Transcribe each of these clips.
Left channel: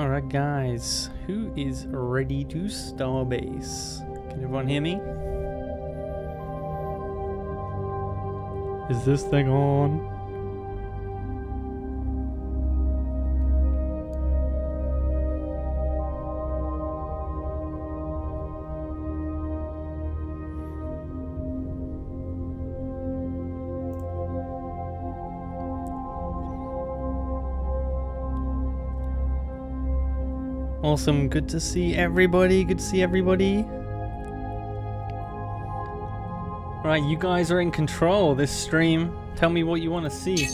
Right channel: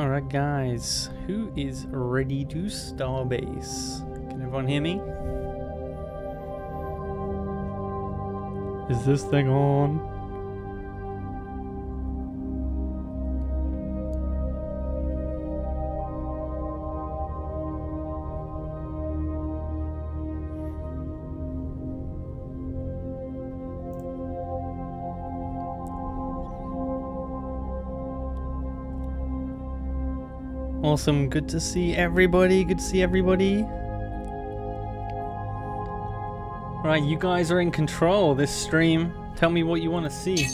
Alright guys, who is ready to Starbase? Can everyone hear me? Is this thing on? Awesome, good to see everybody, good to see everybody. Right, you guys are in control this stream. Tell me what you want to see.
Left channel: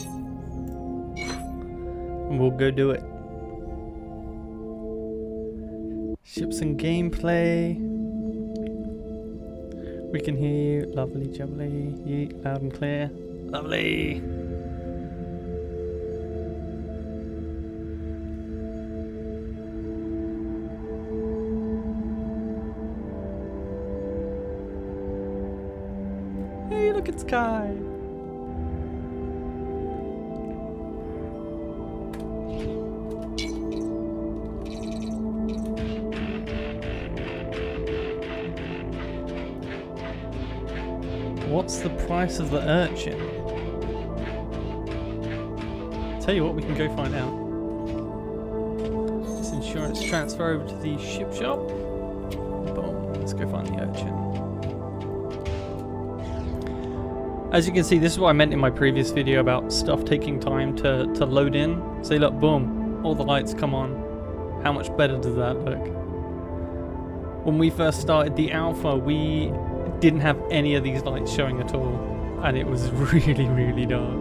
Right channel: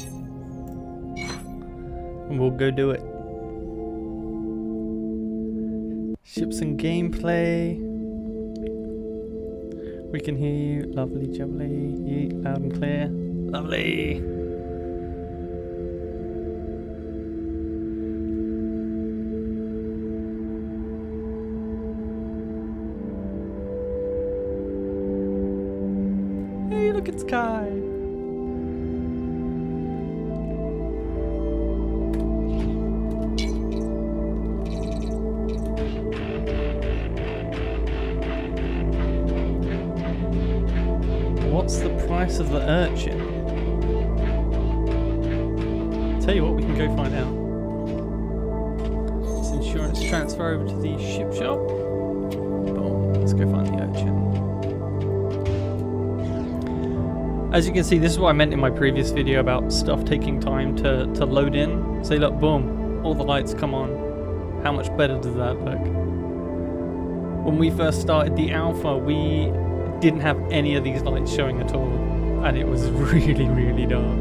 And we'll go do it. Ships and gameplay. We can hear you. Lovely jubbly. Yeet, loud and clear. Lovely. Hey, look at Sky. What's the price of the urchin? Tell you what, we can go find out. This insurance transfer over to the ship shop. Boom. Let's go find the urchin. As you can see, this is what I meant in my previous video about stuff taking time to load in. Say, look, boom, all the lights come on. How much better does that look? When we first started the alpha, we didn't have any of these lights showing at all, and it was really, really dark.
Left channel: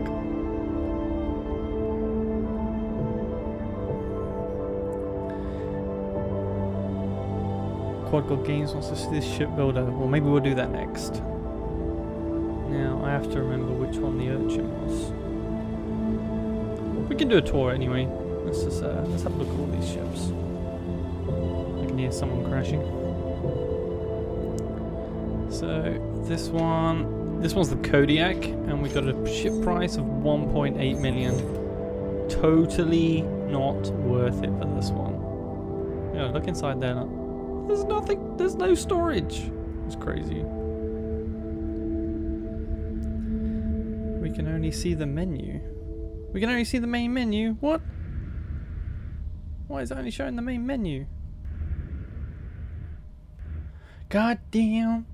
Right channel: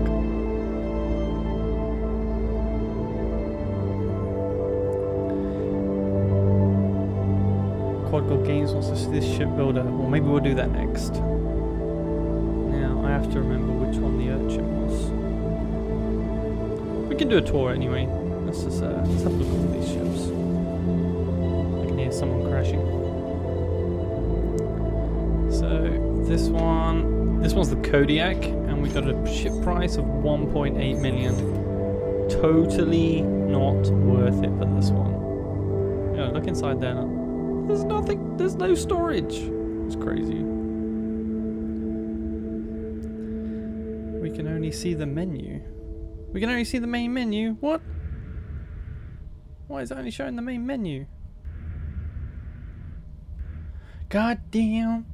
Quad God Games wants to see this shipbuilder. Well, maybe we'll do that next. Now, I have to remember which one the urchin was. We can do a tour anyway. Let's just let's have a look at all these ships. I can hear someone crashing. So this one's the Kodiak, and we got a ship price of 1.8 million. Totally not worth it for this one. Yeah, look inside there. Look. There's nothing. There's no storage. It's crazy. We can only see the menu. We can only see the main menu? What? Why is it only showing the main menu? God damn.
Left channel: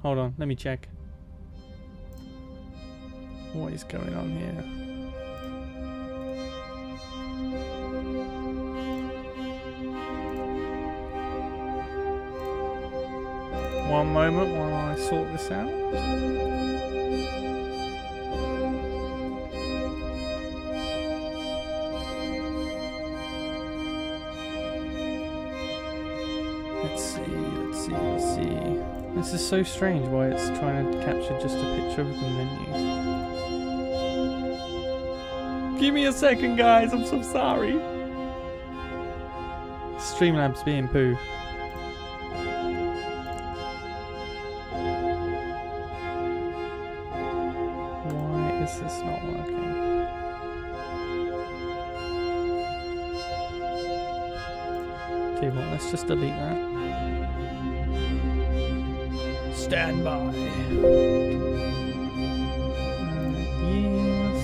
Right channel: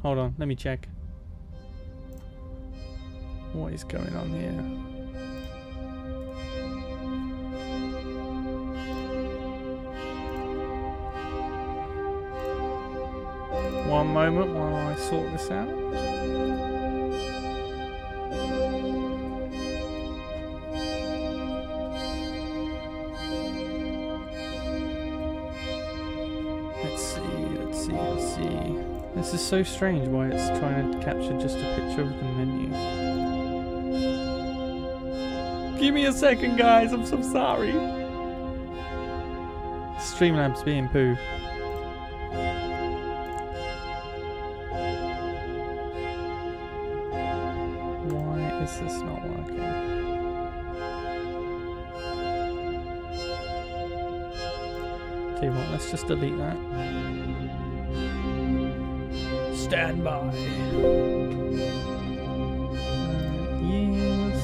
Hold on, let me check. What is going on here? One moment while I sort this out. Let's see. This is so strange why it's trying to capture just a picture of the menu. Give me a second, guys, I'm so sorry. Streamlabs being poo. Why is this not working? Tell you what, let's just delete that. Stand by. Yes.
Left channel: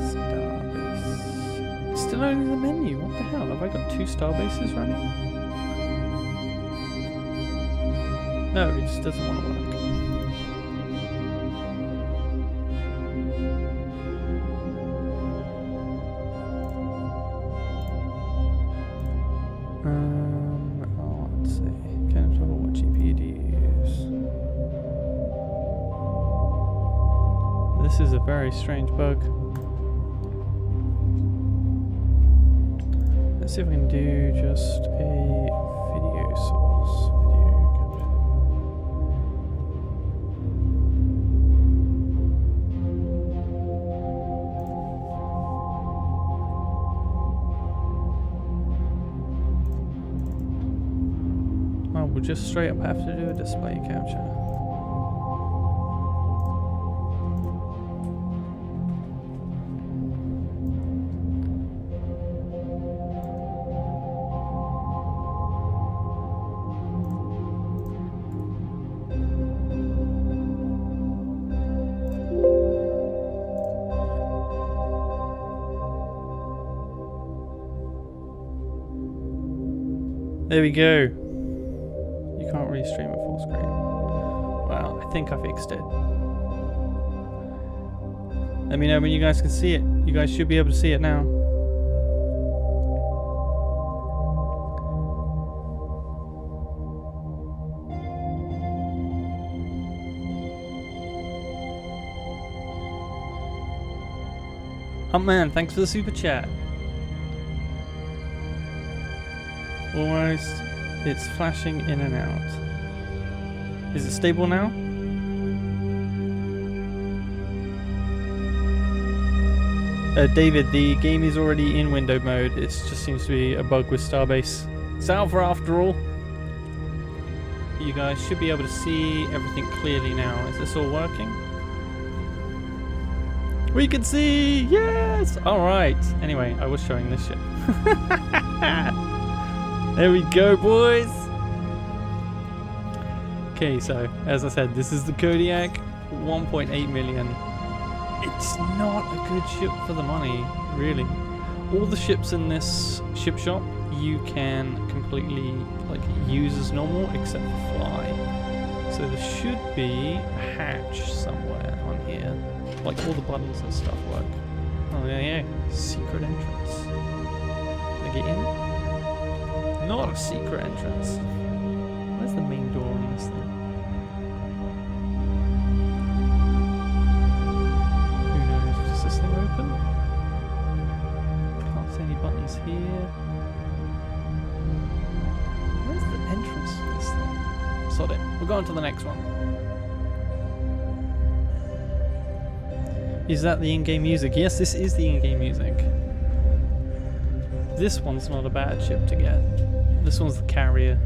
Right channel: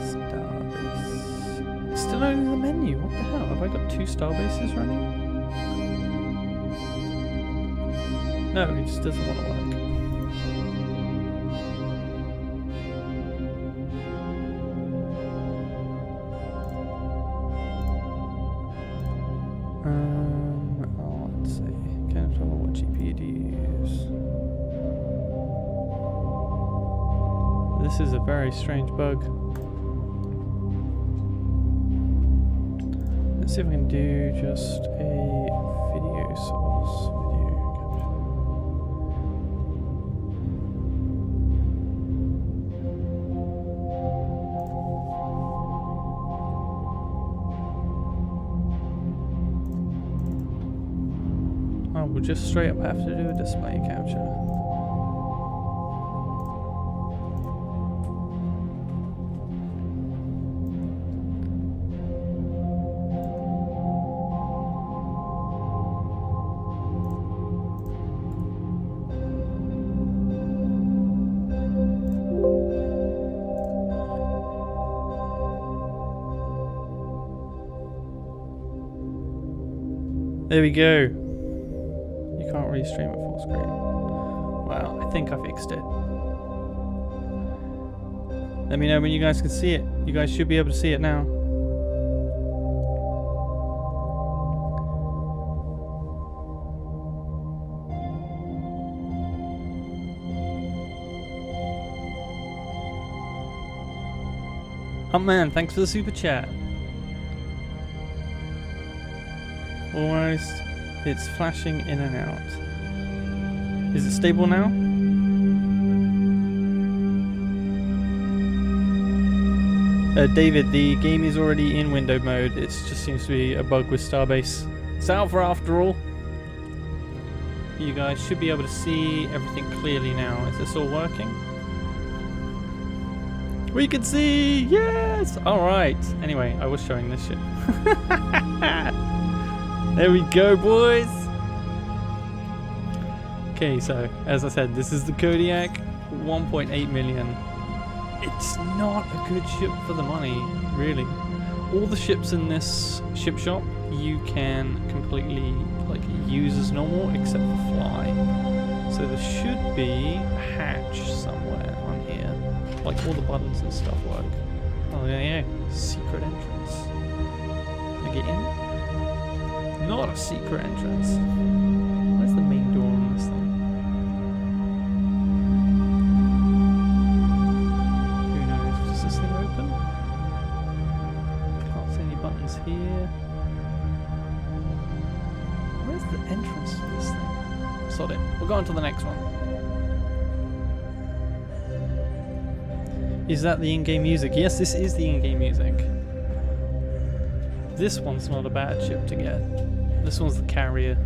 Starbase. It's still only the menu. What the hell? Have I got two Starbases running? No, it just doesn't want to work. Let's see. Kenetor, what GPU do you use? This is a very strange bug. Let's see if I can do just a video source. Video capture. Oh, we'll just straight up have to do a display capture. There we go. You can't really stream at full screen. Well, I think I fixed it. Let me know when you guys can see it. You guys should be able to see it now. Huntman, thanks for the super chat. Almost. It's flashing in and out. Is it stable now? David, the game is already in window mode. It just seems to be a bug with Starbase. It's alpha after all. You guys should be able to see everything clearly now. Is this all working? We can see! Yes! Alright. Anyway, I was showing this shit. There we go, boys! Okay, so, as I said, this is the Kodiak, 1.8 million. It's not a good ship for the money, really. All the ships in this ship shop, you can completely, like, use as normal, except for fly. So there should be a hatch somewhere on here. Like, all the buttons and stuff work. Oh, yeah. Secret entrance. Can I get in? Not a secret entrance. Where's the main door on this thing? Who knows? Does this thing open? Can't see any buttons here. Where's the entrance to this thing? Sod it. We'll go on to the next one. Is that the in-game music? Yes, this is the in-game music. This one's not a bad ship to get. This one's the carrier.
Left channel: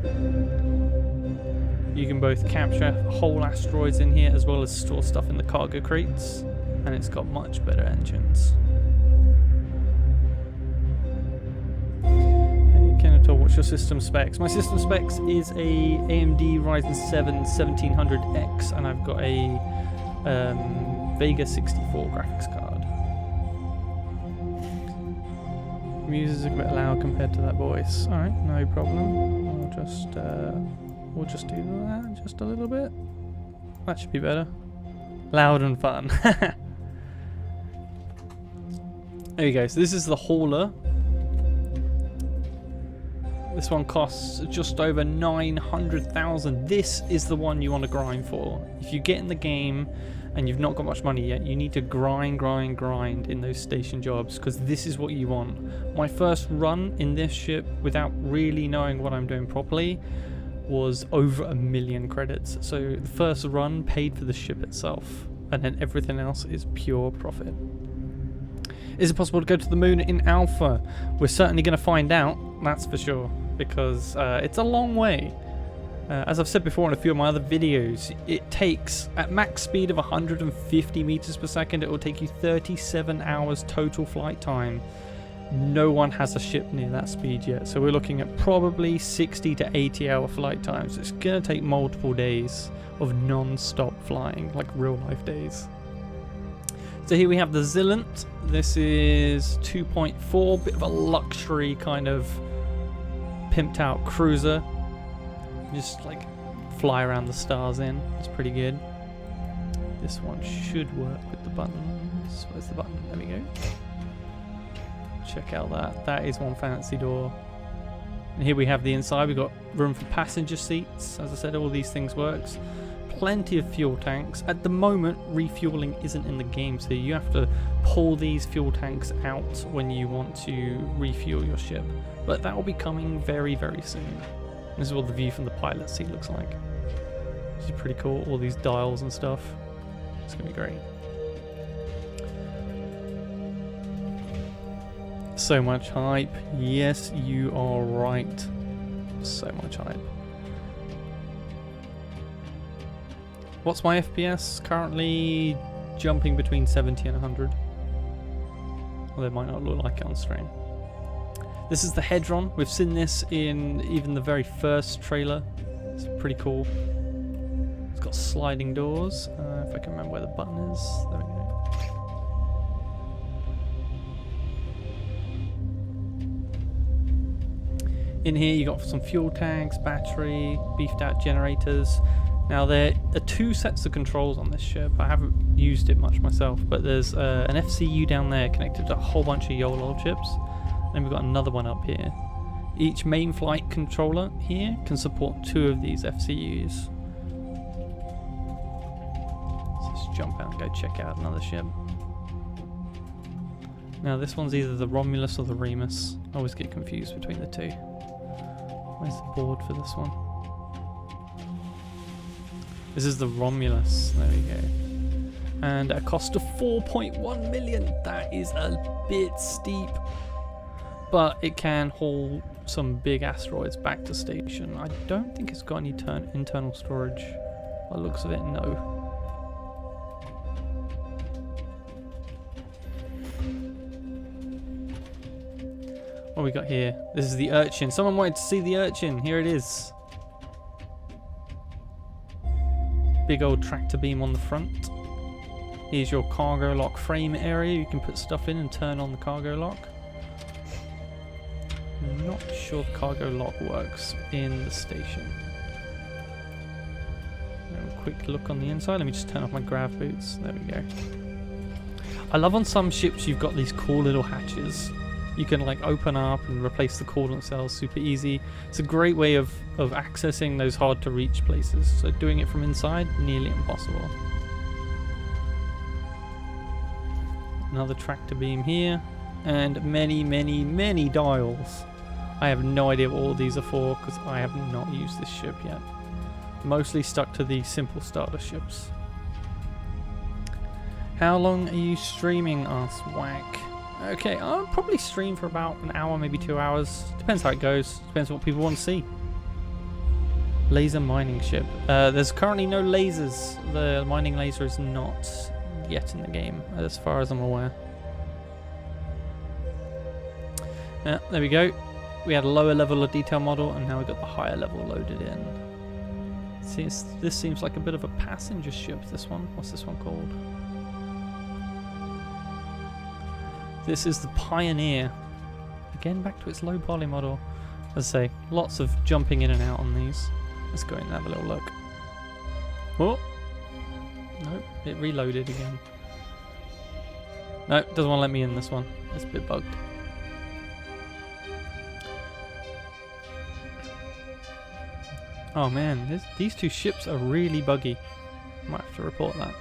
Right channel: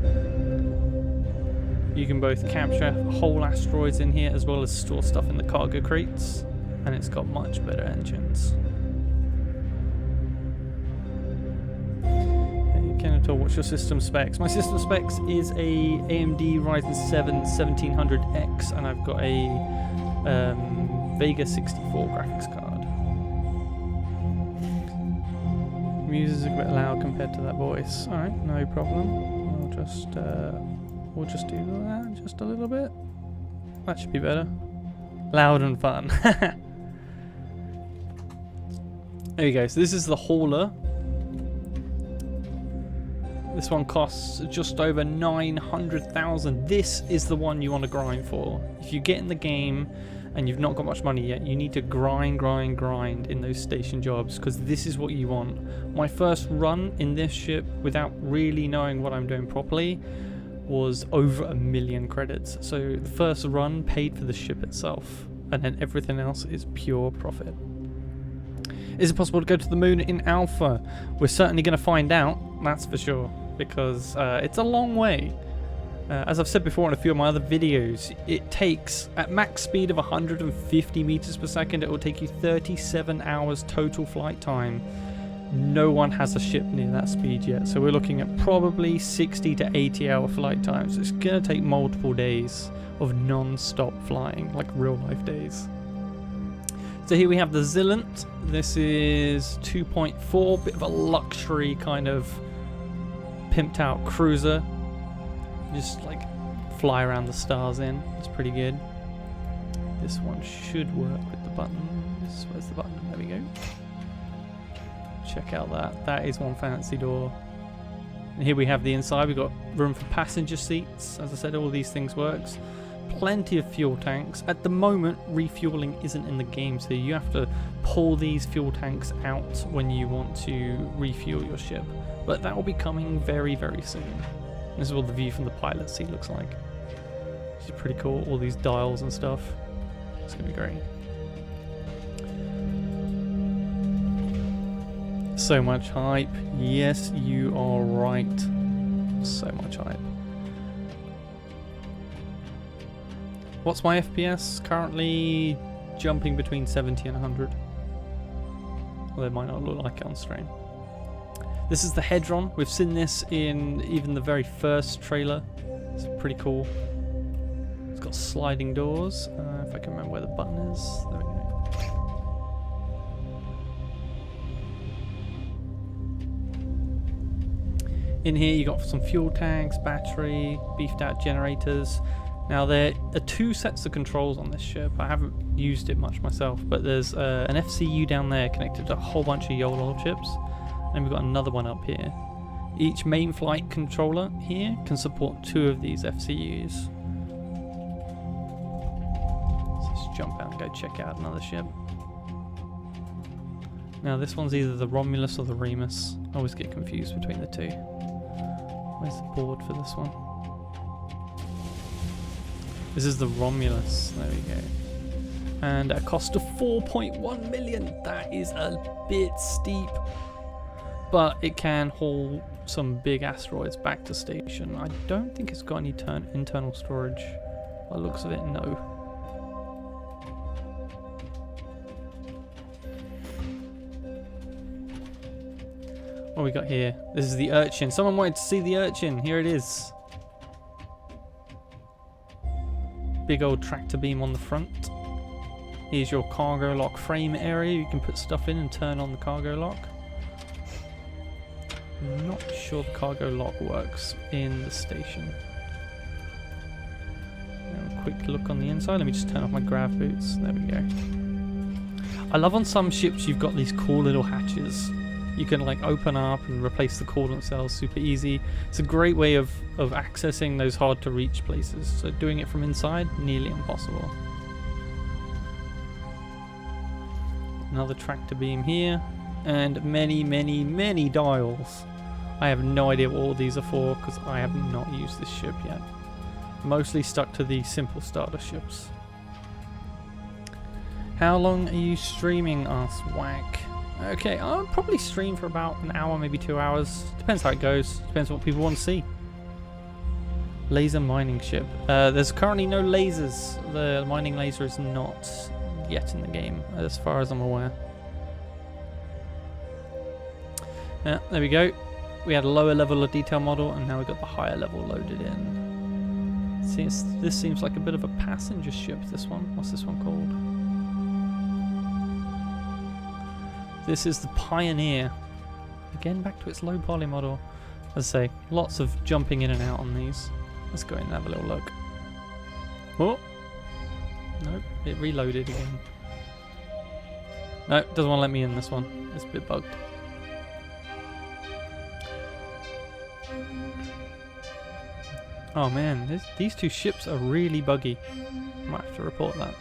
You can both capture whole asteroids in here as well as store stuff in the cargo crates. And it's got much better engines. Hey Kenetor, what's your system specs? My system specs is a AMD Ryzen 7 1700X and I've got a Vega 64 graphics card. Music's a bit loud compared to that voice. Alright, no problem. We'll just do that just a little bit. That should be better. Loud and fun. There you go. So this is the hauler. This one costs just over 900,000. This is the one you want to grind for. If you get in the game and you've not got much money yet, you need to grind in those station jobs because this is what you want. My first run in this ship without really knowing what I'm doing properly was over 1 million credits. So the first run paid for the ship itself and then everything else is pure profit. Is it possible to go to the moon in alpha? We're certainly going to find out, that's for sure, because it's a long way. As I've said before in a few of my other videos, it takes, at max speed of 150 meters per second, it will take you 37 hours total flight time. No one has a ship near that speed yet, so we're looking at probably 60 to 80 hour flight times. It's going to take multiple days of non-stop flying, like real life days. So here we have the Zillant. This is 2.4, bit of a luxury kind of pimped out cruiser. Just like fly around the stars in. It's pretty good. This one should work with the buttons. Where's the button? There we go. Check out that. That is one fancy door. And here we have the inside. We've got room for passenger seats. As I said, all these things works. Plenty of fuel tanks. At the moment, refueling isn't in the game, so you have to pull these fuel tanks out when you want to refuel your ship. But that will be coming very, very soon. This is what the view from the pilot seat looks like. Which is pretty cool. All these dials and stuff. It's going to be great. So much hype. Yes, you are right. So much hype. What's my FPS? Currently jumping between 70 and 100. Well, they might not look like it on stream. This is the Hedron. We've seen this in even the very first trailer. It's pretty cool. It's got sliding doors. If I can remember where the button is. There we go. In here you got some fuel tanks, battery, beefed out generators. Now there are two sets of controls on this ship. I haven't used it much myself, but there's an FCU down there connected to a whole bunch of YOLO chips. And we've got another one up here. Each main flight controller here can support 2 of these FCUs. So let's jump out and go check out another ship. Now this one's either the Romulus or the Remus. I always get confused between the two. Where's the board for this one? This is the Romulus. There we go. And at a cost of 4.1 million. That is a bit steep. But it can haul some big asteroids back to station. I don't think it's got any internal storage. By the looks of it, no. What we got here? This is the Urchin. Someone wanted to see the Urchin. Here it is. Big old tractor beam on the front. Here's your cargo lock frame area. You can put stuff in and turn on the cargo lock. I'm not sure the cargo lock works in the station. A quick look on the inside. Let me just turn off my grav boots. There we go. I love on some ships you've got these cool little hatches. You can like open up and replace the coolant cells super easy. It's a great way of accessing those hard to reach places. So doing it from inside, nearly impossible. Another tractor beam here. And many dials. I have no idea what all these are for because I have not used this ship yet. Mostly stuck to the simple starter ships. How long are you streaming? Asks Whack. Okay, I'll probably stream for about an hour, maybe 2 hours. Depends how it goes. Depends what people want to see. Laser mining ship. There's currently no lasers. The mining laser is not yet in the game, as far as I'm aware. Yeah, there we go. We had a lower level of detail model, and now we've got the higher level loaded in. See, this seems like a bit of a passenger ship, this one. What's this one called? This is the Pioneer. Again, back to its low poly model. As I say, lots of jumping in and out on these. Let's go in and have a little look. Oh! Nope, it reloaded again. Nope, doesn't want to let me in this one. It's a bit bugged. Oh man, these two ships are really buggy. Might have to report that.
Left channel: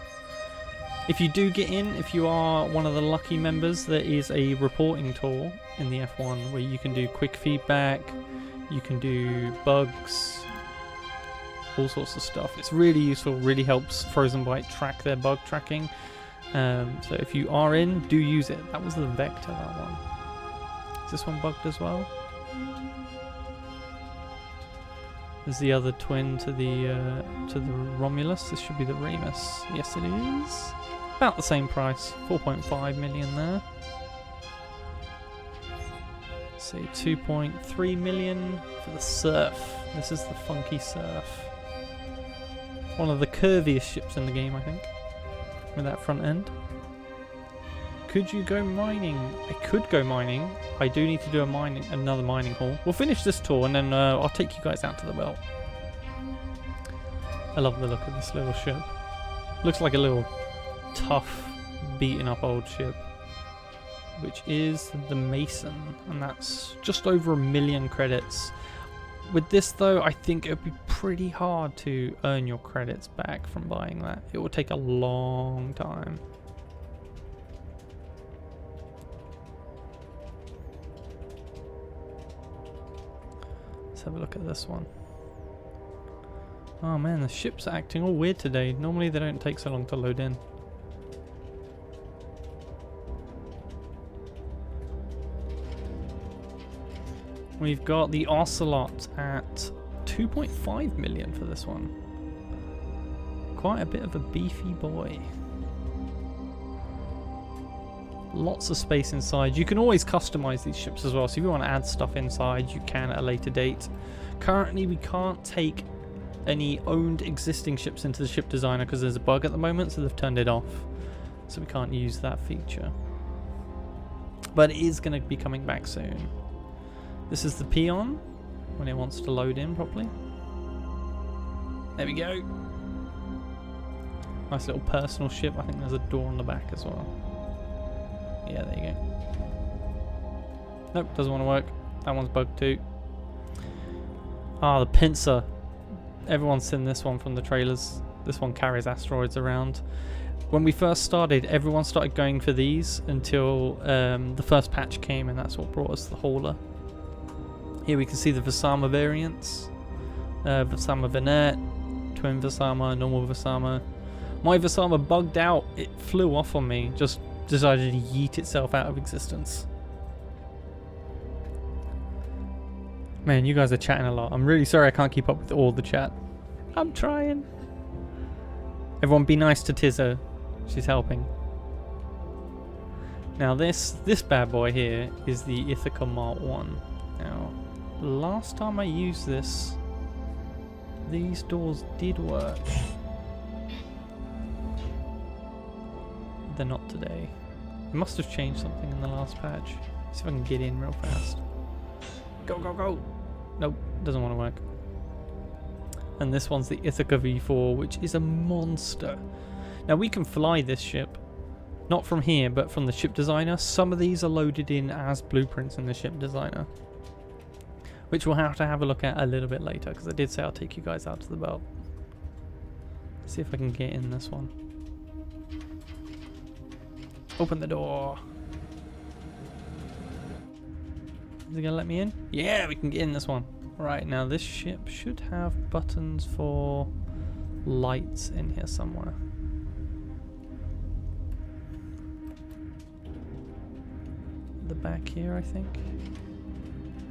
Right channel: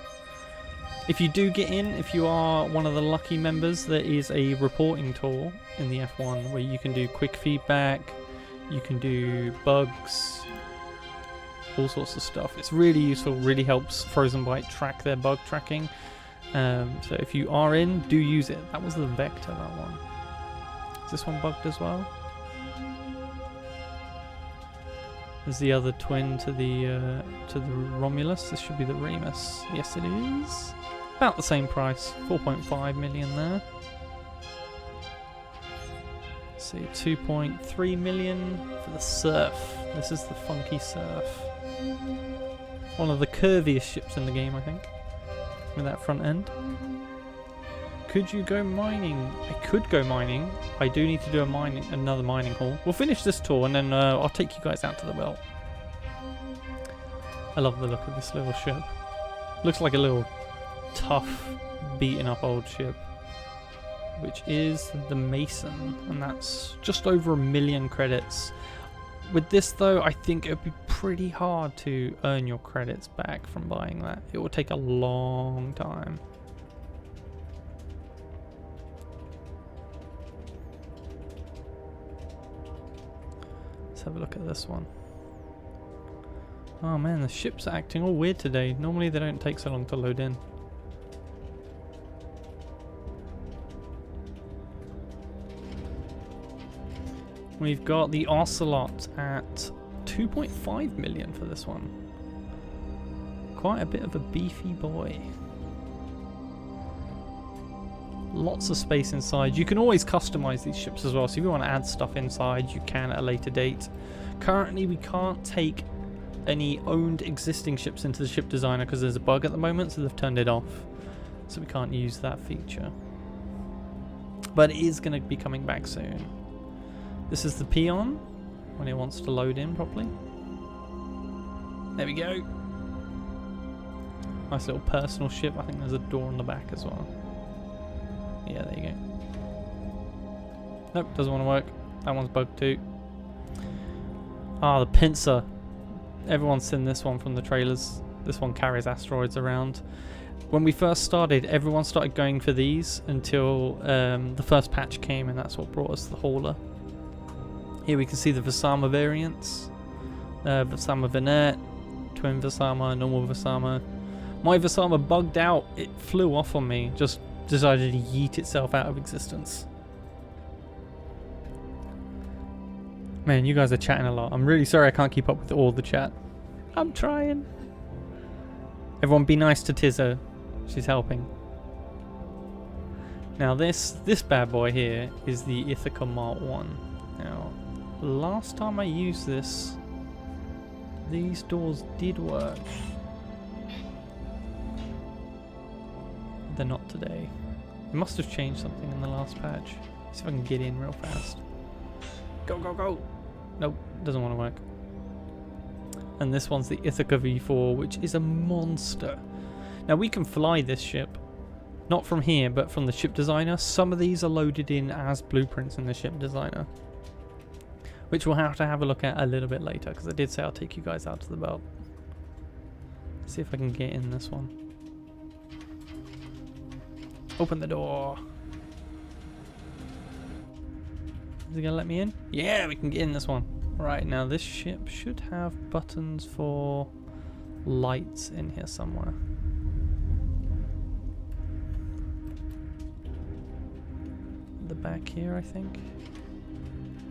If you do get in, if you are one of the lucky members, there is a reporting tool in the F1 where you can do quick feedback, you can do bugs, all sorts of stuff. It's really useful, really helps Frozen Byte track their bug tracking. So if you are in, do use it. That was the Vector, that one. Is this one bugged as well? There's the other twin to the Romulus. This should be the Remus. Yes, it is. About the same price. 4.5 million there. Let's see, 2.3 million for the Surf. This is the funky Surf. One of the curviest ships in the game, I think. With that front end. Could you go mining? I could go mining. I do need to do another mining haul. We'll finish this tour and then I'll take you guys out to the well. I love the look of this little ship. Looks like a little tough, beaten up old ship. Which is the Mason. And that's just over 1 million credits. With this though, I think it would be pretty hard to earn your credits back from buying that. It will take a long time. Have a look at this one. Oh man, the ship's acting all weird today. Normally they don't take so long to load in. We've got the Ocelot at 2.5 million for this one. quite a bit of a beefy boy. Lots of space inside. You can always customize these ships as well, so if you want to add stuff inside, you can at a later date. Currently, we can't take any owned existing ships into the ship designer because there's a bug at the moment, so they've turned it off. So we can't use that feature. But it is going to be coming back soon. This is the peon when it wants to load in properly. There we go. Nice little personal ship. I think there's a door on the back as well. Yeah, there you go. Nope, doesn't want to work. That one's bugged too. Ah, the pincer. Everyone's seen this one from the trailers. This one carries asteroids around. When we first started, everyone started going for these until the first patch came, and that's what brought us the hauler. Here we can see the Vasama variants. Vasama Vignette, Twin Vasama, Normal Vasama. My Vasama bugged out. It flew off on me. Just decided to yeet itself out of existence. Man, you guys are chatting a lot. I'm really sorry I can't keep up with all the chat. I'm trying. Everyone be nice to Tizzo. She's helping. Now this bad boy here is the Ithaca Mark 1. Now, last time I used this, these doors did work. They're not today. They must have changed something in the last patch. See if I can get in real fast. Go, go, go! Nope, doesn't want to work. And this one's the Ithaca V4, which is a monster. Now we can fly this ship, not from here, but from the ship designer. Some of these are loaded in as blueprints in the ship designer, which we'll have to have a look at a little bit later, because I did say I'll take you guys out to the belt. Let's see if I can get in this one. Open the door. Is it gonna let me in? Yeah, we can get in this one. Right, now this ship should have buttons for lights in here somewhere. The back here, I think.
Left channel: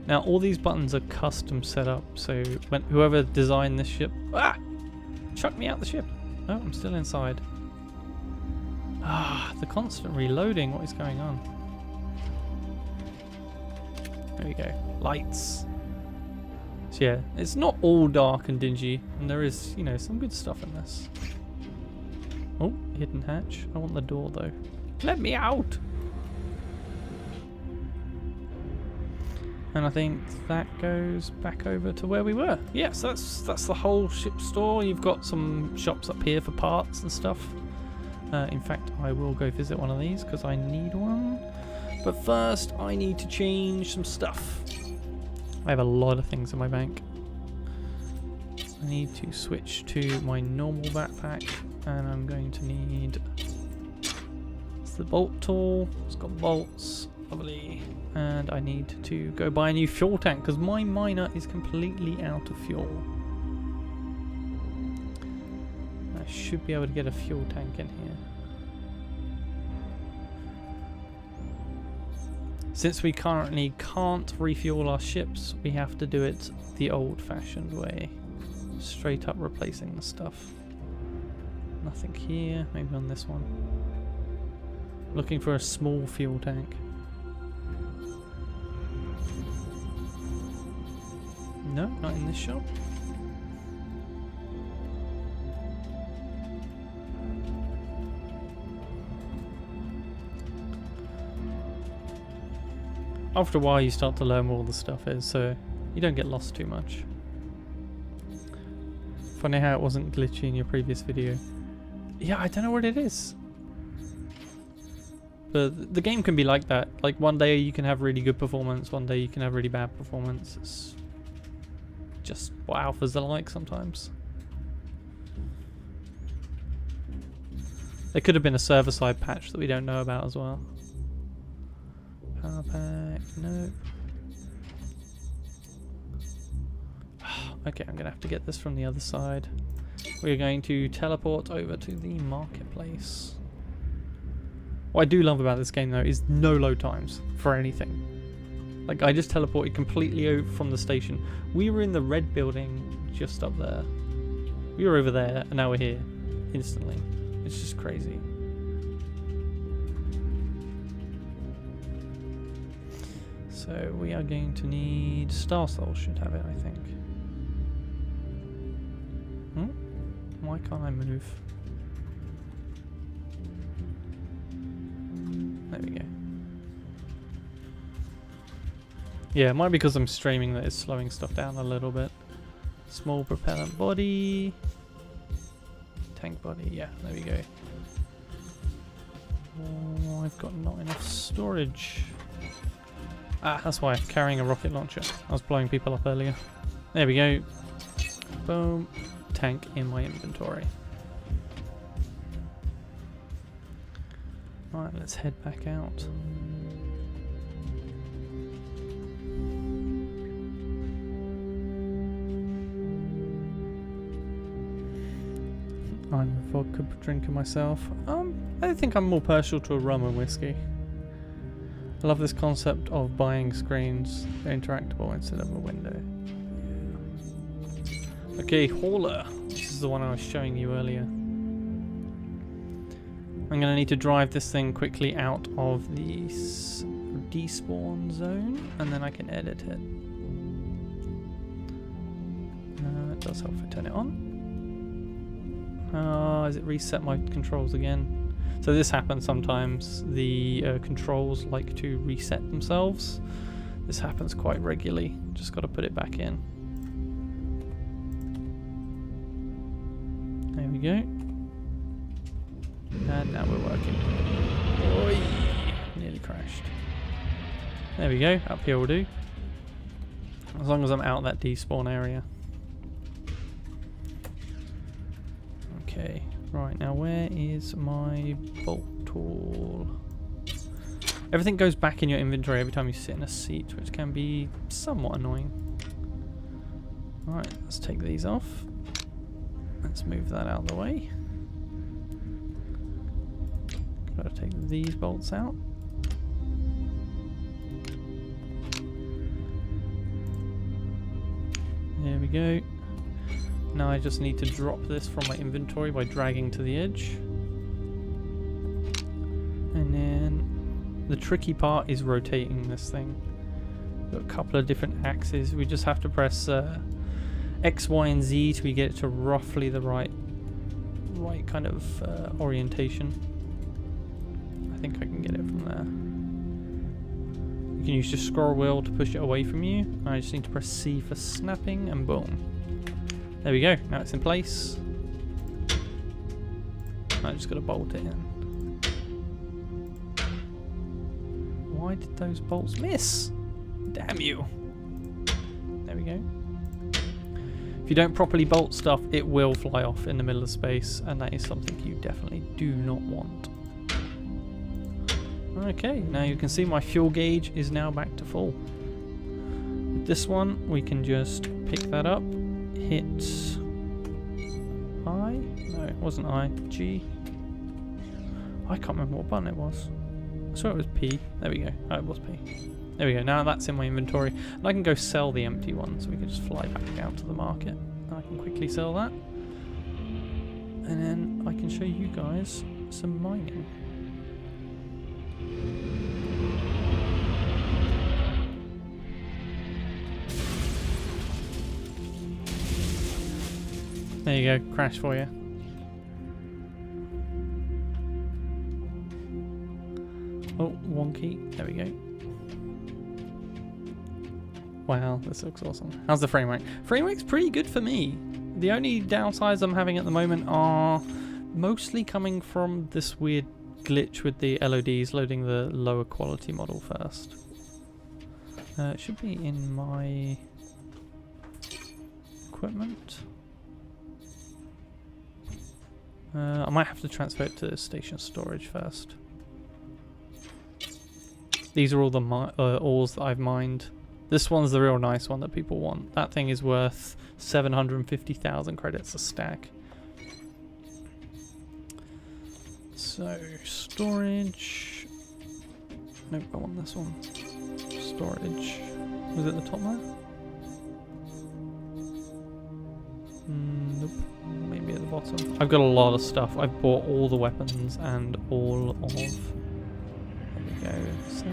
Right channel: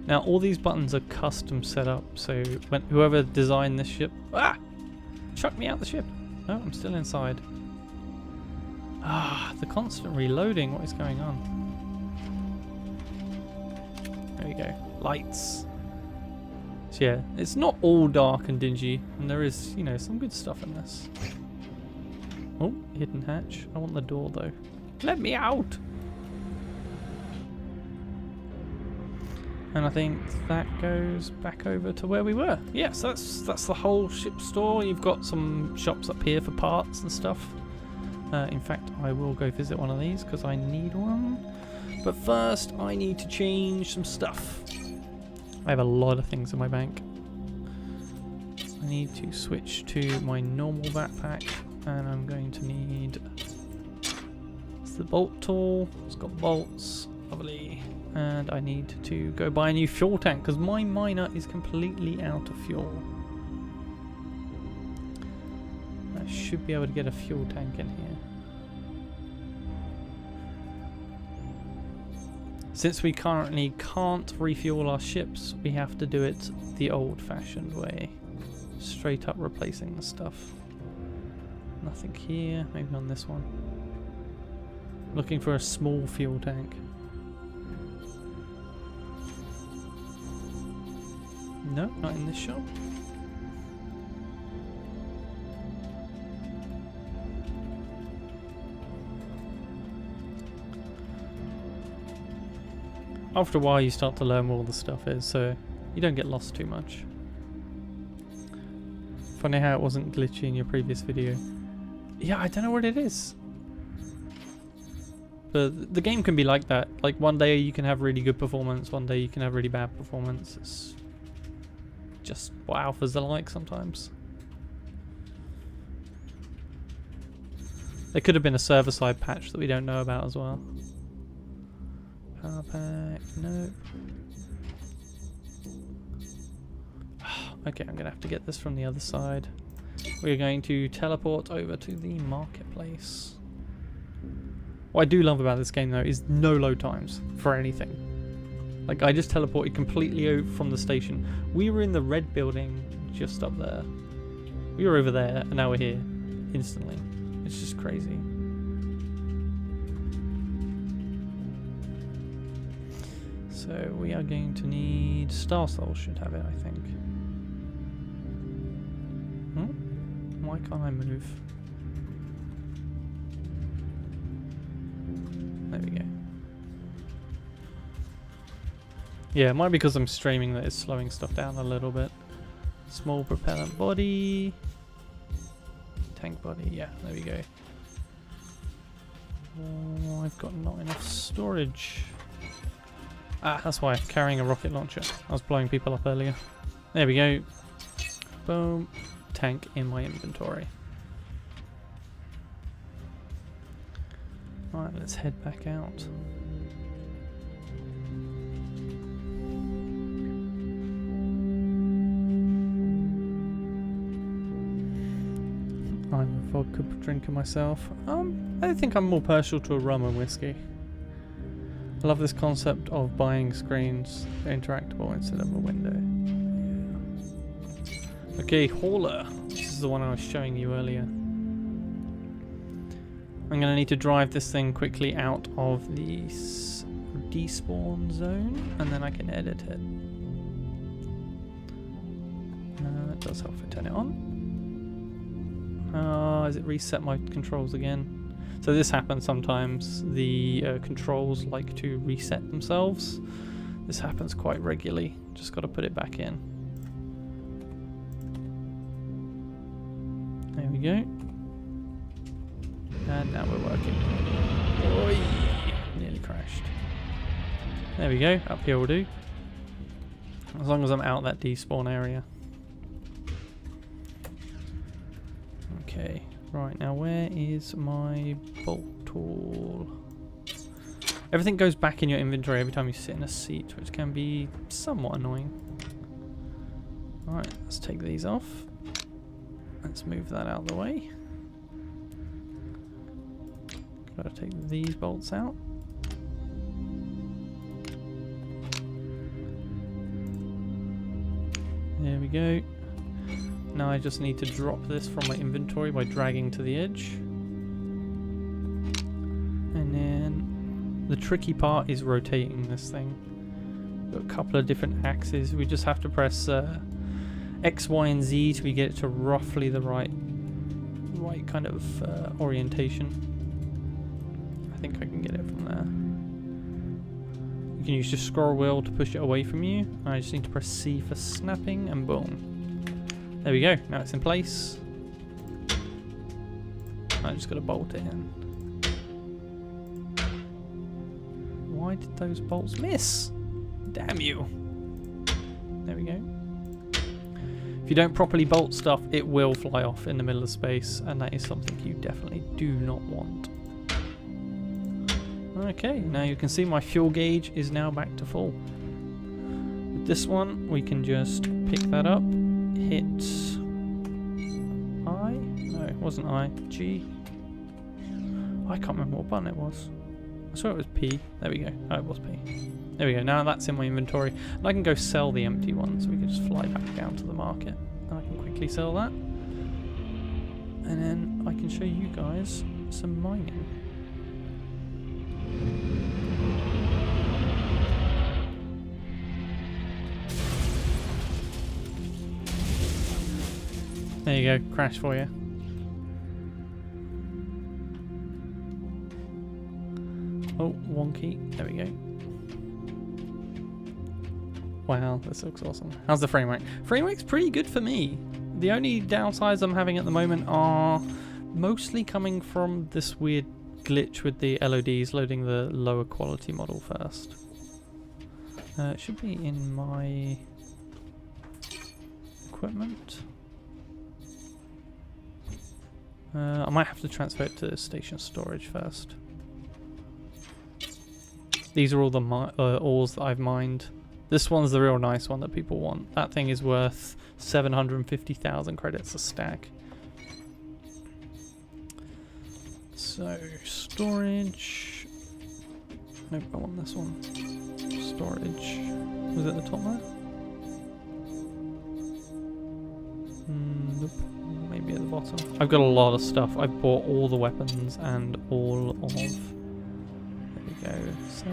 Now all these buttons are custom set up, so when whoever designed this ship... Ah! Chuck me out the ship! No, I'm still inside. Ah, the constant reloading, what is going on? There we go. Lights. So yeah, it's not all dark and dingy, and there is, you know, some good stuff in this. Oh, hidden hatch. I want the door though. Let me out! And I think that goes back over to where we were. Yes, that's the whole ship store. You've got some shops up here for parts and stuff. In fact, I will go visit one of these because I need one. But first, I need to change some stuff. I have a lot of things in my bank. I need to switch to my normal backpack, and I'm going to need... It's the bolt tool. It's got bolts, lovely. And I need to go buy a new fuel tank because my miner is completely out of fuel. I should be able to get a fuel tank in here. Since we currently can't refuel our ships, we have to do it the old-fashioned way. Straight up replacing the stuff. Nothing here, maybe on this one. Looking for a small fuel tank. No, not in this shop. After a while you start to learn where all the stuff is, so you don't get lost too much. Funny how it wasn't glitchy in your previous video. Yeah, I don't know what it is. But the game can be like that. Like one day you can have really good performance, one day you can have really bad performance. It's just what alphas are like sometimes. There could have been a server-side patch that we don't know about as well. Power pack, nope. Okay, I'm going to have to get this from the other side. We're going to teleport over to the marketplace. What I do love about this game though is no load times for anything. Like I just teleported completely over from the station. We were in the red building just up there. We were over there and now we're here. instantly. It's just crazy. So we are going to need Star Souls should have it, I think. Why can't I move? There we go. Yeah, it might be because I'm streaming that it's slowing stuff down a little bit. Small propellant body. Tank body, yeah, there we go. Oh, I've got not enough storage. Ah, that's why I'm carrying a rocket launcher. I was blowing people up earlier. There we go. Boom. Tank in my inventory. Right, let's head back out. I'm a vodka drinker myself. I think I'm more partial to a rum and whiskey. I love this concept of buying screens interactable instead of a window. Okay, hauler. This is the one I was showing you earlier. I'm going to need to drive this thing quickly out of the despawn zone, and then I can edit it. It does help if I turn it on. Has it reset my controls again? So this happens sometimes. The controls like to reset themselves. This happens quite regularly. Just got to put it back in. There we go. And now we're working. Oi! Nearly crashed. There we go. Up here will do. As long as I'm out that despawn area. Okay. Right, now where is my bolt tool? Everything goes back in your inventory every time you sit in a seat, which can be somewhat annoying. Alright, let's take these off. Let's move that out of the way. Gotta take these bolts out. There we go. Now I just need to drop this from my inventory by dragging to the edge. And then the tricky part is rotating this thing. Got a couple of different axes. We just have to press X, Y, and Z till we get it to roughly the right kind of orientation. I think I can get it from there. You can use your scroll wheel to push it away from you. I just need to press C for snapping, and boom. There we go. Now it's in place. I just got to bolt it in. Why did those bolts miss? Damn you. There we go. If you don't properly bolt stuff, it will fly off in the middle of space, and that is something you definitely do not want. Okay, now you can see my fuel gauge is now back to full. With this one, we can just pick that up, hit I? No, it wasn't I. G? I can't remember what button it was. I saw it was P. There we go. Oh, it was P. There we go. Now that's in my inventory. And I can go sell the empty one, so we can just fly back down to the market. And I can quickly sell that. And then I can show you guys some mining. There you go, crash for you. Oh, wonky. There we go. Wow, this looks awesome. How's the frame rate? Frame rate's pretty good for me. The only downsides I'm having at the moment are mostly coming from this weird glitch with the LODs loading the lower quality model first. It should be in my equipment. I might have to transfer it to station storage first. These are all the ores that I've mined. This one's the real nice one that people want. That thing is worth 750,000 credits a stack. So, storage. Nope, I want this one. Storage. Was it at the top there? Nope. maybe at the bottom. I've got a lot of stuff. I've bought all the weapons and all of... There we go. So...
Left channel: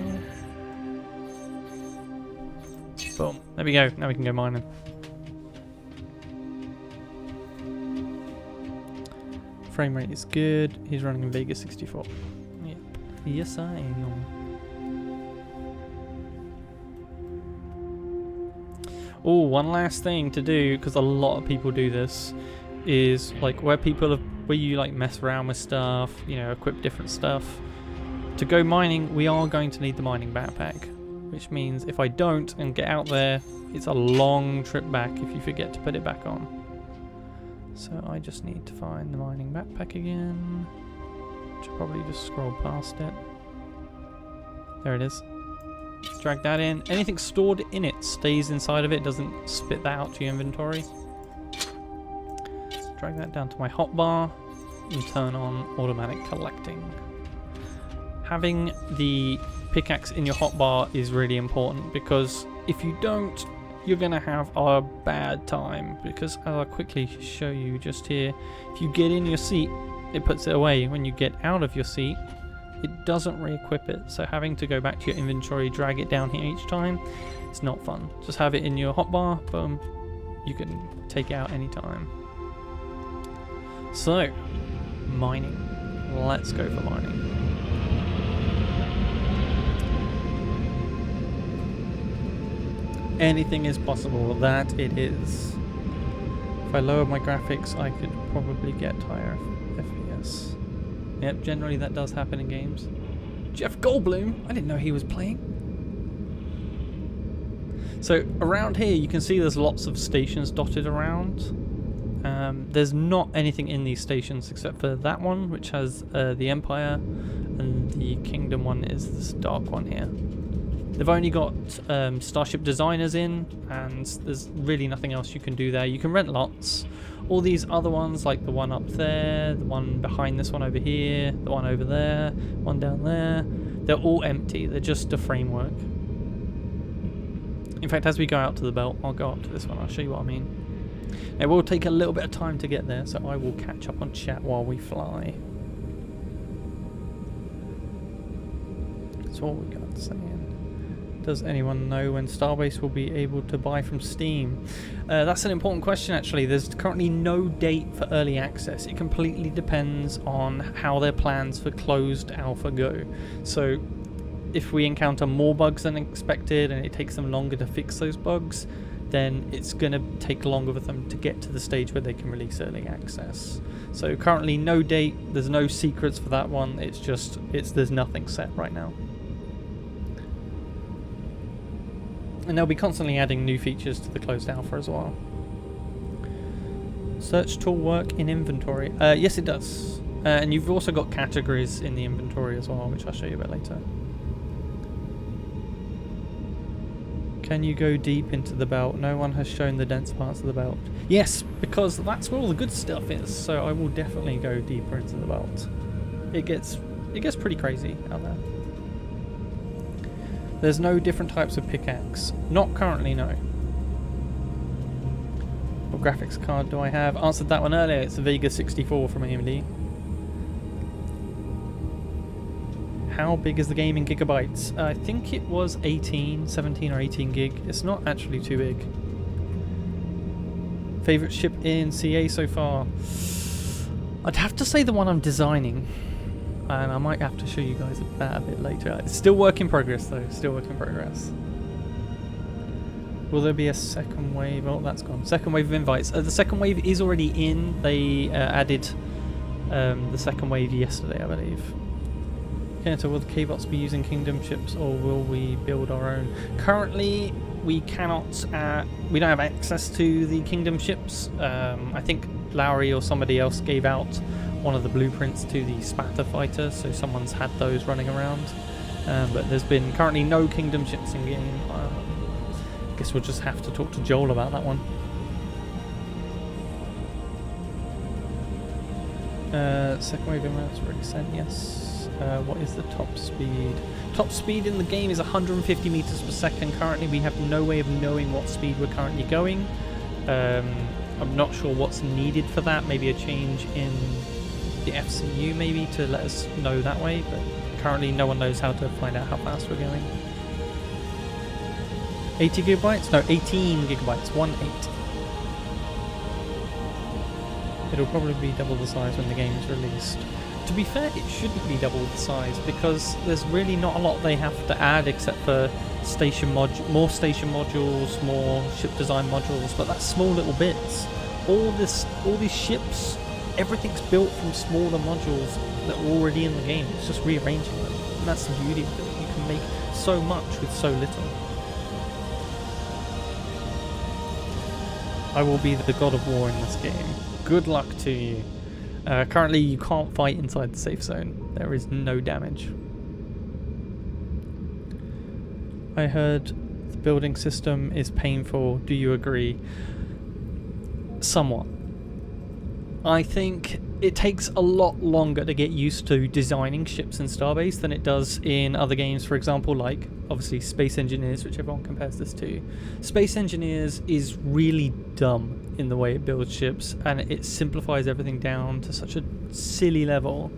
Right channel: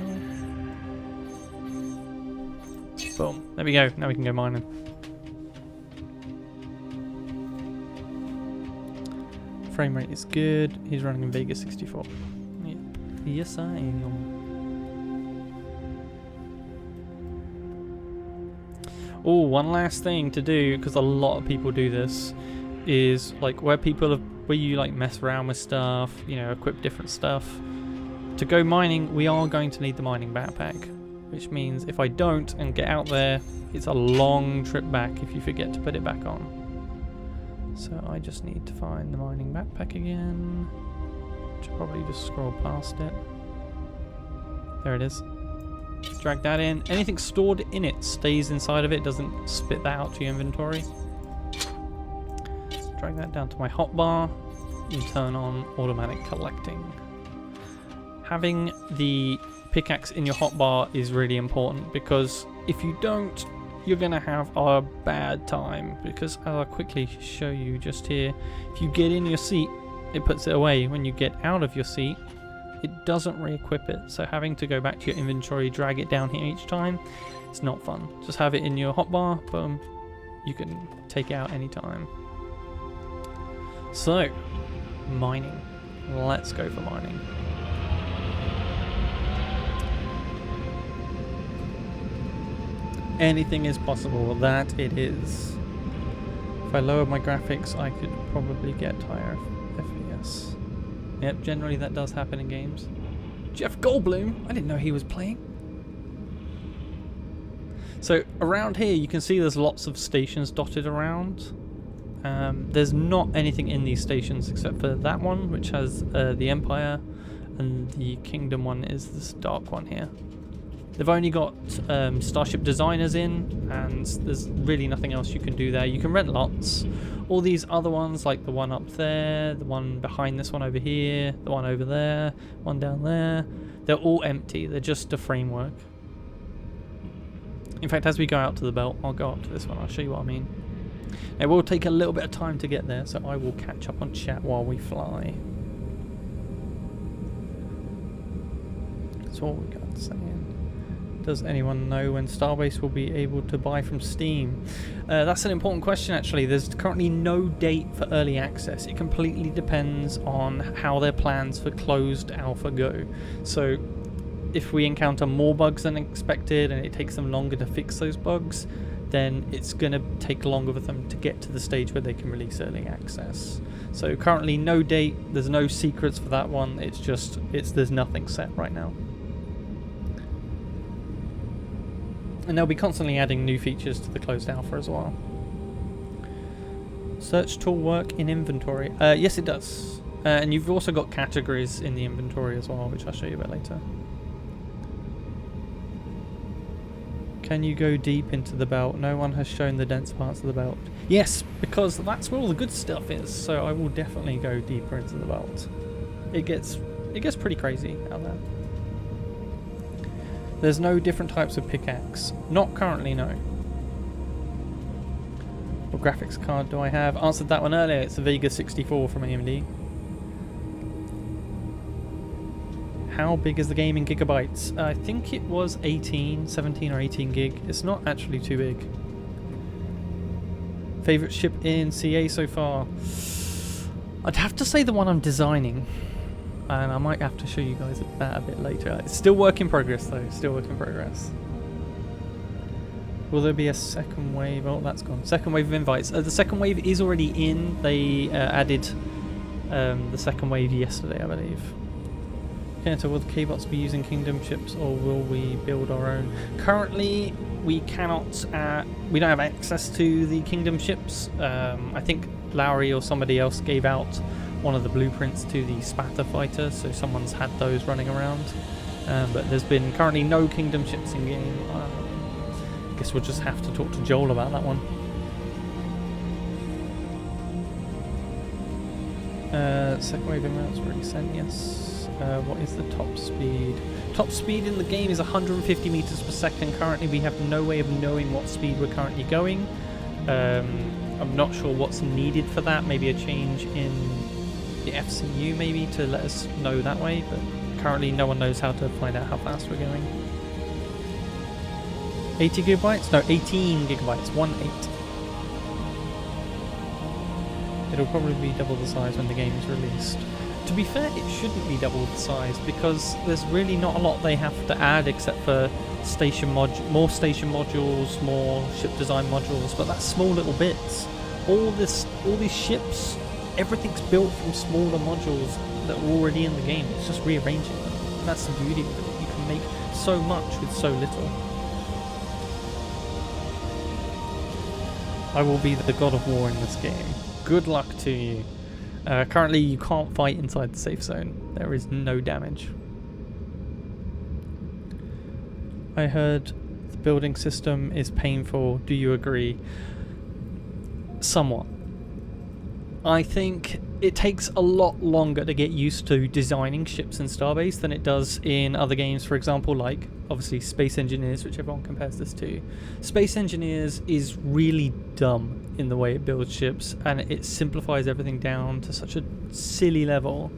Boom. There we go. Now we can go mining. Frame rate is good. He's running in Vega 64. Yep. Yes, I am. Oh, one last thing to do, because a lot of people do this, is like where you like mess around with stuff, you know, equip different stuff. To go mining, we are going to need the mining backpack, which means if I don't and get out there, it's a long trip back if you forget to put it back on. So I just need to find the mining backpack again. Should probably just scroll past it. There it is. Drag that in. Anything stored in it stays inside of it, doesn't spit that out to your inventory. Drag that down to my hotbar and turn on automatic collecting. Having the pickaxe in your hotbar is really important, because if you don't, you're going to have a bad time, because as I'll quickly show you just here, if you get in your seat, it puts it away. When you get out of your seat, it doesn't re-equip it, so having to go back to your inventory, drag it down here each time, it's not fun. Just have it in your hotbar, boom, you can take it out anytime. So, mining. Let's go for mining. Anything is possible, that it is. If I lower my graphics, I could probably get higher FPS. Yep, generally that does happen in games. Jeff Goldblum? I didn't know he was playing. So around here you can see there's lots of stations dotted around. There's not anything in these stations except for that one, which has the Empire, and the Kingdom one is this dark one here. They've only got Starship Designers in, and there's really nothing else you can do there. You can rent lots. All these other ones, like the one up there, the one behind this one over here, the one over there, one down there, they're all empty. They're just a framework. In fact, as we go out to the belt, I'll go up to this one. I'll show you what I mean. It will take a little bit of time to get there, so I will catch up on chat while we fly. That's all we got saying. Does anyone know when Starbase will be able to buy from Steam? That's an important question, actually. There's currently no date for early access. It completely depends on how their plans for closed alpha go. So if we encounter more bugs than expected and it takes them longer to fix those bugs, then it's going to take longer for them to get to the stage where they can release early access. So currently no date, there's no secrets for that one. It's just, there's nothing set right now. And they'll be constantly adding new features to the closed alpha as well. Search tool work in inventory. Yes, it does. And you've also got categories in the inventory as well, which I'll show you a bit later. Can you go deep into the belt? No one has shown the dense parts of the belt. Yes, because that's where all the good stuff is. So I will definitely go deeper into the belt. It gets pretty crazy out there. There's no different types of pickaxe. Not currently, no. What graphics card do I have? Answered that one earlier. It's a Vega 64 from AMD. How big is the game in gigabytes? I think it was 17 or 18 gig. It's not actually too big. Favorite ship in CA so far? I'd have to say the one I'm designing. And I might have to show you guys that a bit later. It's still work in progress though, still work in progress. Will there be a second wave? Oh, that's gone. Second wave of invites. The second wave is already in. They added the second wave yesterday, I believe. Kenetor, will the K-bots be using Kingdom ships or will we build our own? Currently, we cannot, we don't have access to the Kingdom ships. I think Lowry or somebody else gave out one of the blueprints to the Spatter fighter, so someone's had those running around. But there's been currently no Kingdom ships in game. I guess we'll just have to talk to Joel about that one. Second wave inroads already sent, yes. What is the top speed? Top speed in the game is 150 meters per second. Currently we have no way of knowing what speed we're currently going. I'm not sure what's needed for that. Maybe a change in the FCU maybe to let us know that way, but currently no one knows how to find out how fast we're going. 80 gigabytes? No, 18 gigabytes. 1-8. It'll probably be double the size when the game is released. To be fair, it shouldn't be double the size because there's really not a lot they have to add except for more station modules, more ship design modules, but that's small little bits. All these ships, everything's built from smaller modules that are already in the game. It's just rearranging them, and that's the beauty of it. You can make so much with so little. I will be the god of war in this game. Good luck to you. Currently you can't fight inside the safe zone. There is no damage. I heard the building system is painful. Do you agree? Somewhat. I think it takes a lot longer to get used to designing ships in Starbase than it does in other games, for example, like obviously Space Engineers, which everyone compares this to. Space Engineers is really dumb in the way it builds ships, and it simplifies everything down to such a silly level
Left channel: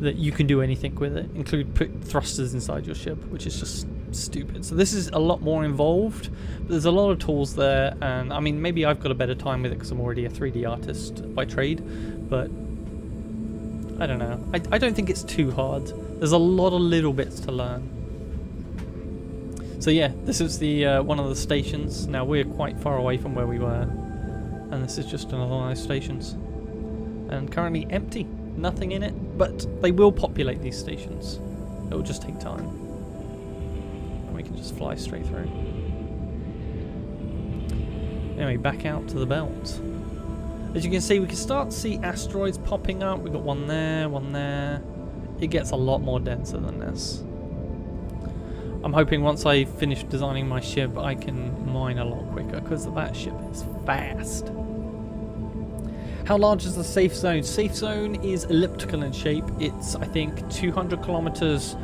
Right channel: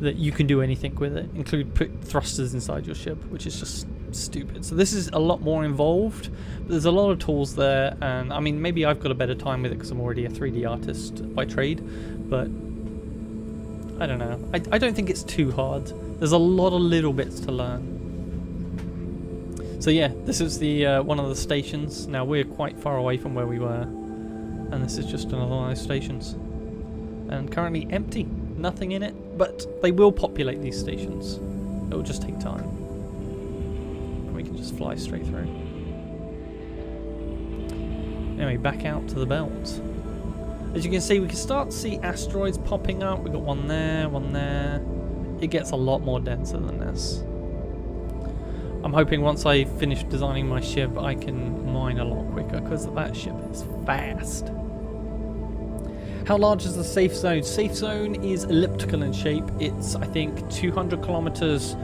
that you can do anything with it, include put thrusters inside your ship, which is just stupid. So this is a lot more involved, but there's a lot of tools there, and I mean, maybe I've got a better time with it because I'm already a 3D artist by trade, but I don't know. I don't think it's too hard. There's a lot of little bits to learn. So yeah, this is the one of the stations. Now we're quite far away from where we were, and this is just another one of those stations. And currently empty, nothing in it, but they will populate these stations. It will just take time. And we can just fly straight through. Anyway, back out to the belt. As you can see, we can start to see asteroids popping up. We've got one there, one there. It gets a lot more denser than this. I'm hoping once I finish designing my ship, I can mine a lot quicker, because that ship is fast. How large is the safe zone? Safe zone is elliptical in shape. It's, I think, 200 kilometers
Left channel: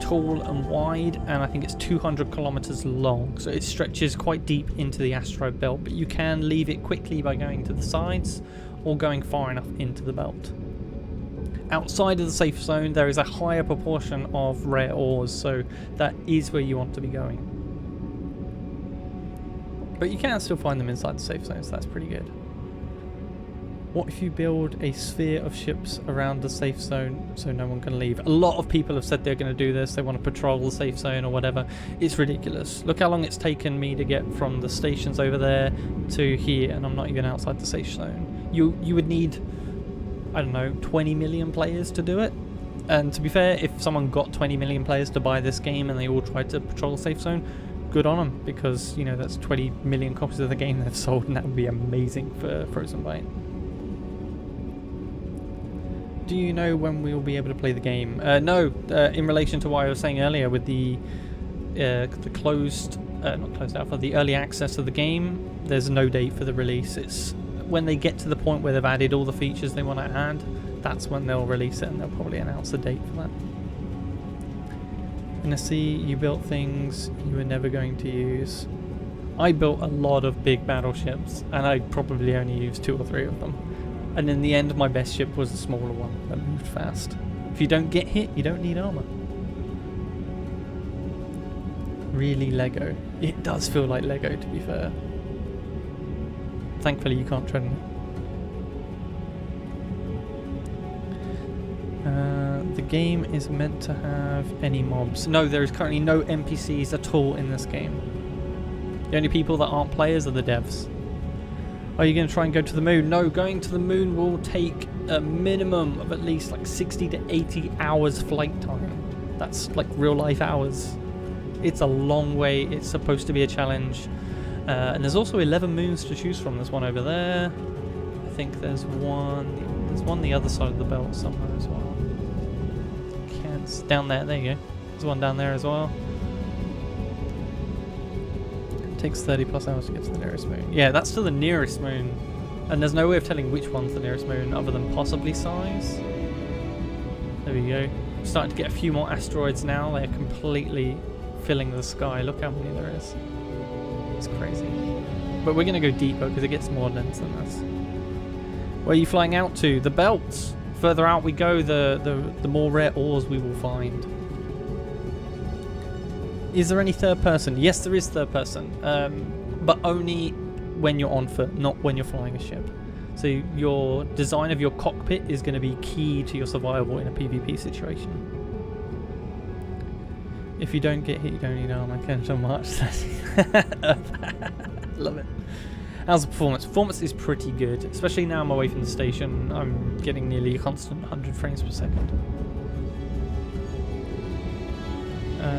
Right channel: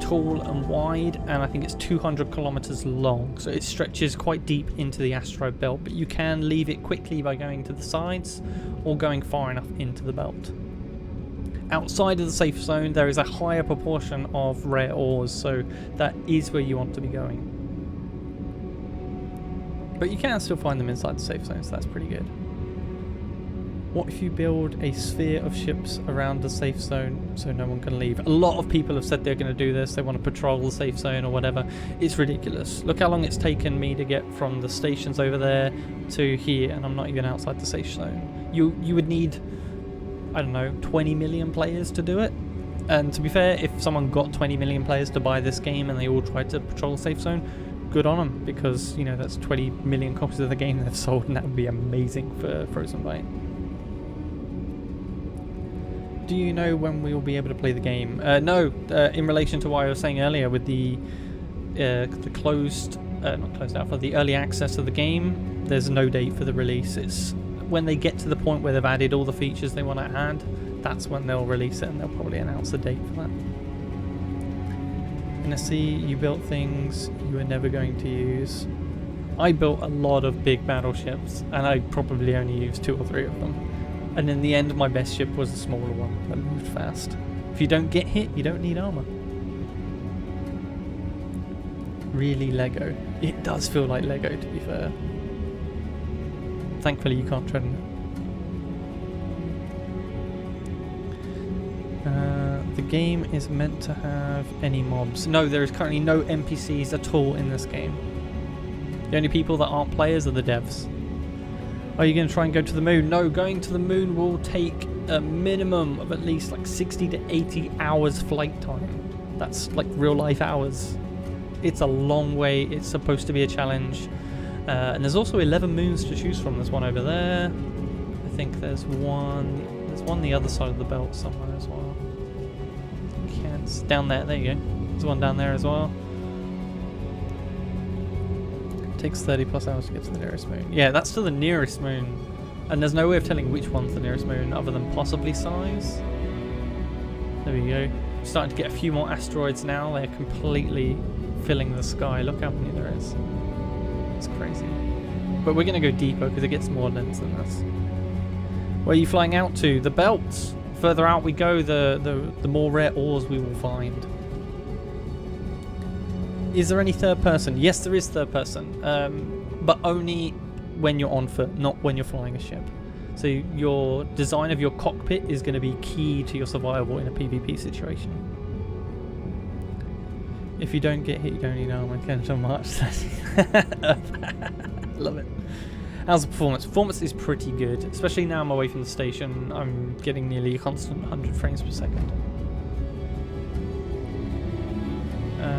tall and wide, and I think it's 200 kilometers long. So it stretches quite deep into the asteroid belt, but you can leave it quickly by going to the sides or going far enough into the belt. Outside of the safe zone, there is a higher proportion of rare ores, so that is where you want to be going. But you can still find them inside the safe zone, so that's pretty good. What if you build a sphere of ships around the safe zone so no one can leave? A lot of people have said they're going to do this. They want to patrol the safe zone or whatever. It's ridiculous. Look how long it's taken me to get from the stations over there to here, and I'm not even outside the safe zone. You would need, I don't know, 20 million players to do it. And to be fair, if someone got 20 million players to buy this game and they all tried to patrol the safe zone, good on them, because, you know, that's 20 million copies of the game they've sold, and that would be amazing for Frozen Byte. Do you know when we will be able to play the game? No, in relation to what I was saying earlier with the closed, not closed alpha, the early access of the game, there's no date for the release. It's when they get to the point where they've added all the features they want to add, that's when they'll release it, and they'll probably announce a date for that. And I see you built things you were never going to use. I built a lot of big battleships, and I probably only used 2 or 3 of them. And in the end, my best ship was the smaller one that moved fast. If you don't get hit, you don't need armor. Really Lego. It does feel like Lego, to be fair. Thankfully, you can't tread on it. The game is meant to have any mobs. No, there is currently no NPCs at all in this game. The only people that aren't players are the devs. Are you going to try and go to the moon? No, going to the moon will take a minimum of at least like 60 to 80 hours flight time. That's like real life hours. It's a long way. It's supposed to be a challenge. And there's also 11 moons to choose from. There's one over there. I think there's one the other side of the belt somewhere as well. Can't, down there. There you go. There's one down there as well. Takes 30 plus hours to get to the nearest moon. Yeah, that's to the nearest moon. And there's no way of telling which one's the nearest moon other than possibly size. There we go. Starting to get a few more asteroids now. They're completely filling the sky. Look how many there is. It's crazy. but we're going to go deeper because it gets more dense than this. Where are you flying out to? The belts. Further out we go, the more rare ores we will find. Is there any third person? Yes, there is third person, but only when you're on foot, not when you're flying a ship. So your design of your cockpit is going to be key to your survival in a PvP situation. If you don't get hit, you don't need armor. Kenetor March. Love it. How's the performance? Performance is pretty good, especially now I'm away from the station. I'm getting nearly a constant 100 frames per second.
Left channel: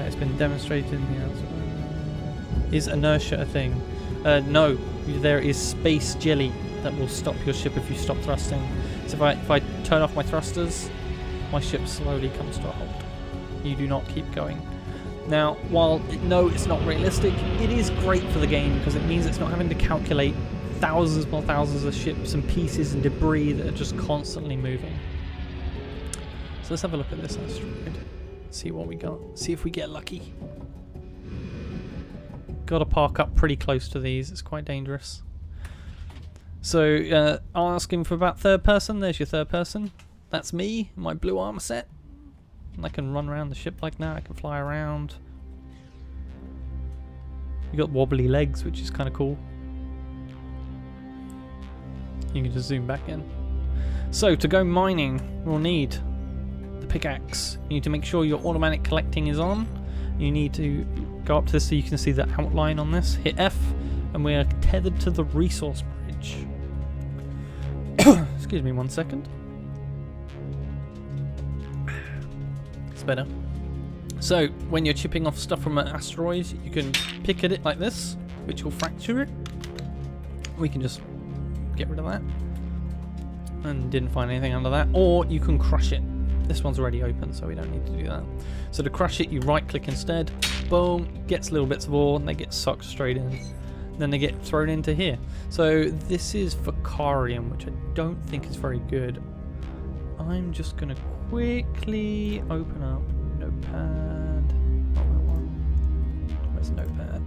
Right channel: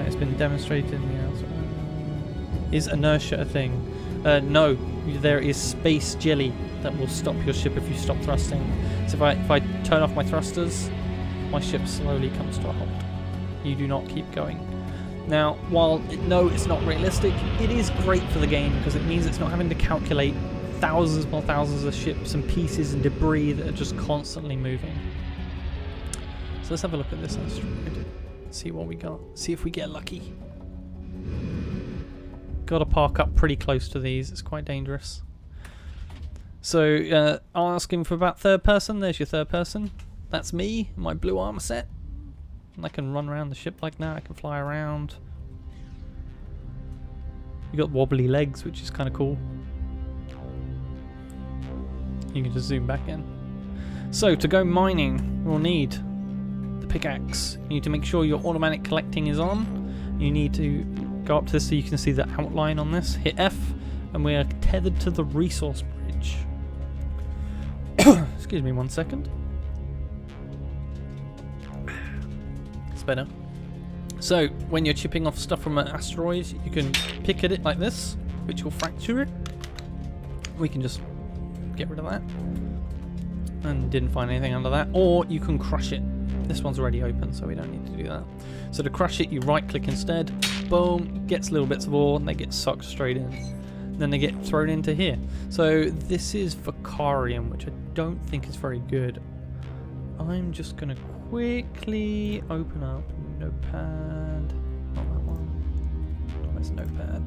It's been demonstrated in the outside. Is inertia a thing? No, there is space jelly that will stop your ship if you stop thrusting. So if I turn off my thrusters, my ship slowly comes to a halt. You do not keep going. Now, while no, it's not realistic, it is great for the game because it means it's not having to calculate thousands upon thousands of ships and pieces and debris that are just constantly moving. So let's have a look at this asteroid. See what we got. See if we get lucky. Got to park up pretty close to these. It's quite dangerous. So, asking for about third person. There's your third person. That's me, my blue armor set. And I can run around the ship like that. I can fly around. You got wobbly legs, which is kind of cool. You can just zoom back in. So to go mining, we'll need the pickaxe. You need to make sure your automatic collecting is on. You need to go up to this so you can see the outline on this. Hit F, and we are tethered to the resource bridge. Excuse me 1 second. Better. So when you're chipping off stuff from an asteroid, you can pick at it like this, which will fracture it. We can just get rid of that and didn't find anything under that, or you can crush it. This one's already open, so we don't need to do that. So to crush it, you right click instead, boom, gets little bits of ore and they get sucked straight in, then they get thrown into here. So this is Vicarium, which I don't think is very good. I'm just gonna quickly open up Notepad. Not that one. Where's Notepad?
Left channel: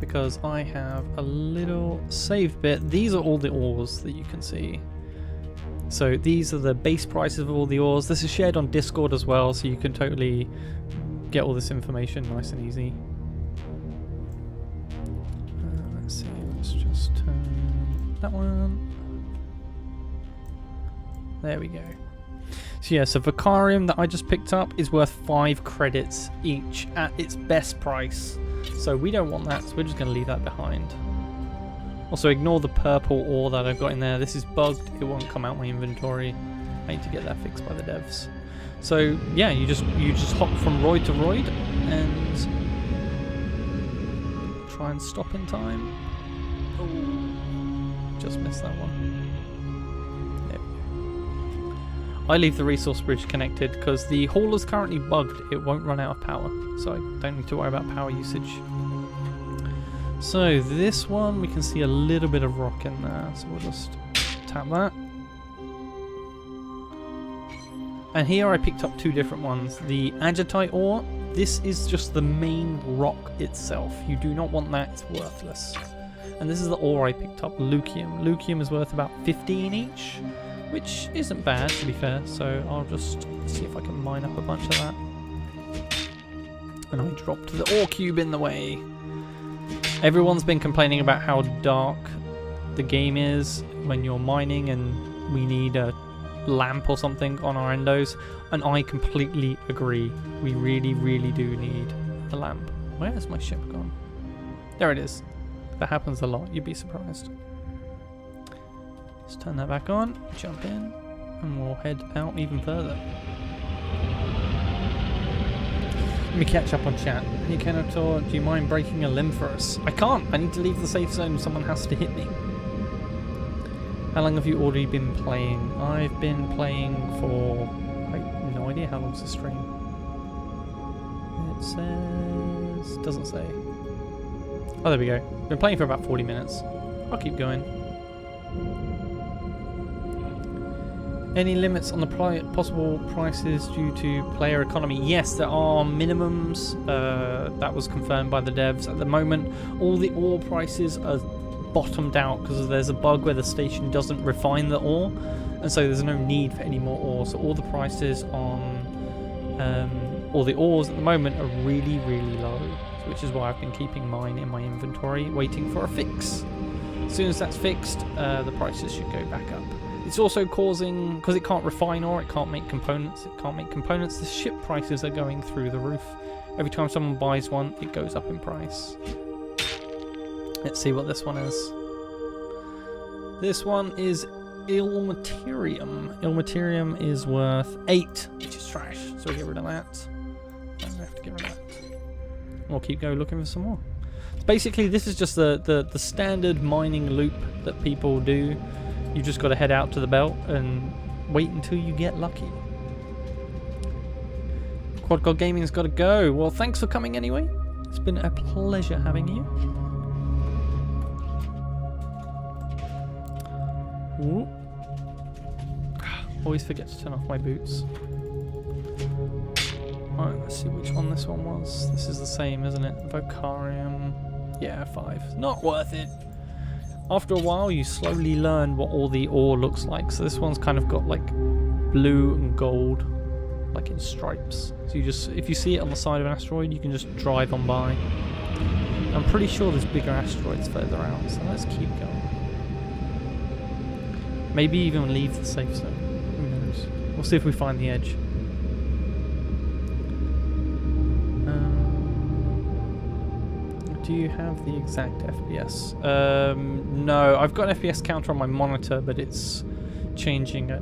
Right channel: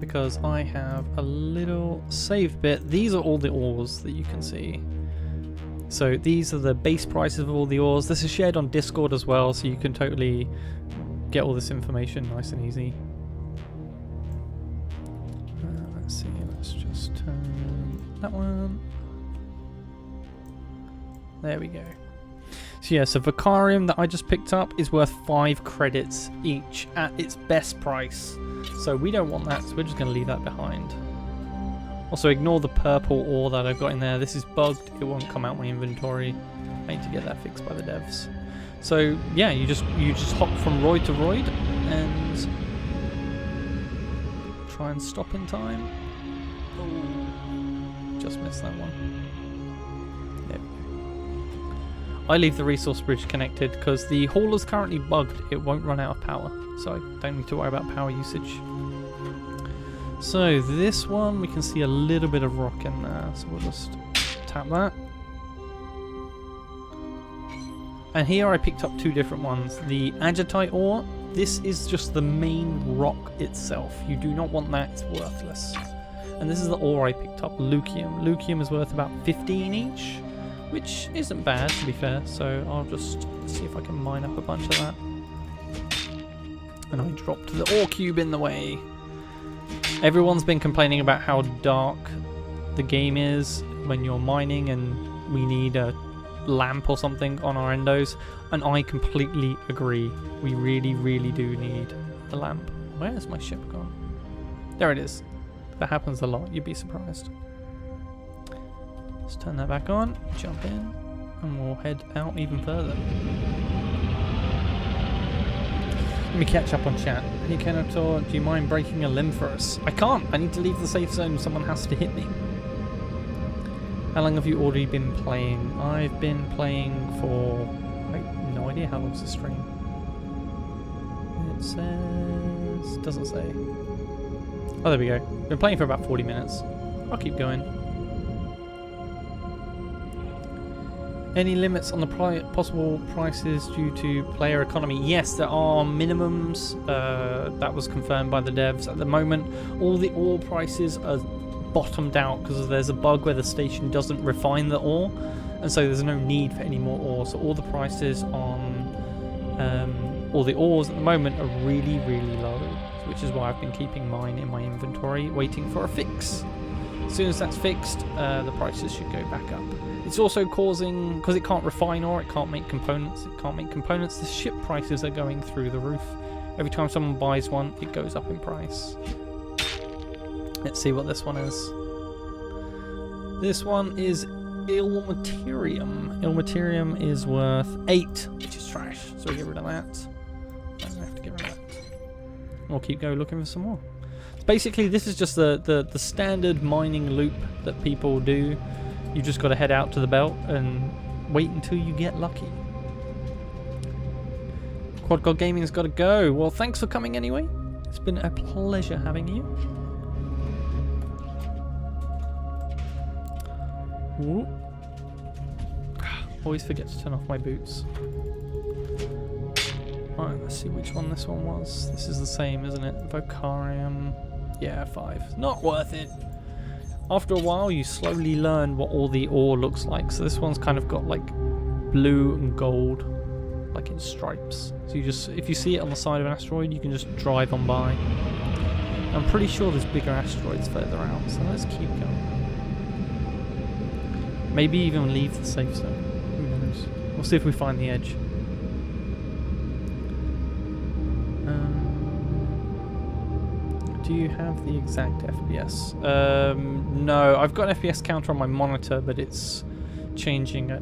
Because I have a little saved bit. These are all the ores that you can see. So these are the base prices of all the ores. This is shared on Discord as well, so you can totally get all this information nice and easy. Let's see, let's just turn that one. There we go. So yeah, so Vicarium that I just picked up is worth 5 credits each at its best price. So we don't want that, so we're just going to leave that behind. Also ignore the purple ore that I've got in there. This is bugged, it won't come out my inventory. I need to get that fixed by the devs. So yeah, you just hop from roid to roid and try and stop in time. Oh, just missed that one. There we go. I leave the resource bridge connected because the hauler's currently bugged. It won't run out of power, so I don't need to worry about power usage. So this one, we can see a little bit of rock in there, so we'll just tap that. And here I picked up 2 different ones. The agitite ore, this is just the main rock itself. You do not want that, it's worthless. And this is the ore I picked up, Lucium. Lucium is worth about 15 each. Which isn't bad, to be fair, so I'll just see if I can mine up a bunch of that. And I dropped the ore cube in the way. Everyone's been complaining about how dark the game is when you're mining and we need a lamp or something on our endos, and I completely agree. We really, really do need a lamp. Where has my ship gone? There it is. That happens a lot, you'd be surprised. Let's turn that back on, jump in, and we'll head out even further. Let me catch up on chat. Hey Kenetor, do you mind breaking a limb for us? I can't! I need to leave the safe zone, someone has to hit me. How long have you already been playing? I've been playing for... I have no idea how long's the stream. It says... doesn't say. Oh, there we go. Been playing for about 40 minutes. I'll keep going. Any limits on the possible prices due to player economy? Yes, there are minimums. That was confirmed by the devs. At the moment, all the ore prices are bottomed out because there's a bug where the station doesn't refine the ore, and so there's no need for any more ore. So all the prices on all the ores at the moment are really, really low, which is why I've been keeping mine in my inventory, waiting for a fix. As soon as that's fixed, the prices should go back up. It's also causing, because it can't refine ore, it can't make components, the ship prices are going through the roof. Every time someone buys one, it goes up in price. Let's see what this one is. This one is Ilmaterium. Ilmaterium is worth 8, which is trash, so we'll get rid of that. I don't have to get rid of that. We'll keep going looking for some more. Basically, this is just the standard mining loop that people do. You just got to head out to the belt and wait until you get lucky. Quad God Gaming's got to go. Well, thanks for coming anyway. It's been a pleasure having you. Ooh. Always forget to turn off my boots. Alright, let's see which one this one was. This is the same, isn't it? Vocarium. Yeah, 5. Not worth it. After a while, you slowly learn what all the ore looks like. So this one's kind of got like blue and gold, like in stripes. So you just, if you see it on the side of an asteroid, you can just drive on by. I'm pretty sure there's bigger asteroids further out, so let's keep going. Maybe even leave the safe zone. Who knows? We'll see if we find the edge. Do you have the exact FPS? No, I've got an FPS counter on my monitor, but it's changing at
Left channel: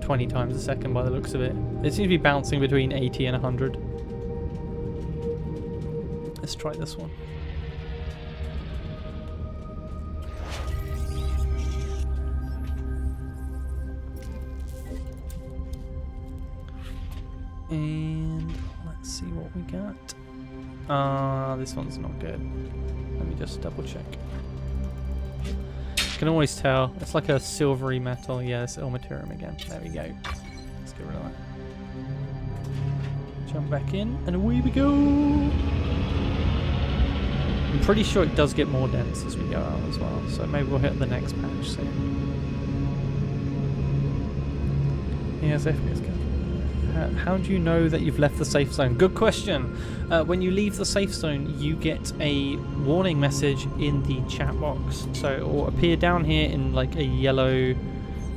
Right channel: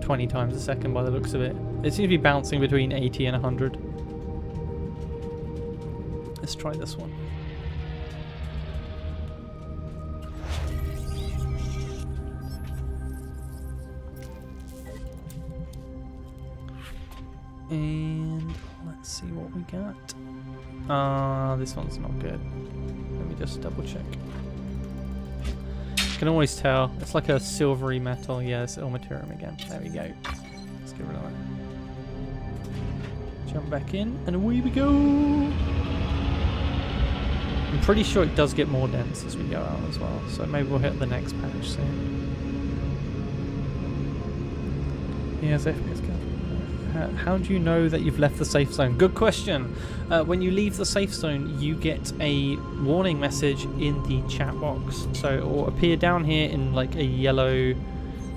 20 times a second by the looks of it. It seems to be bouncing between 80 and 100. Let's try this one. And let's see what we got. This one's not good. Let me just double check. You can always tell. It's like a silvery metal. Yeah, it's Ilmaterium again. There we go. Let's get rid of that. Jump back in, and away we go! I'm pretty sure it does get more dense as we go out as well, so maybe we'll hit the next patch soon. Yes, FPS counter. How do you know that you've left the safe zone? Good question. When you leave the safe zone, you get a warning message in the chat box. So it will appear down here in like a yellow,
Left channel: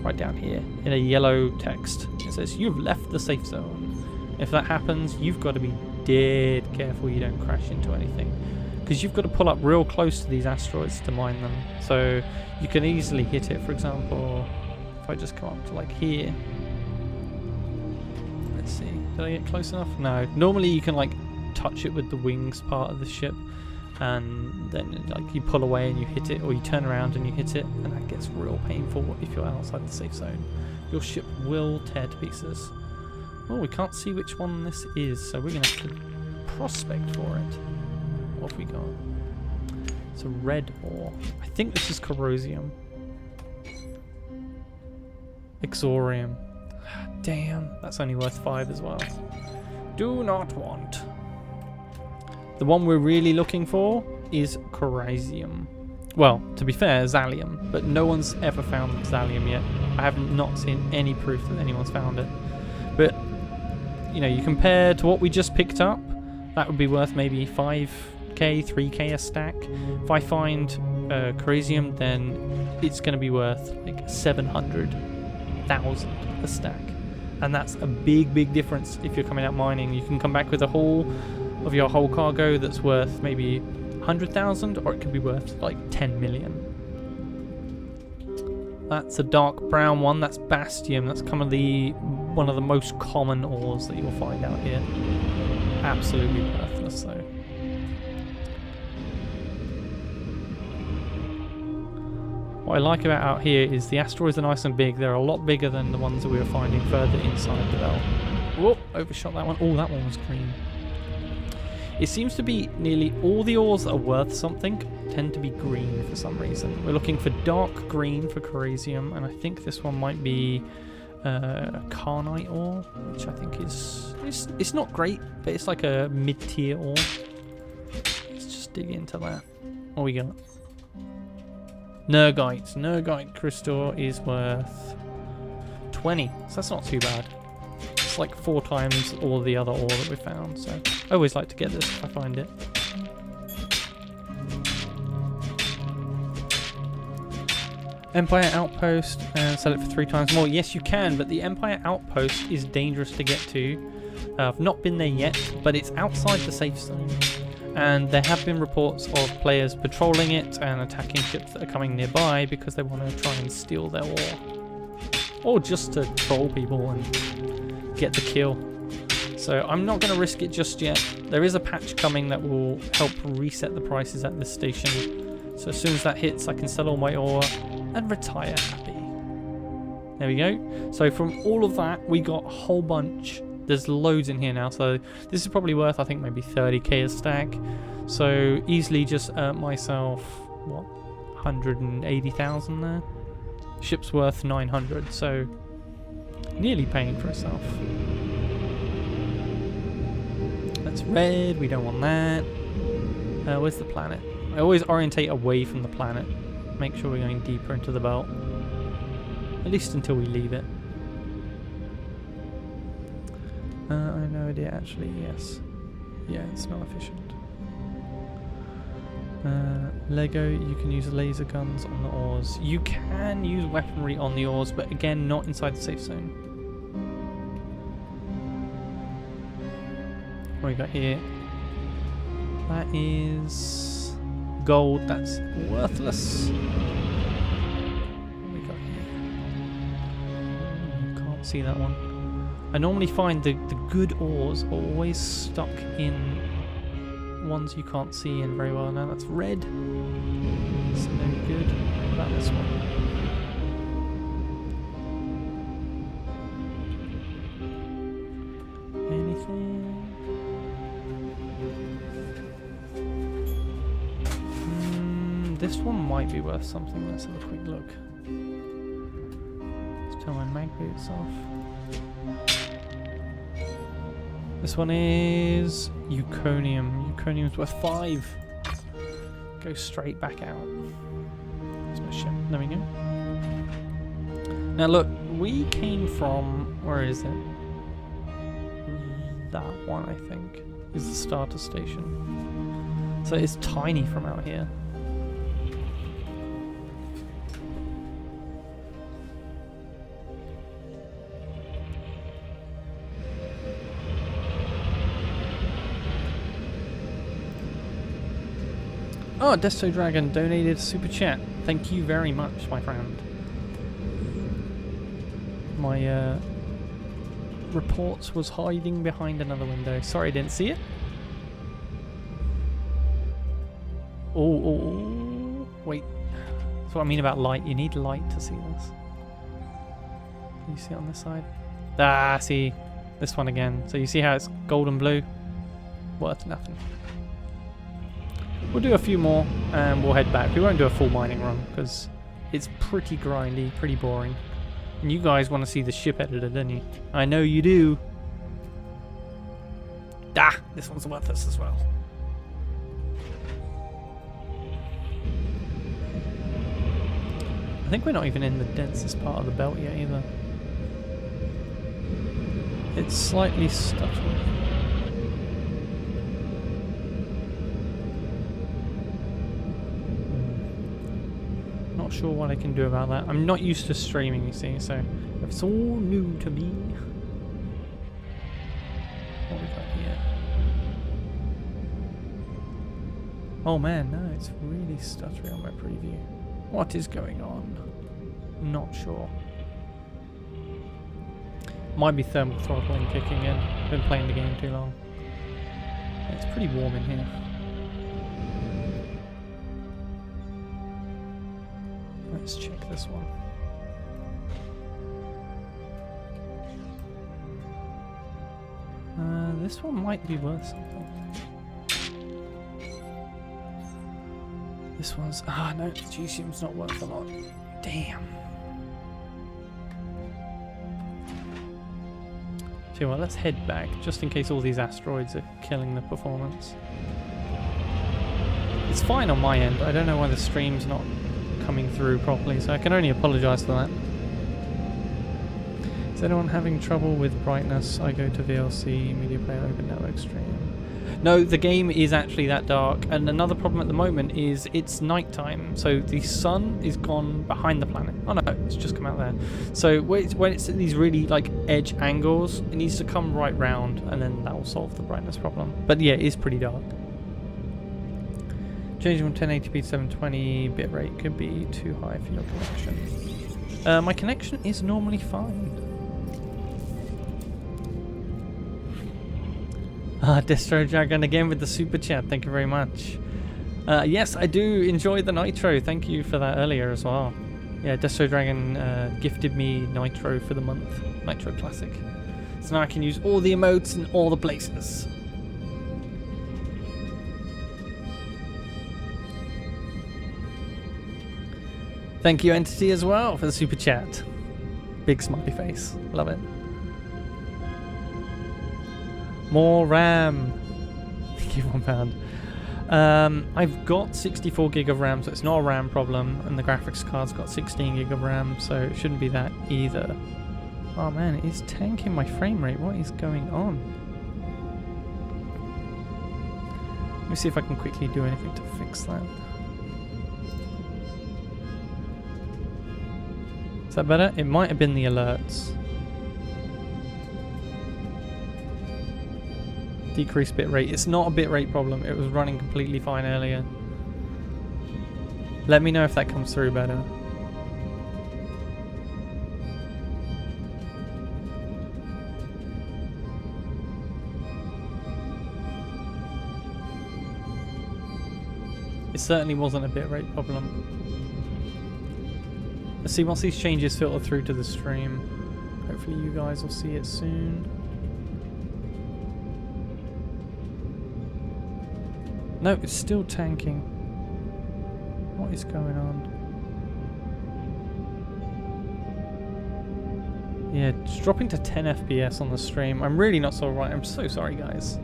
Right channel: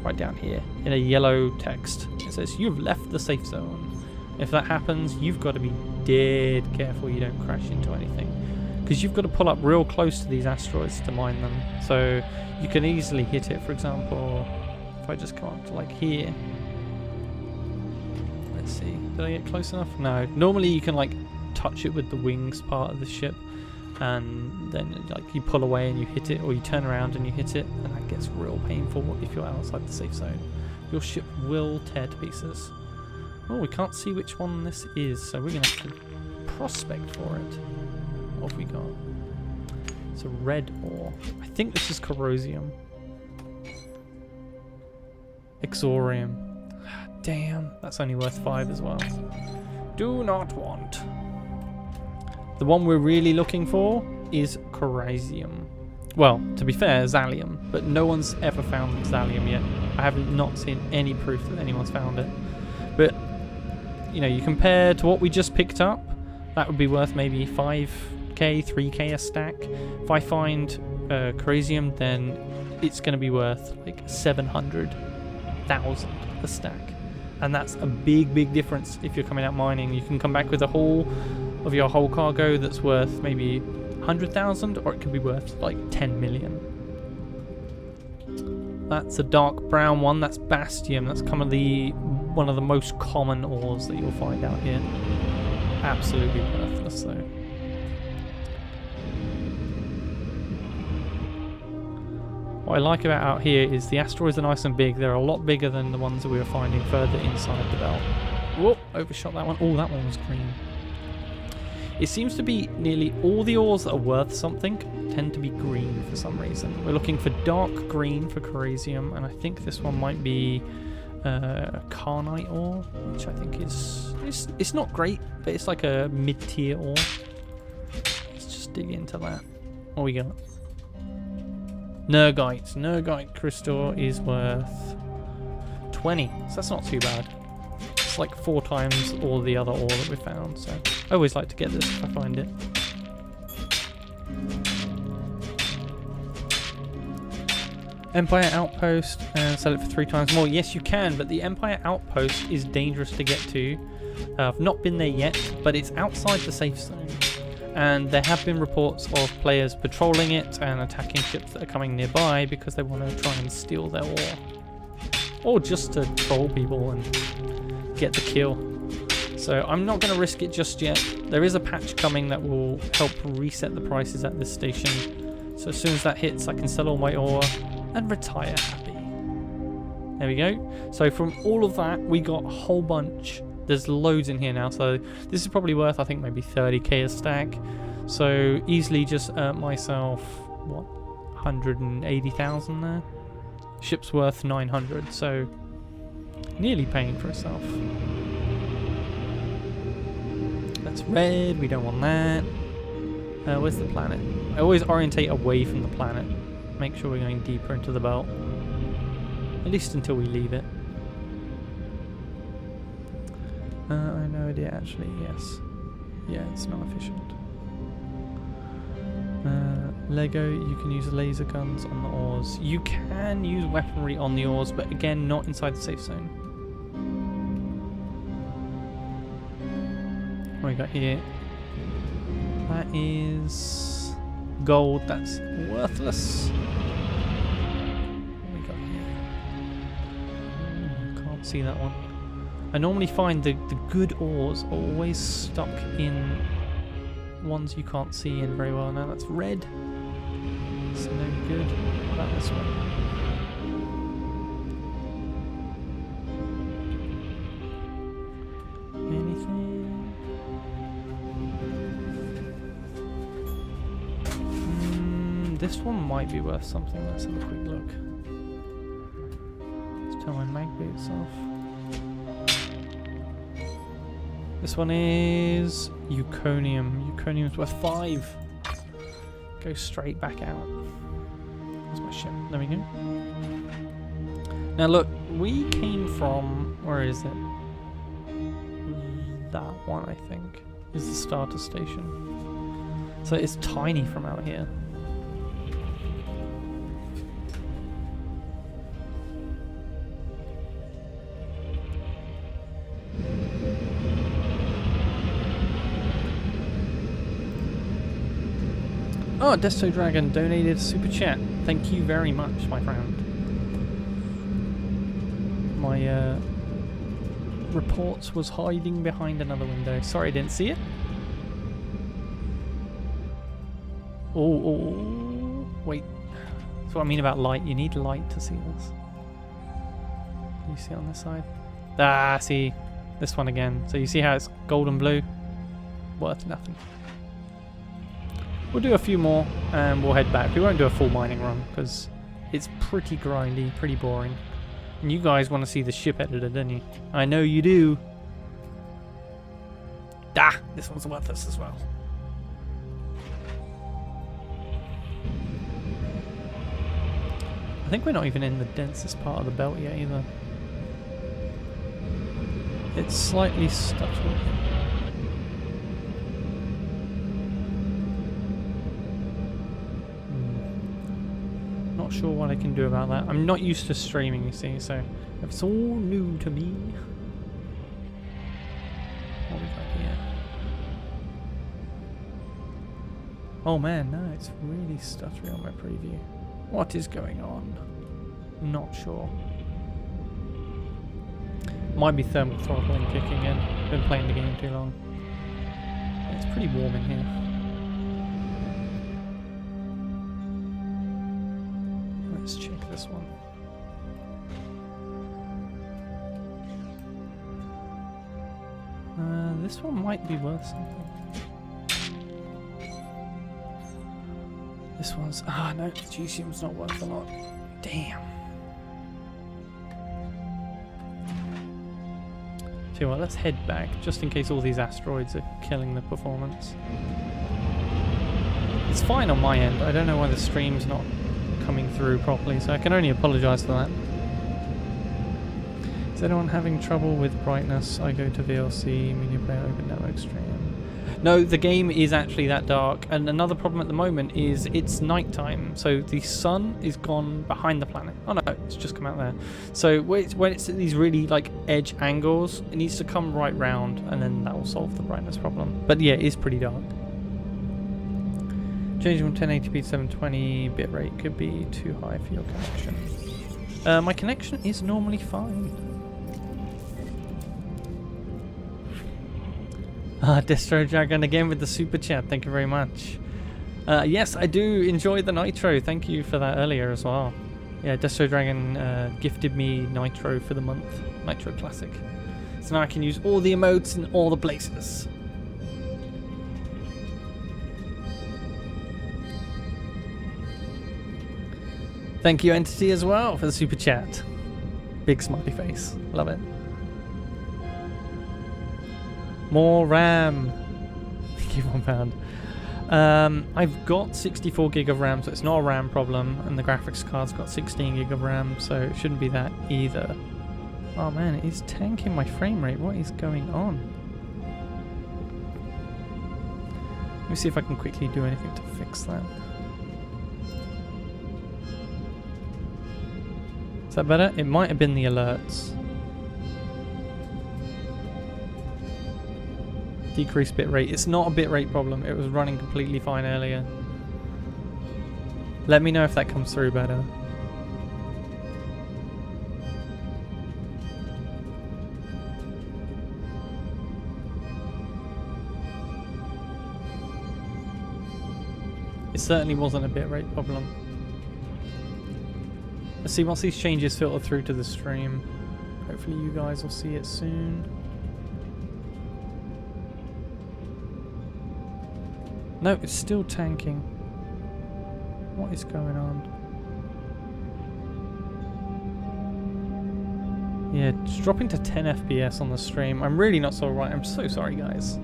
right down here, in a yellow text. It says, you've left the safe zone. If that happens, you've got to be dead careful you don't crash into anything. Because you've got to pull up real close to these asteroids to mine them. So you can easily hit it, for example, if I just come up to like here. Let's see, did I get close enough? No. Normally you can like touch it with the wings part of the ship, and then like you pull away and you hit it, or you turn around and you hit it, and that gets real painful if you're outside the safe zone. Your ship will tear to pieces. Oh, we can't see which one this is, so we're going to have to prospect for it. What have we got? It's a red ore. I think this is corrosium. Exorium. Damn, that's only worth 5 as well. Do not want. The one we're really looking for is corosium. Well, to be fair, Zallium, but no one's ever found Zallium yet. I have not seen any proof that anyone's found it. But, you know, you compare to what we just picked up, that would be worth maybe 5k, 3k a stack. If I find corosium, then it's going to be worth like 700,000 a stack. And that's a big, big difference if you're coming out mining. You can come back with a haul of your whole cargo that's worth maybe 100,000, or it could be worth like 10 million. That's a dark brown one. That's Bastium. That's one of the most common ores that you'll find out here. Absolutely worthless though. What I like about out here is the asteroids are nice and big. They're a lot bigger than the ones that we were finding further inside the belt. Whoop, overshot that one. Oh, that one was green. It seems to be nearly all the ores that are worth something tend to be green for some reason. We're looking for dark green for corosium, and I think this one might be Carnite ore, which I think is it's not great, but it's like a mid-tier ore. Let's just dig into that. What we got? Nergite. Nergite crystal is worth 20, so that's not too bad. It's like 4 times all the other ore that we found, so I always like to get this if I find it. Empire Outpost and sell it for 3 times more. Yes, you can, but the Empire Outpost is dangerous to get to. I've not been there yet, but it's outside the safe zone. And there have been reports of players patrolling it and attacking ships that are coming nearby because they want to try and steal their ore. Or just to troll people and get the kill. So I'm not going to risk it just yet. There is a patch coming that will help reset the prices at this station. So as soon as that hits, I can sell all my ore and retire happy. There we go. So from all of that, we got a whole bunch. There's loads in here now, so this is probably worth, I think, maybe 30k a stack. So easily just earned myself, what, 180,000 there? Ship's worth 900, so nearly paying for itself. That's red, we don't want that. Where's the planet? I always orientate away from the planet. Make sure we're going deeper into the belt. At least until we leave it. I have no idea actually, yes. Yeah, it's not efficient. Lego, you can use laser guns on the ores. You can use weaponry on the ores, but again, not inside the safe zone. What we got here? That is gold, that's worthless. What we got here? Ooh, can't see that one. I normally find the good ores are always stuck in ones you can't see in very well. Now that's red. It's no good. What about this one? Anything? This one might be worth something. Let's have a quick look. Let's turn my mag boots off. This one is Euconium. Euconium's worth 5. Go straight back out. That's my ship. There we go. Now look, we came from, where is it? That one, I think, is the starter station. So it's tiny from out here. Oh, Desto Dragon donated super chat. Thank you very much, my friend. My reports was hiding behind another window. Sorry, I didn't see it. Oh, wait. That's what I mean about light. You need light to see this. Can you see it on this side? Ah, see. This one again. So you see how it's gold and blue? Worth nothing. We'll do a few more and we'll head back. We won't do a full mining run because it's pretty grindy, pretty boring. And you guys want to see the ship editor, don't you? I know you do. Ah, this one's worthless as well. I think we're not even in the densest part of the belt yet either. It's slightly stuttering. Not sure what I can do about that. I'm not used to streaming, you see, so it's all new to me. What we got here? Oh man, no, it's really stuttering on my preview. What is going on? Not sure. Might be thermal throttling kicking in. Been playing the game too long. It's pretty warm in here. Let's check this one. This one might be worth something. This one's... Ah, no, Gesium's not worth a lot. Damn. Tell you what, let's head back, just in case all these asteroids are killing the performance. It's fine on my end. I don't know why the stream's not coming through properly, so I can only apologise for that. Is anyone having trouble with brightness? I go to VLC, media player, open network stream. No, the game is actually that dark, and another problem at the moment is it's nighttime, so the sun is gone behind the planet. Oh no, it's just come out there. So when it's at these really like edge angles, it needs to come right round, and then that will solve the brightness problem. But yeah, it is pretty dark. Changing from 1080p to 720 bitrate could be too high for your connection. My connection is normally fine. Destro Dragon again with the super chat, thank you very much. Yes, I do enjoy the Nitro, thank you for that earlier as well. Yeah, Destro Dragon gifted me Nitro for the month, Nitro Classic. So now I can use all the emotes in all the places. Thank you Entity as well for the super chat. Big smiley face, love it. More RAM. Thank you, £1. I've got 64 gig of RAM, so it's not a RAM problem, and the graphics card's got 16 gig of RAM, so it shouldn't be that either. Oh man, it is tanking my frame rate. What is going on? Let me see if I can quickly do anything to fix that. Is that better? It might have been the alerts. Decrease bitrate. It's not a bitrate problem. It was running completely fine earlier. Let me know if that comes through better. It certainly wasn't a bitrate problem. Let's see once these changes filter through to the stream. Hopefully you guys will see it soon. No, it's still tanking. What is going on? Yeah, it's dropping to 10 FPS on the stream. I'm really not so right. I'm so sorry, guys.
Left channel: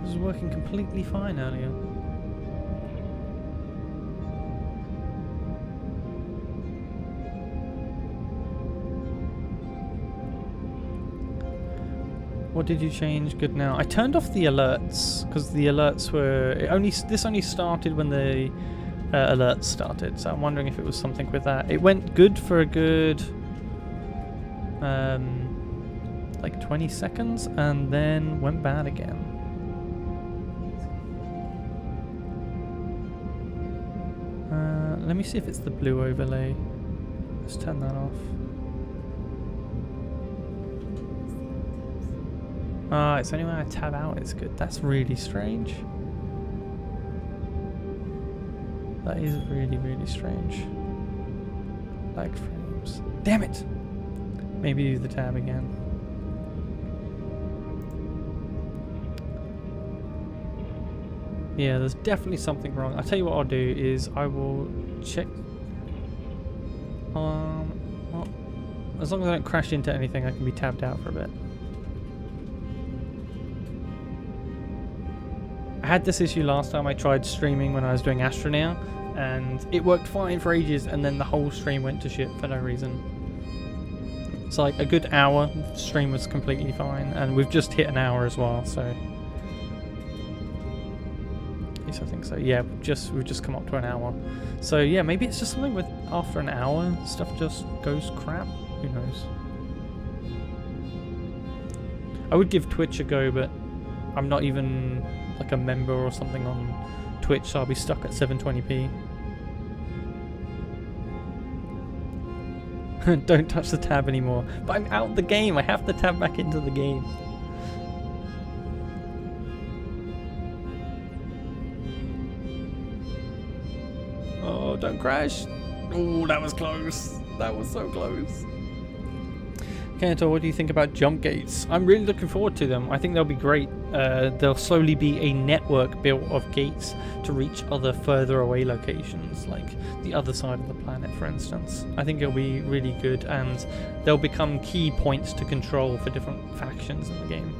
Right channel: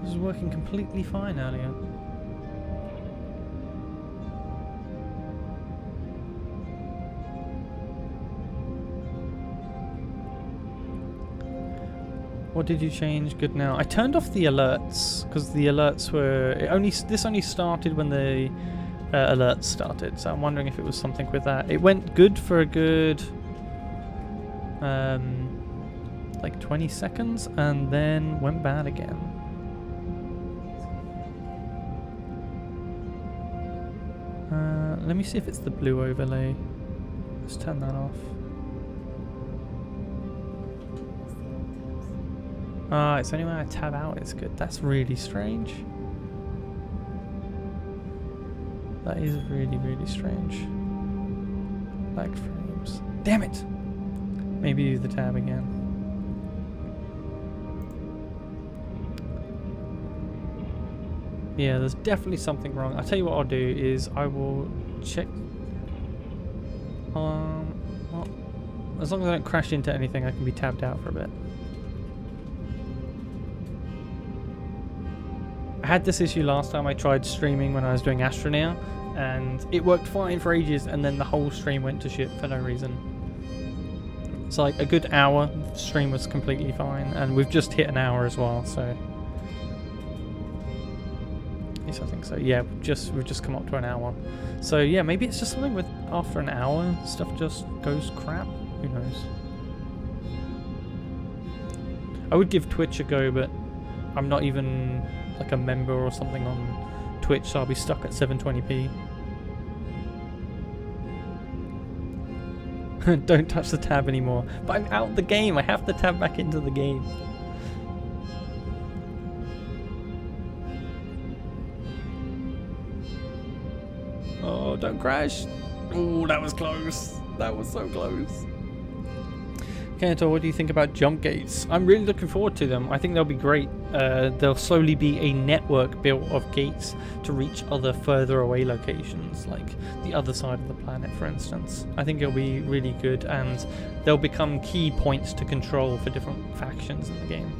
This was working completely fine earlier. What did you change? Good now. I turned off the alerts because the alerts were this only started when the alerts started, so I'm wondering if it was something with that. It went good for a good like 20 seconds and then went bad again. Let me see if it's the blue overlay. Let's turn that off. It's only when I tab out it's good. That's really strange. That is really, really strange. Lag frames. Damn it! Maybe use the tab again. Yeah, there's definitely something wrong. I'll tell you what I'll do is I will check. Well, as long as I don't crash into anything, I can be tabbed out for a bit. I had this issue last time I tried streaming when I was doing Astroneer, and it worked fine for ages, and then the whole stream went to shit for no reason. It's like a good hour, the stream was completely fine, and we've just hit an hour as well, so... Yes, I think so. Yeah, we've just come up to an hour. So yeah, maybe it's just something with after an hour, stuff just goes crap. Who knows? I would give Twitch a go, but I'm not even... like a member or something on Twitch, so I'll be stuck at 720p. Don't touch the tab anymore. But I'm out the game. I have to tab back into the game. Oh, don't crash. Oh, that was close. That was so close. Kenetor, what do you think about jump gates? I'm really looking forward to them. I think they'll be great. There'll slowly be a network built of gates to reach other further away locations, like the other side of the planet, for instance. I think it'll be really good, and they'll become key points to control for different factions in the game.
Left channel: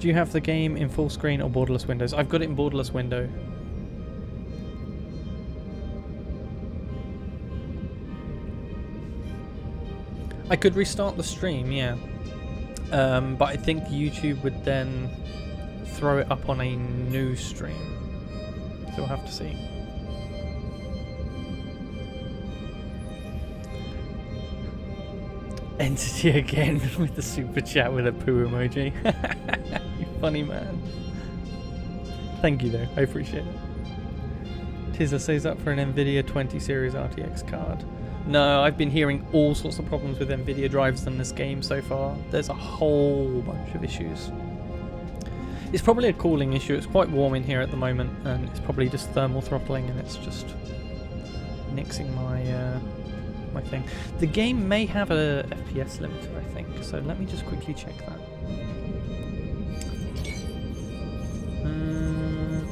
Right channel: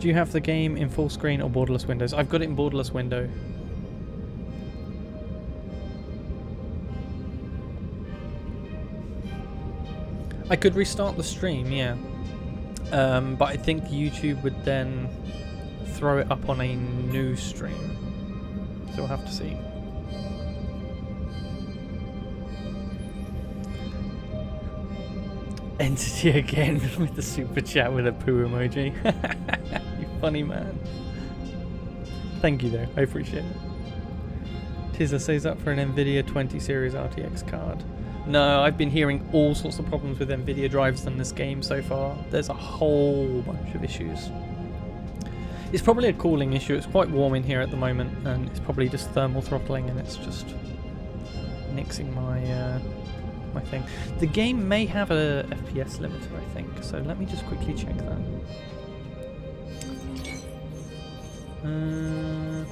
Do you have the game in full screen or borderless windows? I've got it in borderless window. I could restart the stream, yeah. But I think YouTube would then throw it up on a new stream. So we'll have to see. Entity again with the super chat with a poo emoji. You funny man. Thank you though, I appreciate it. Tizza says up for an Nvidia 20 series RTX card. No, I've been hearing all sorts of problems with Nvidia drives in this game so far. There's a whole bunch of issues. It's probably a cooling issue. It's quite warm in here at the moment, and it's probably just thermal throttling, and it's just nixing my my thing. The game may have a FPS limiter, I think. So let me just quickly check that.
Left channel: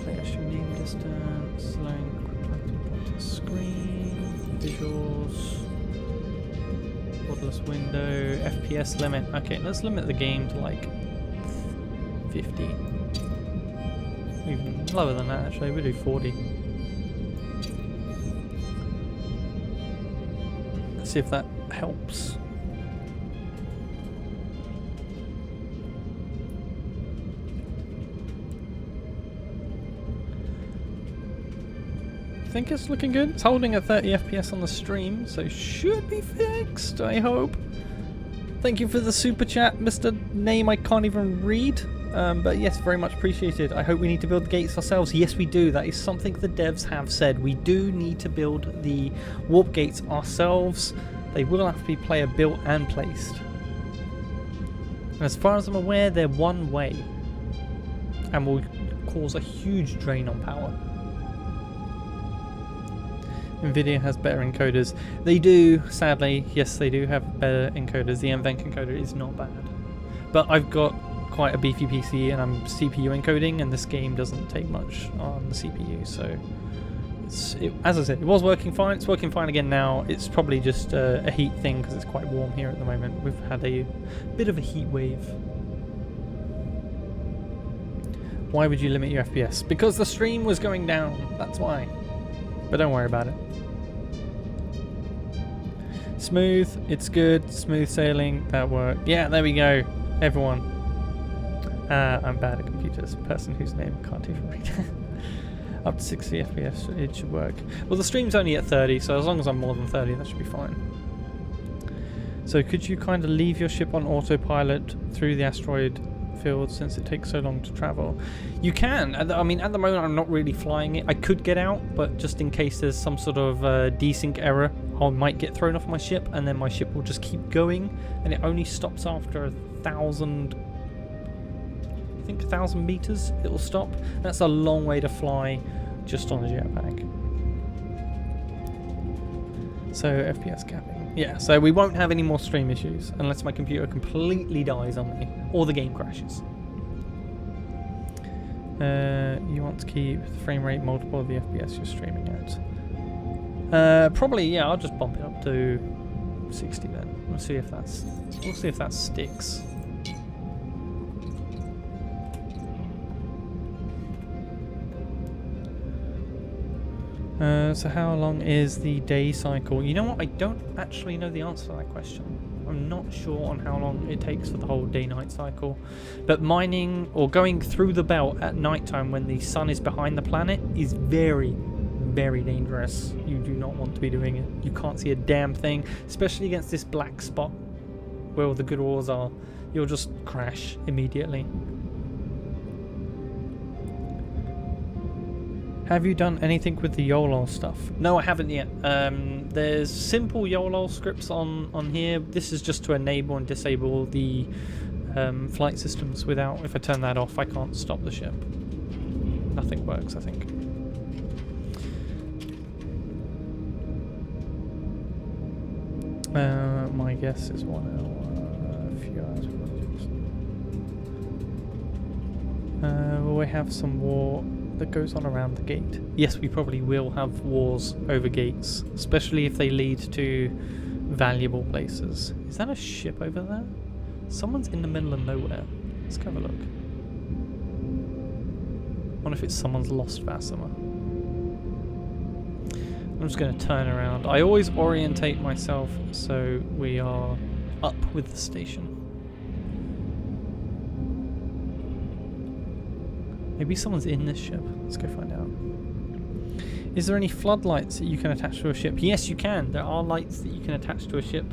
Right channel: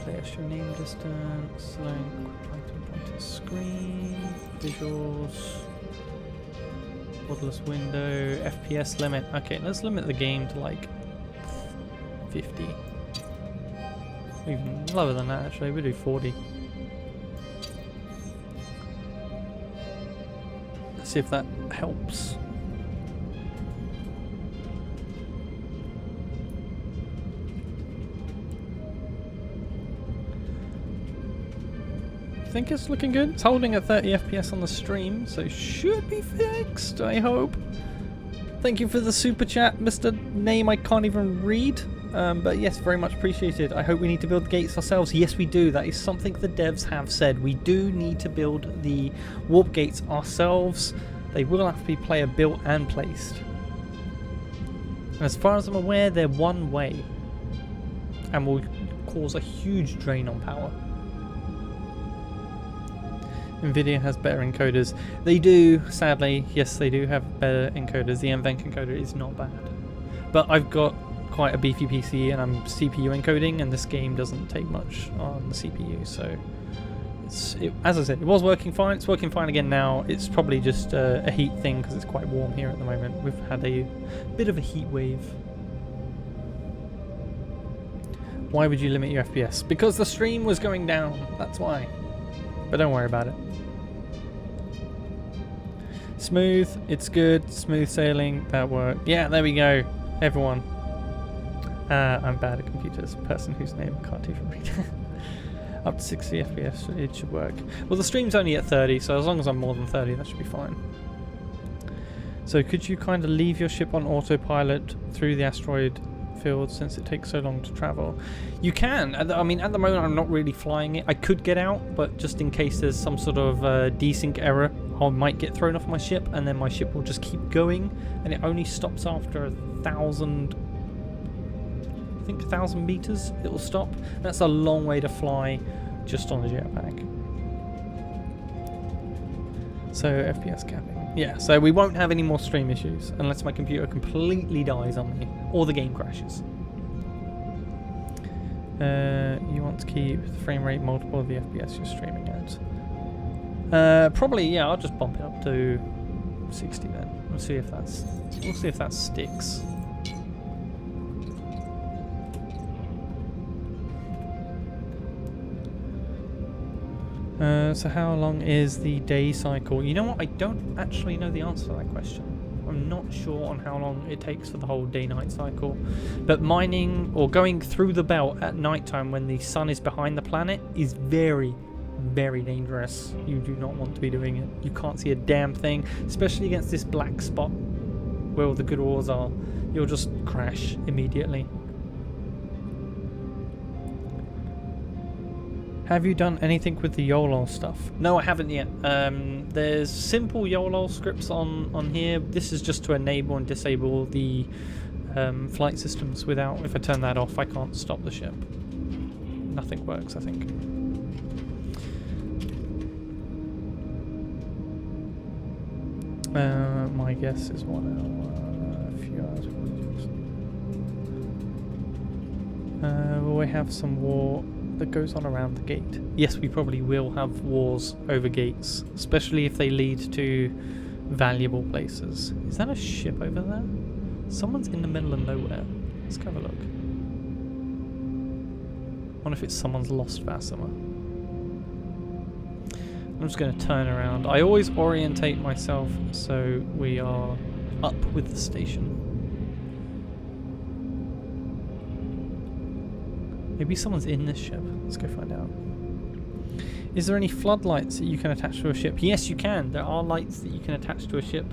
Player show name distance, slowing pointer screen, visuals, borderless window, FPS limit. Okay, let's limit the game to like 50. Even lower than that actually, we'll do 40. Let's see if that helps. I think it's looking good. It's holding at 30 FPS on the stream, so should be fixed, I hope. Thank you for the super chat, Mr. Name I can't even read. But yes, very much appreciated. I hope we need to build the gates ourselves. Yes, we do. That is something the devs have said. We do need to build the warp gates ourselves. They will have to be player built and placed. And as far as I'm aware, they're one way and will cause a huge drain on power. Nvidia has better encoders. They do, sadly. Yes, they do have better encoders. The NVENC encoder is not bad. But I've got quite a beefy PC and I'm CPU encoding, and this game doesn't take much on the CPU, so as I said, it was working fine. It's working fine again now. It's probably just a heat thing because it's quite warm here at the moment. We've had a bit of a heat wave. Why would you limit your FPS? Because the stream was going down, that's why. But don't worry about it. Smooth, it's good. Smooth sailing, that worked. Yeah, there we go, everyone. I'm bad at computers. Person whose name I can't even read. Up to 60 FPS, it should work. Well, the stream's only at 30, so as long as I'm more than 30, that should be fine. So could you kind of leave your ship on autopilot through the asteroid field since it takes so long to travel? You can. I mean, at the moment I'm not really flying it. I could get out, but just in case there's some sort of desync error, I might get thrown off my ship, and then my ship will just keep going, and it only stops after 1,000... I think 1,000 meters it will stop. That's a long way to fly just on a jetpack. So FPS capping. Yeah, so we won't have any more stream issues unless my computer completely dies on me or the game crashes. You want to keep the frame rate multiple of the FPS you're streaming at. Probably, yeah, I'll just bump it up to 60 then. We'll see if that sticks. So how long is the day cycle? You know what? I don't actually know the answer to that question. I'm not sure on how long it takes for the whole day-night cycle. But mining or going through the belt at nighttime when the sun is behind the planet is very, very dangerous. You do not want to be doing it. You can't see a damn thing, especially against this black spot where all the good ores are. You'll just crash immediately. Have you done anything with the YOLO stuff? No, I haven't yet. There's simple YOLO scripts on here. This is just to enable and disable the flight systems without... If I turn that off, I can't stop the ship. Nothing works, I think. My guess is 1 hour, a few hours. Will we have some war that goes on around the gate? Yes, we probably will have wars over gates, especially if they lead to valuable places. Is that a ship over there? Someone's in the middle of nowhere. Let's go have a look. I wonder if it's someone's lost Vassima. I'm just going to turn around. I always orientate myself so we are up with the station. Maybe someone's in this ship. Let's go find out. Is there any floodlights that you can attach to a ship? Yes, you can. There are lights that you can attach to a ship.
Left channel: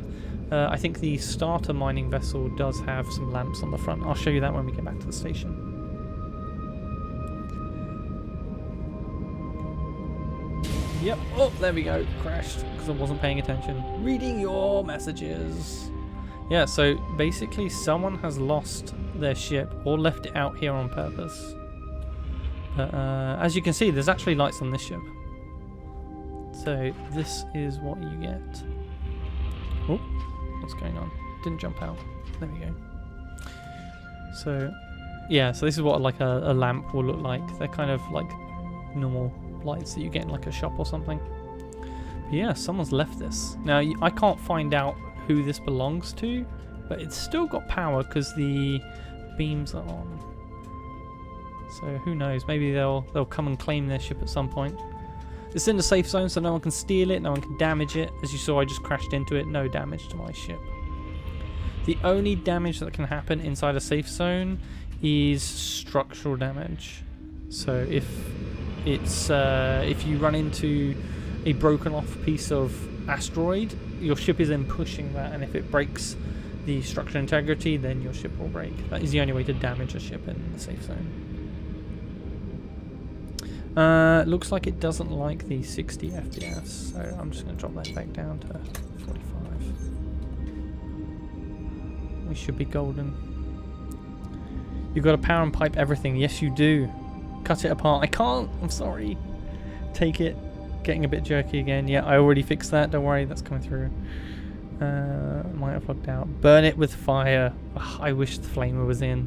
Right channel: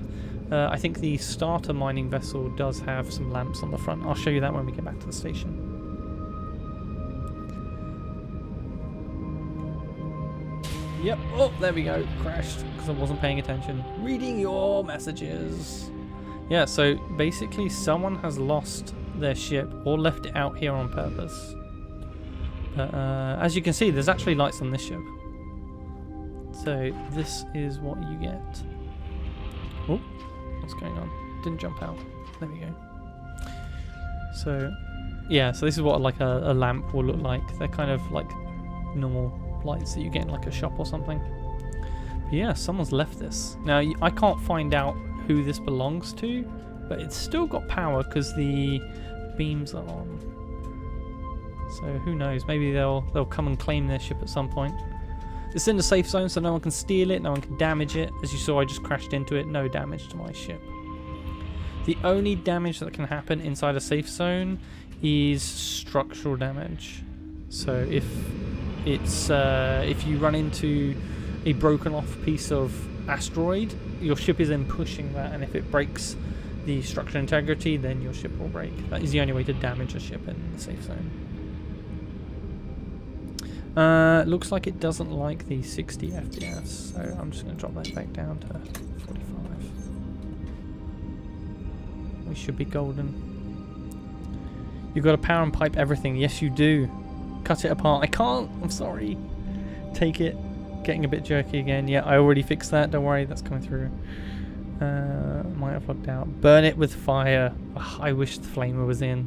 I think the starter mining vessel does have some lamps on the front. I'll show you that when we get back to the station. Yep. Oh, there we go. Crashed because I wasn't paying attention. Reading your messages. Yeah, so basically someone has lost their ship or left it out here on purpose. But as you can see, there's actually lights on this ship. So this is what you get. Oh, what's going on? Didn't jump out. There we go. So, yeah, so this is what like a lamp will look like. They're kind of like normal lights that you get in like a shop or something. But yeah, someone's left this. Now, I can't find out who this belongs to, but it's still got power because the beams are on. So who knows? Maybe they'll come and claim their ship at some point. It's in the safe zone, so no one can steal it, no one can damage it. As you saw, I just crashed into it. No damage to my ship. The only damage that can happen inside a safe zone is structural damage. So if you run into a broken off piece of asteroid, your ship is then pushing that, and if it breaks the structural integrity, then your ship will break. That is the only way to damage a ship in the safe zone. Looks like it doesn't like the 60 FPS, so I'm just going to drop that back down to 45. We should be golden. You've got to power and pipe everything. Yes, you do. Cut it apart. I can't. I'm sorry. Take it. Getting a bit jerky again. Yeah, I already fixed that. Don't worry. That's coming through. Might have logged out. Burn it with fire. Ugh, I wish the flamer was in.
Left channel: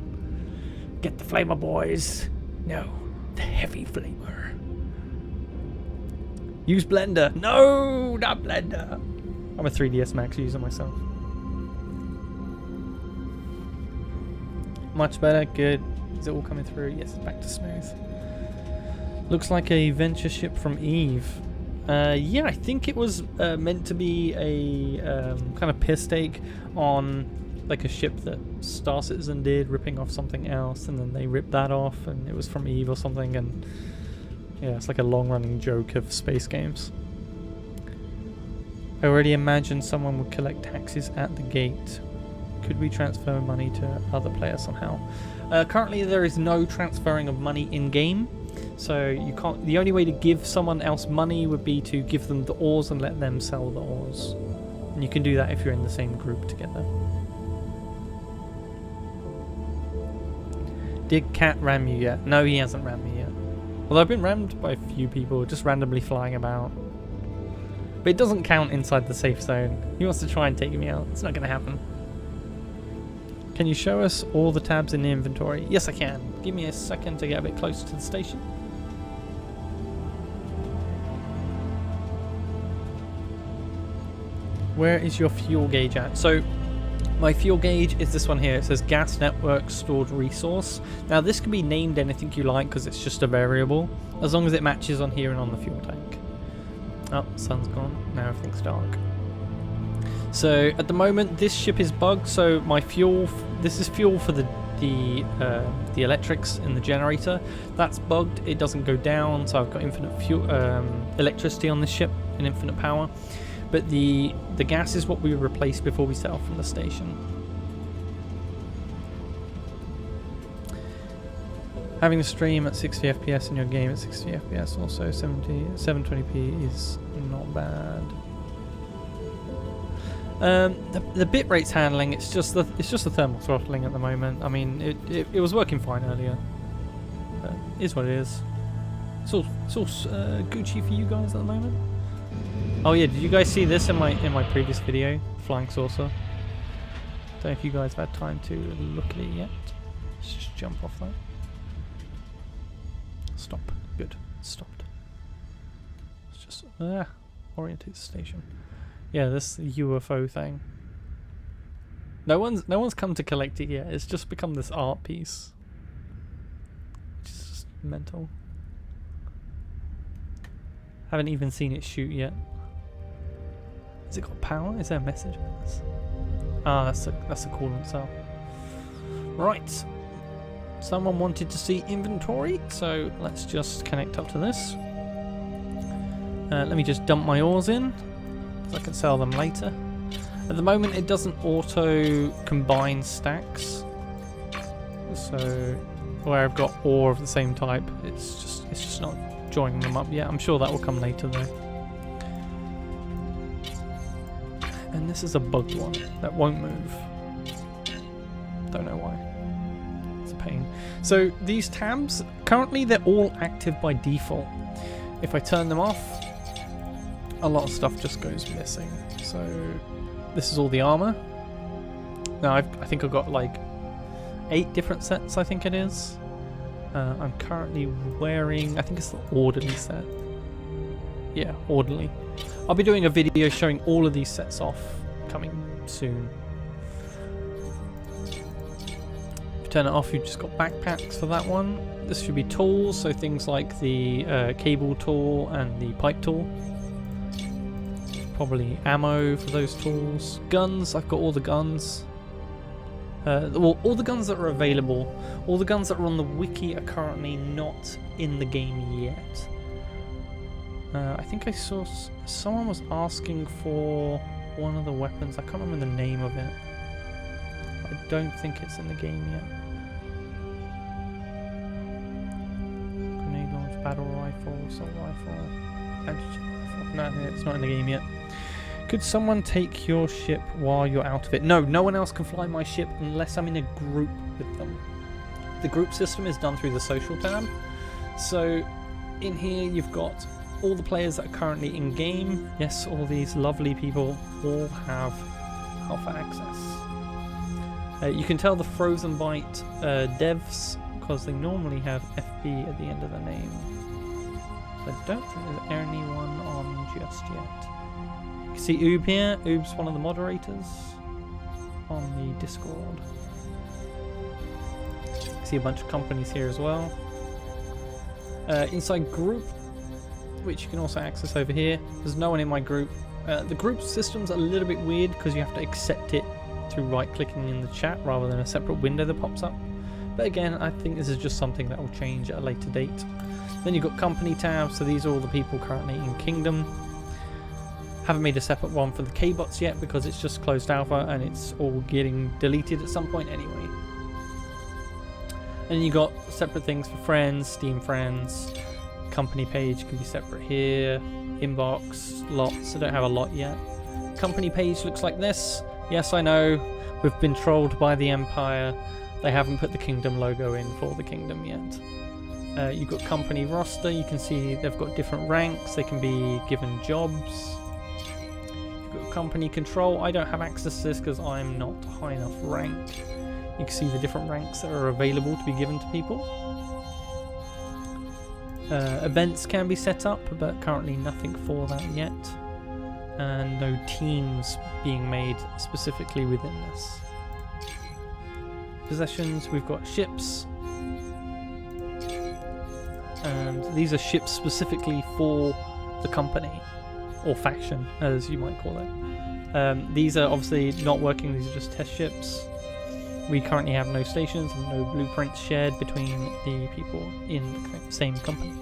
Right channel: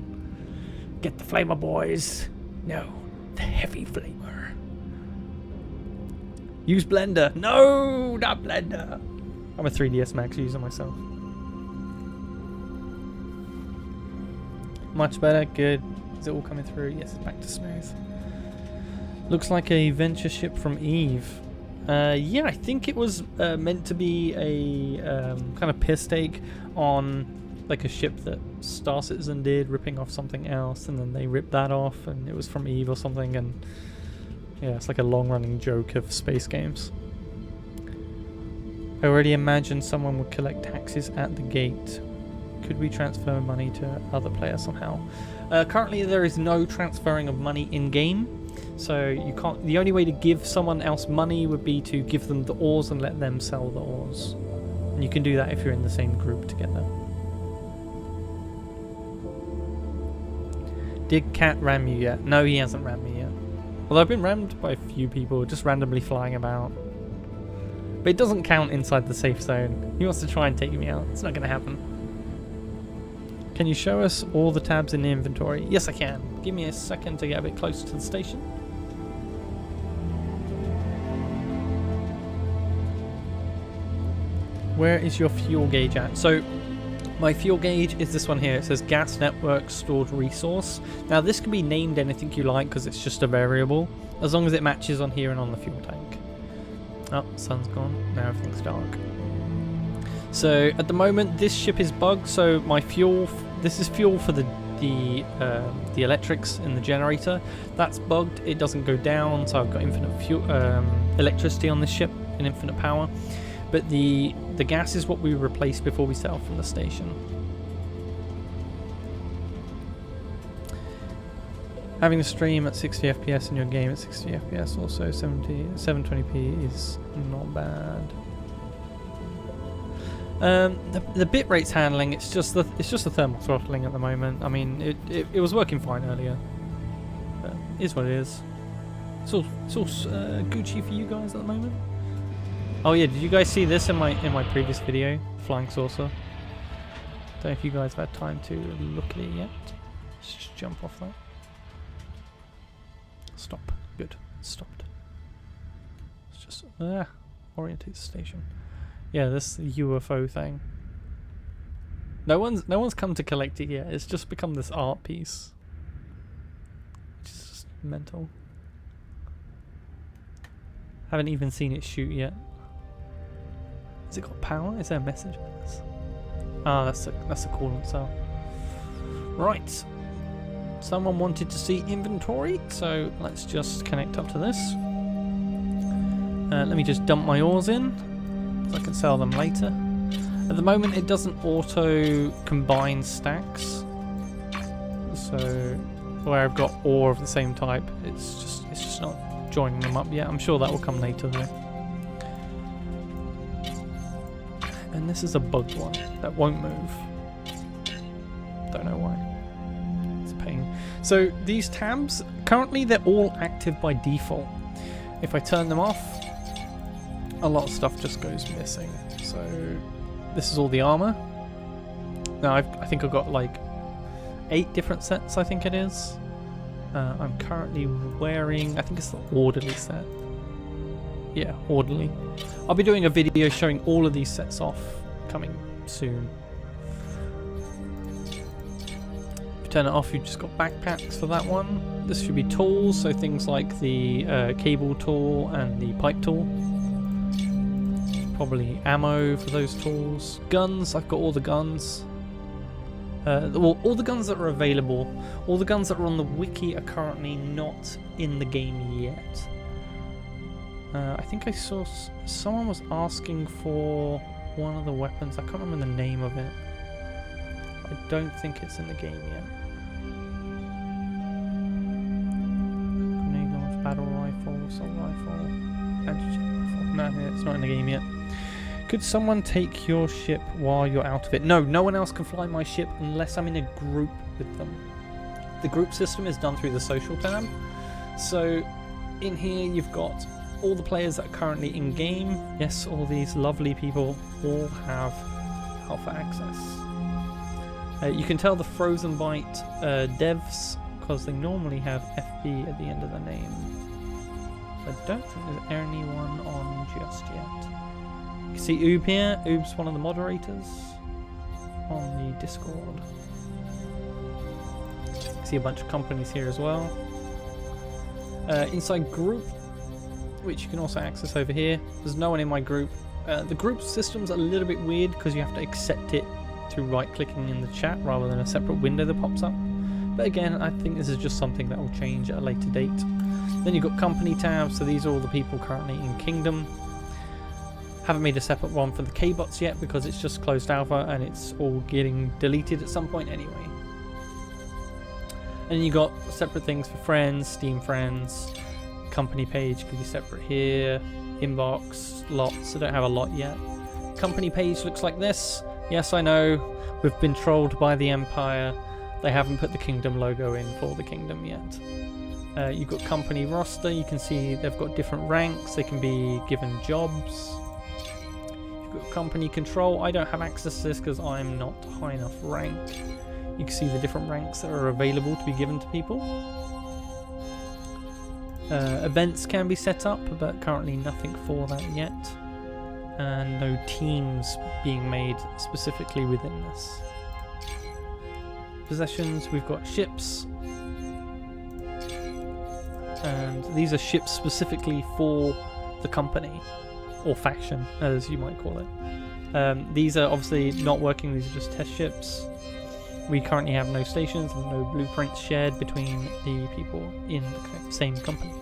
Get the flamer, boys. No. The heavy flamer. Use blender. No, not blender. I'm a 3ds Max user myself. Much better. Good. Is it all coming through? Yes, it's back to smooth. Looks like a venture ship from Eve. Yeah, I think it was meant to be a kind of piss take on like a ship that Star Citizen did, ripping off something else, and then they ripped that off, and it was from Eve or something, and yeah, it's like a long-running joke of space games. I already imagined someone would collect taxes at the gate. Could we transfer money to other players somehow? Currently, there is no transferring of money in-game, so you can't. The only way to give someone else money would be to give them the ores and let them sell the ores, and you can do that if you're in the same group together. Did Cat ram you yet? No, he hasn't rammed me yet. Although I've been rammed by a few people just randomly flying about. But it doesn't count inside the safe zone. He wants to try and take me out. It's not going to happen. Can you show us all the tabs in the inventory? Yes, I can. Give me a second to get a bit closer to the station. Where is your fuel gauge at? So, my fuel gauge is this one here. It says gas network stored resource. Now this can be named anything you like because it's just a variable, as long as it matches on here and on the fuel tank. Oh, sun's gone. Now everything's dark. So at the moment this ship is bugged, so my fuel, this is fuel for the electrics in the generator. That's bugged. It doesn't go down, so I've got infinite fuel, electricity on this ship and infinite power. But the gas is what we replaced before we set off from the station. Having a stream at 60 FPS in your game at 60 FPS, also 720p is not bad. The bit rate's handling. It's just the thermal throttling at the moment. I mean, it was working fine earlier, but it is what it is. It's all Gucci for you guys at the moment. Oh yeah, did you guys see this in my previous video? flying saucer. Don't know if you guys have had time to look at it yet. Let's just jump off that. Stop. Good. It's stopped. Let's just orientate the station. Yeah, this UFO thing. No one's come to collect it yet. It's just become this art piece, which is just mental. Haven't even seen it shoot yet. Has it got power? Is there a message? Ah, that's a coolant cell. Right. Someone wanted to see inventory, so let's just connect up to this. Let me just dump my ores in, so I can sell them later. At the moment, it doesn't auto combine stacks, so where I've got ore of the same type, it's just not joining them up yet. I'm sure that will come later though. And this is a bugged one that won't move. Don't know why. It's a pain. So these tabs, currently they're all active by default. If I turn them off, a lot of stuff just goes missing. So this is all the armor. Now I think I've got like 8 different sets, I think it is. I'm currently wearing, I think it's the orderly set. Yeah, orderly. I'll be doing a video showing all of these sets off coming soon. If you turn it off, you've just got backpacks for that one. This should be tools, so things like the cable tool and the pipe tool. Probably ammo for those tools. Guns, I've got all the guns. Well, all the guns that are available, all the guns that are on the wiki are currently not in the game yet. I think I saw someone was asking for one of the weapons. I can't remember the name of it. I don't think it's in the game yet. Grenade launch, battle rifle, assault rifle, anti-chip rifle. No, it's not in the game yet. Could someone take your ship while you're out of it? No, no one else can fly my ship unless I'm in a group with them. The group system is done through the social tab. So in here you've got all the players that are currently in game. Yes, all these lovely people all have alpha access. You can tell the Frozen Byte devs because they normally have FB at the end of the name. I don't think there's anyone on just yet. You can see Oob here. Oob's one of the moderators on the Discord. You can see a bunch of companies here as well. Inside group, which you can also access over here. There's no one in my group. The group system's a little bit weird because you have to accept it through right-clicking in the chat rather than a separate window that pops up. But again, I think this is just something that will change at a later date. Then you've got company tabs, so these are all the people currently in Kingdom. Haven't made a separate one for the K-bots yet because it's just closed alpha and it's all getting deleted at some point anyway. And you got separate things for friends, Steam friends, company page can be separate here, inbox, lots. I don't have a lot yet. Company page looks like this. Yes, I know, we've been trolled by the Empire. They haven't put the Kingdom logo in for the Kingdom yet. You've got company roster, you can see they've got different ranks, they can be given jobs. You've got company control, I don't have access to this because I'm not high enough rank. You can see the different ranks that are available to be given to people. Events can be set up, but currently nothing for that yet. And no teams being made specifically within this. Possessions, we've got ships. And these are ships specifically for the company, or faction, as you might call it. These are obviously not working, these are just test ships. We currently have no stations and no blueprints shared between the people in the same company.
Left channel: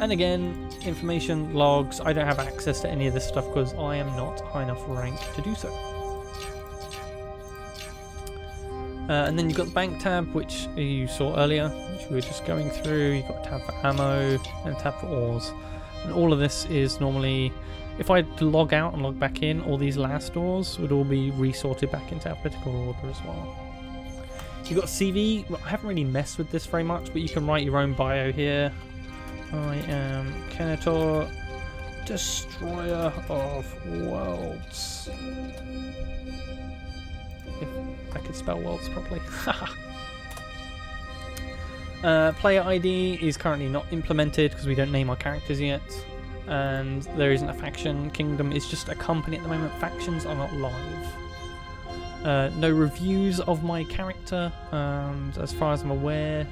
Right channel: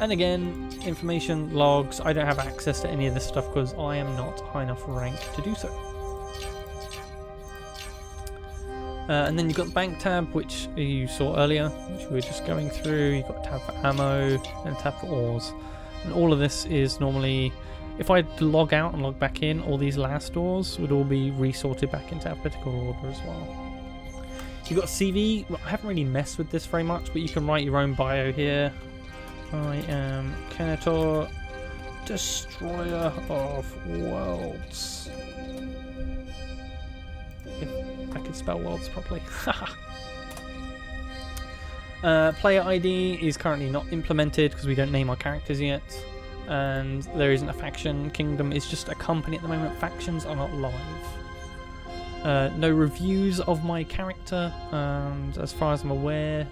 And again, information, logs, I don't have access to any of this stuff because I am not high enough rank to do so. And then you've got the bank tab, which you saw earlier, which we were just going through. You've got a tab for ammo and a tab for ores. And all of this is normally, if I log out and log back in, all these last ores would all be resorted back into alphabetical order as well. You've got CV. Well, I haven't really messed with this very much, but you can write your own bio here. I am Kenetor, Destroyer of Worlds. if I could spell worlds properly. Player ID is currently not implemented because we don't name our characters yet. And there isn't a faction. Kingdom is just a company at the moment. Factions are not live. No reviews of my character, and as far as I'm aware,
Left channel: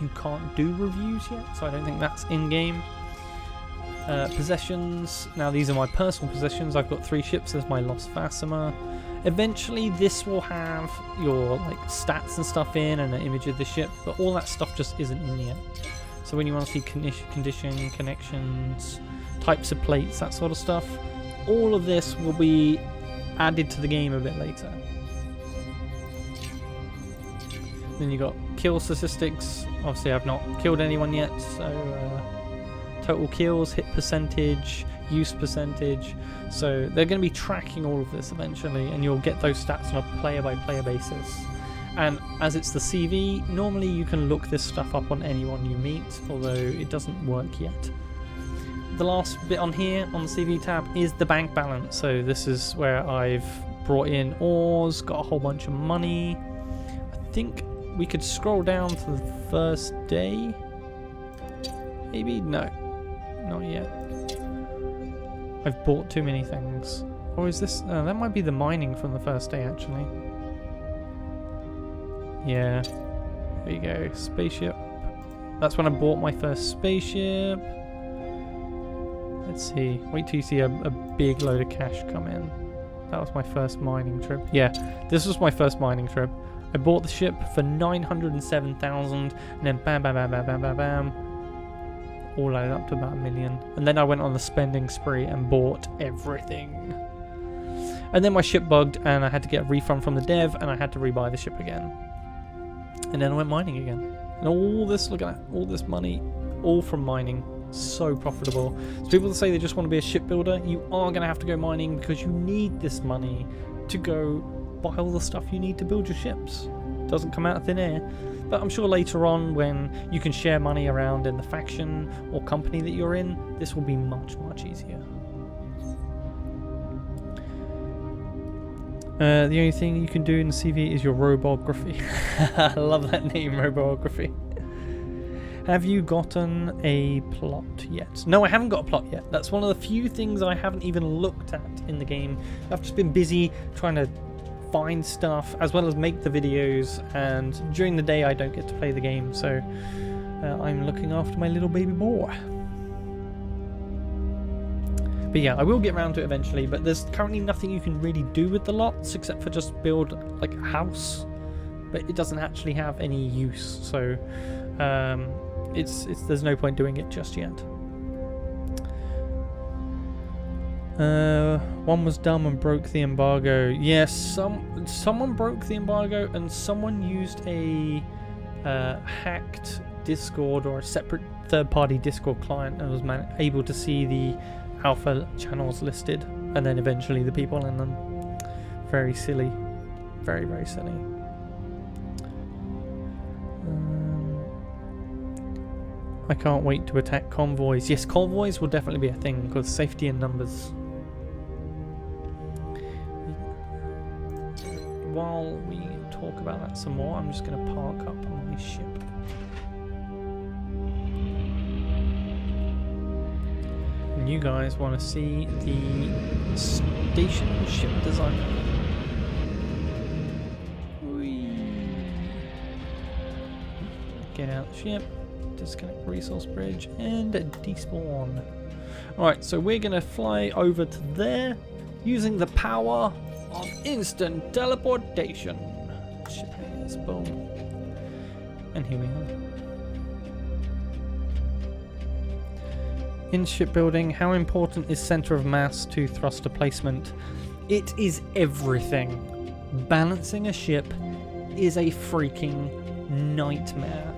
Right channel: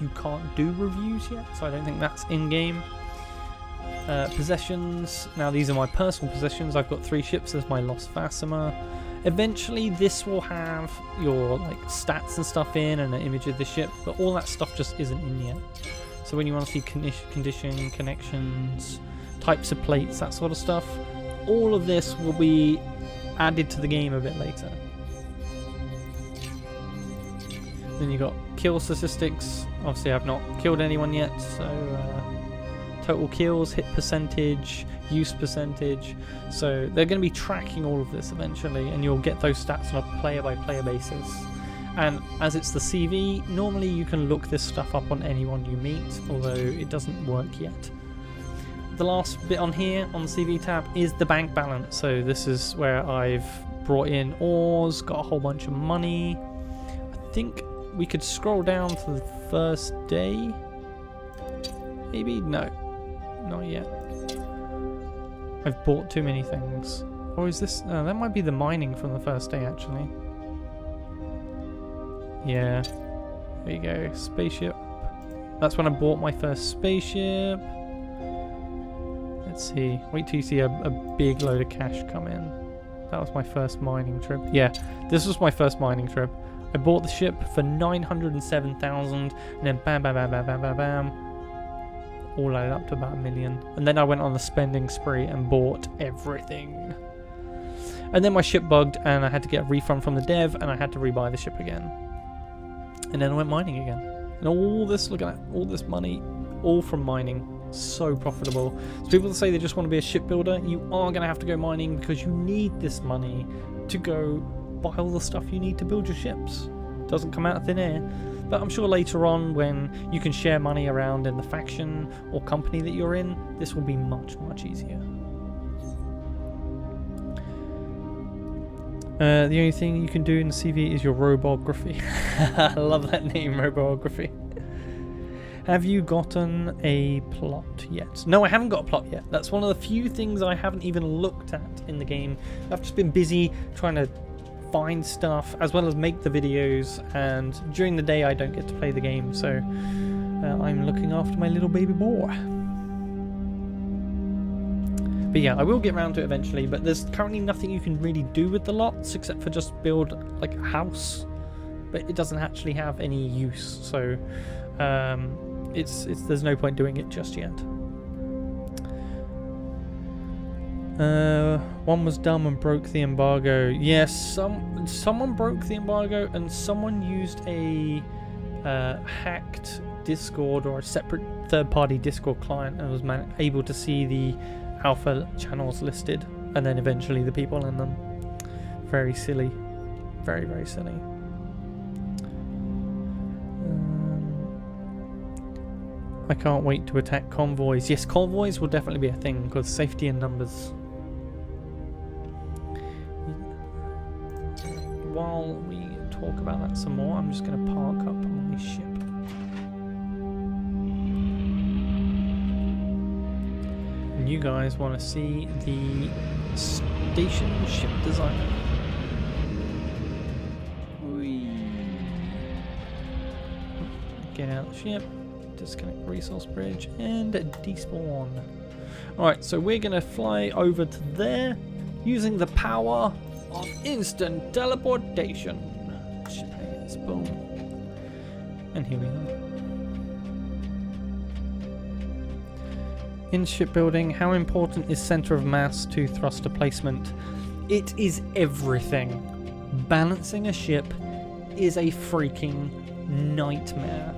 you can't do reviews yet, so I don't think that's in-game. Possessions. Now these are my personal possessions. I've got 3 ships. There's my Lost Vasima. Eventually this will have your like stats and stuff in and an image of the ship, but all that stuff just isn't in yet. So when you want to see condition, connections, types of plates, that sort of stuff, all of this will be added to the game a bit later. Then you got kill statistics. Obviously I've not killed anyone yet, so total kills, hit percentage, use percentage. So they're going to be tracking all of this eventually, and you'll get those stats on a player by player basis. And as it's the CV, normally you can look this stuff up on anyone you meet, although it doesn't work yet. The last bit on here on the CV tab is the bank balance. So this is where I've brought in ores, got a whole bunch of money. I think we could scroll down to the first day. Maybe? No, not yet. I've bought too many things. Or is this? That might be the mining from the first day actually. Yeah, there you go, spaceship. That's when I bought my first spaceship. Let's see, wait till you see a big load of cash come in. That was my first mining trip. Yeah, this was my first mining trip. I bought the ship for 907,000 and then bam, bam, bam, bam, bam, bam, bam. All added up to about $1 million. And then I went on the spending spree and bought everything. And then my ship bugged and I had to get a refund from the dev and I had to rebuy the ship again. And then I went mining again. And all this, look at that, all this money, all from mining. So profitable. So people that say they just want to be a shipbuilder, you are going to have to go mining because you need this money to go buy all the stuff you need to build your ships. It doesn't come out of thin air. But I'm sure later on when you can share money around in the faction or company that you're in, this will be much, much easier. The only thing you can do in the CV is your robography. I love that name, robography. Have you gotten a plot yet? No, I haven't got a plot yet. That's one of the few things I haven't even looked at in the game. I've just been busy trying to find stuff as well as make the videos, and during the day I don't get to play the game, so I'm looking after my little baby boy. But yeah, I will get around to it eventually, but there's currently nothing you can really do with the lots except for just build like a house, but it doesn't actually have any use, so there's no point doing it just yet. One was dumb and broke the embargo. Yes, someone broke the embargo and someone used a hacked Discord or a separate third-party Discord client and was able to see the alpha channels listed and then eventually the people in them. Very silly. Very, very silly. I can't wait to attack convoys. Yes, convoys will definitely be a thing because safety in numbers. While we talk about that some more, I'm just going to park up my ship. And you guys want to see the station ship designer. Whee. Get out the ship, disconnect resource bridge, and despawn. Alright, so we're going to fly over to there using the power of instant teleportation. Ship hangers, boom. And here we are. In shipbuilding, how important is center of mass to thruster placement? It is everything. Balancing a ship is a freaking nightmare.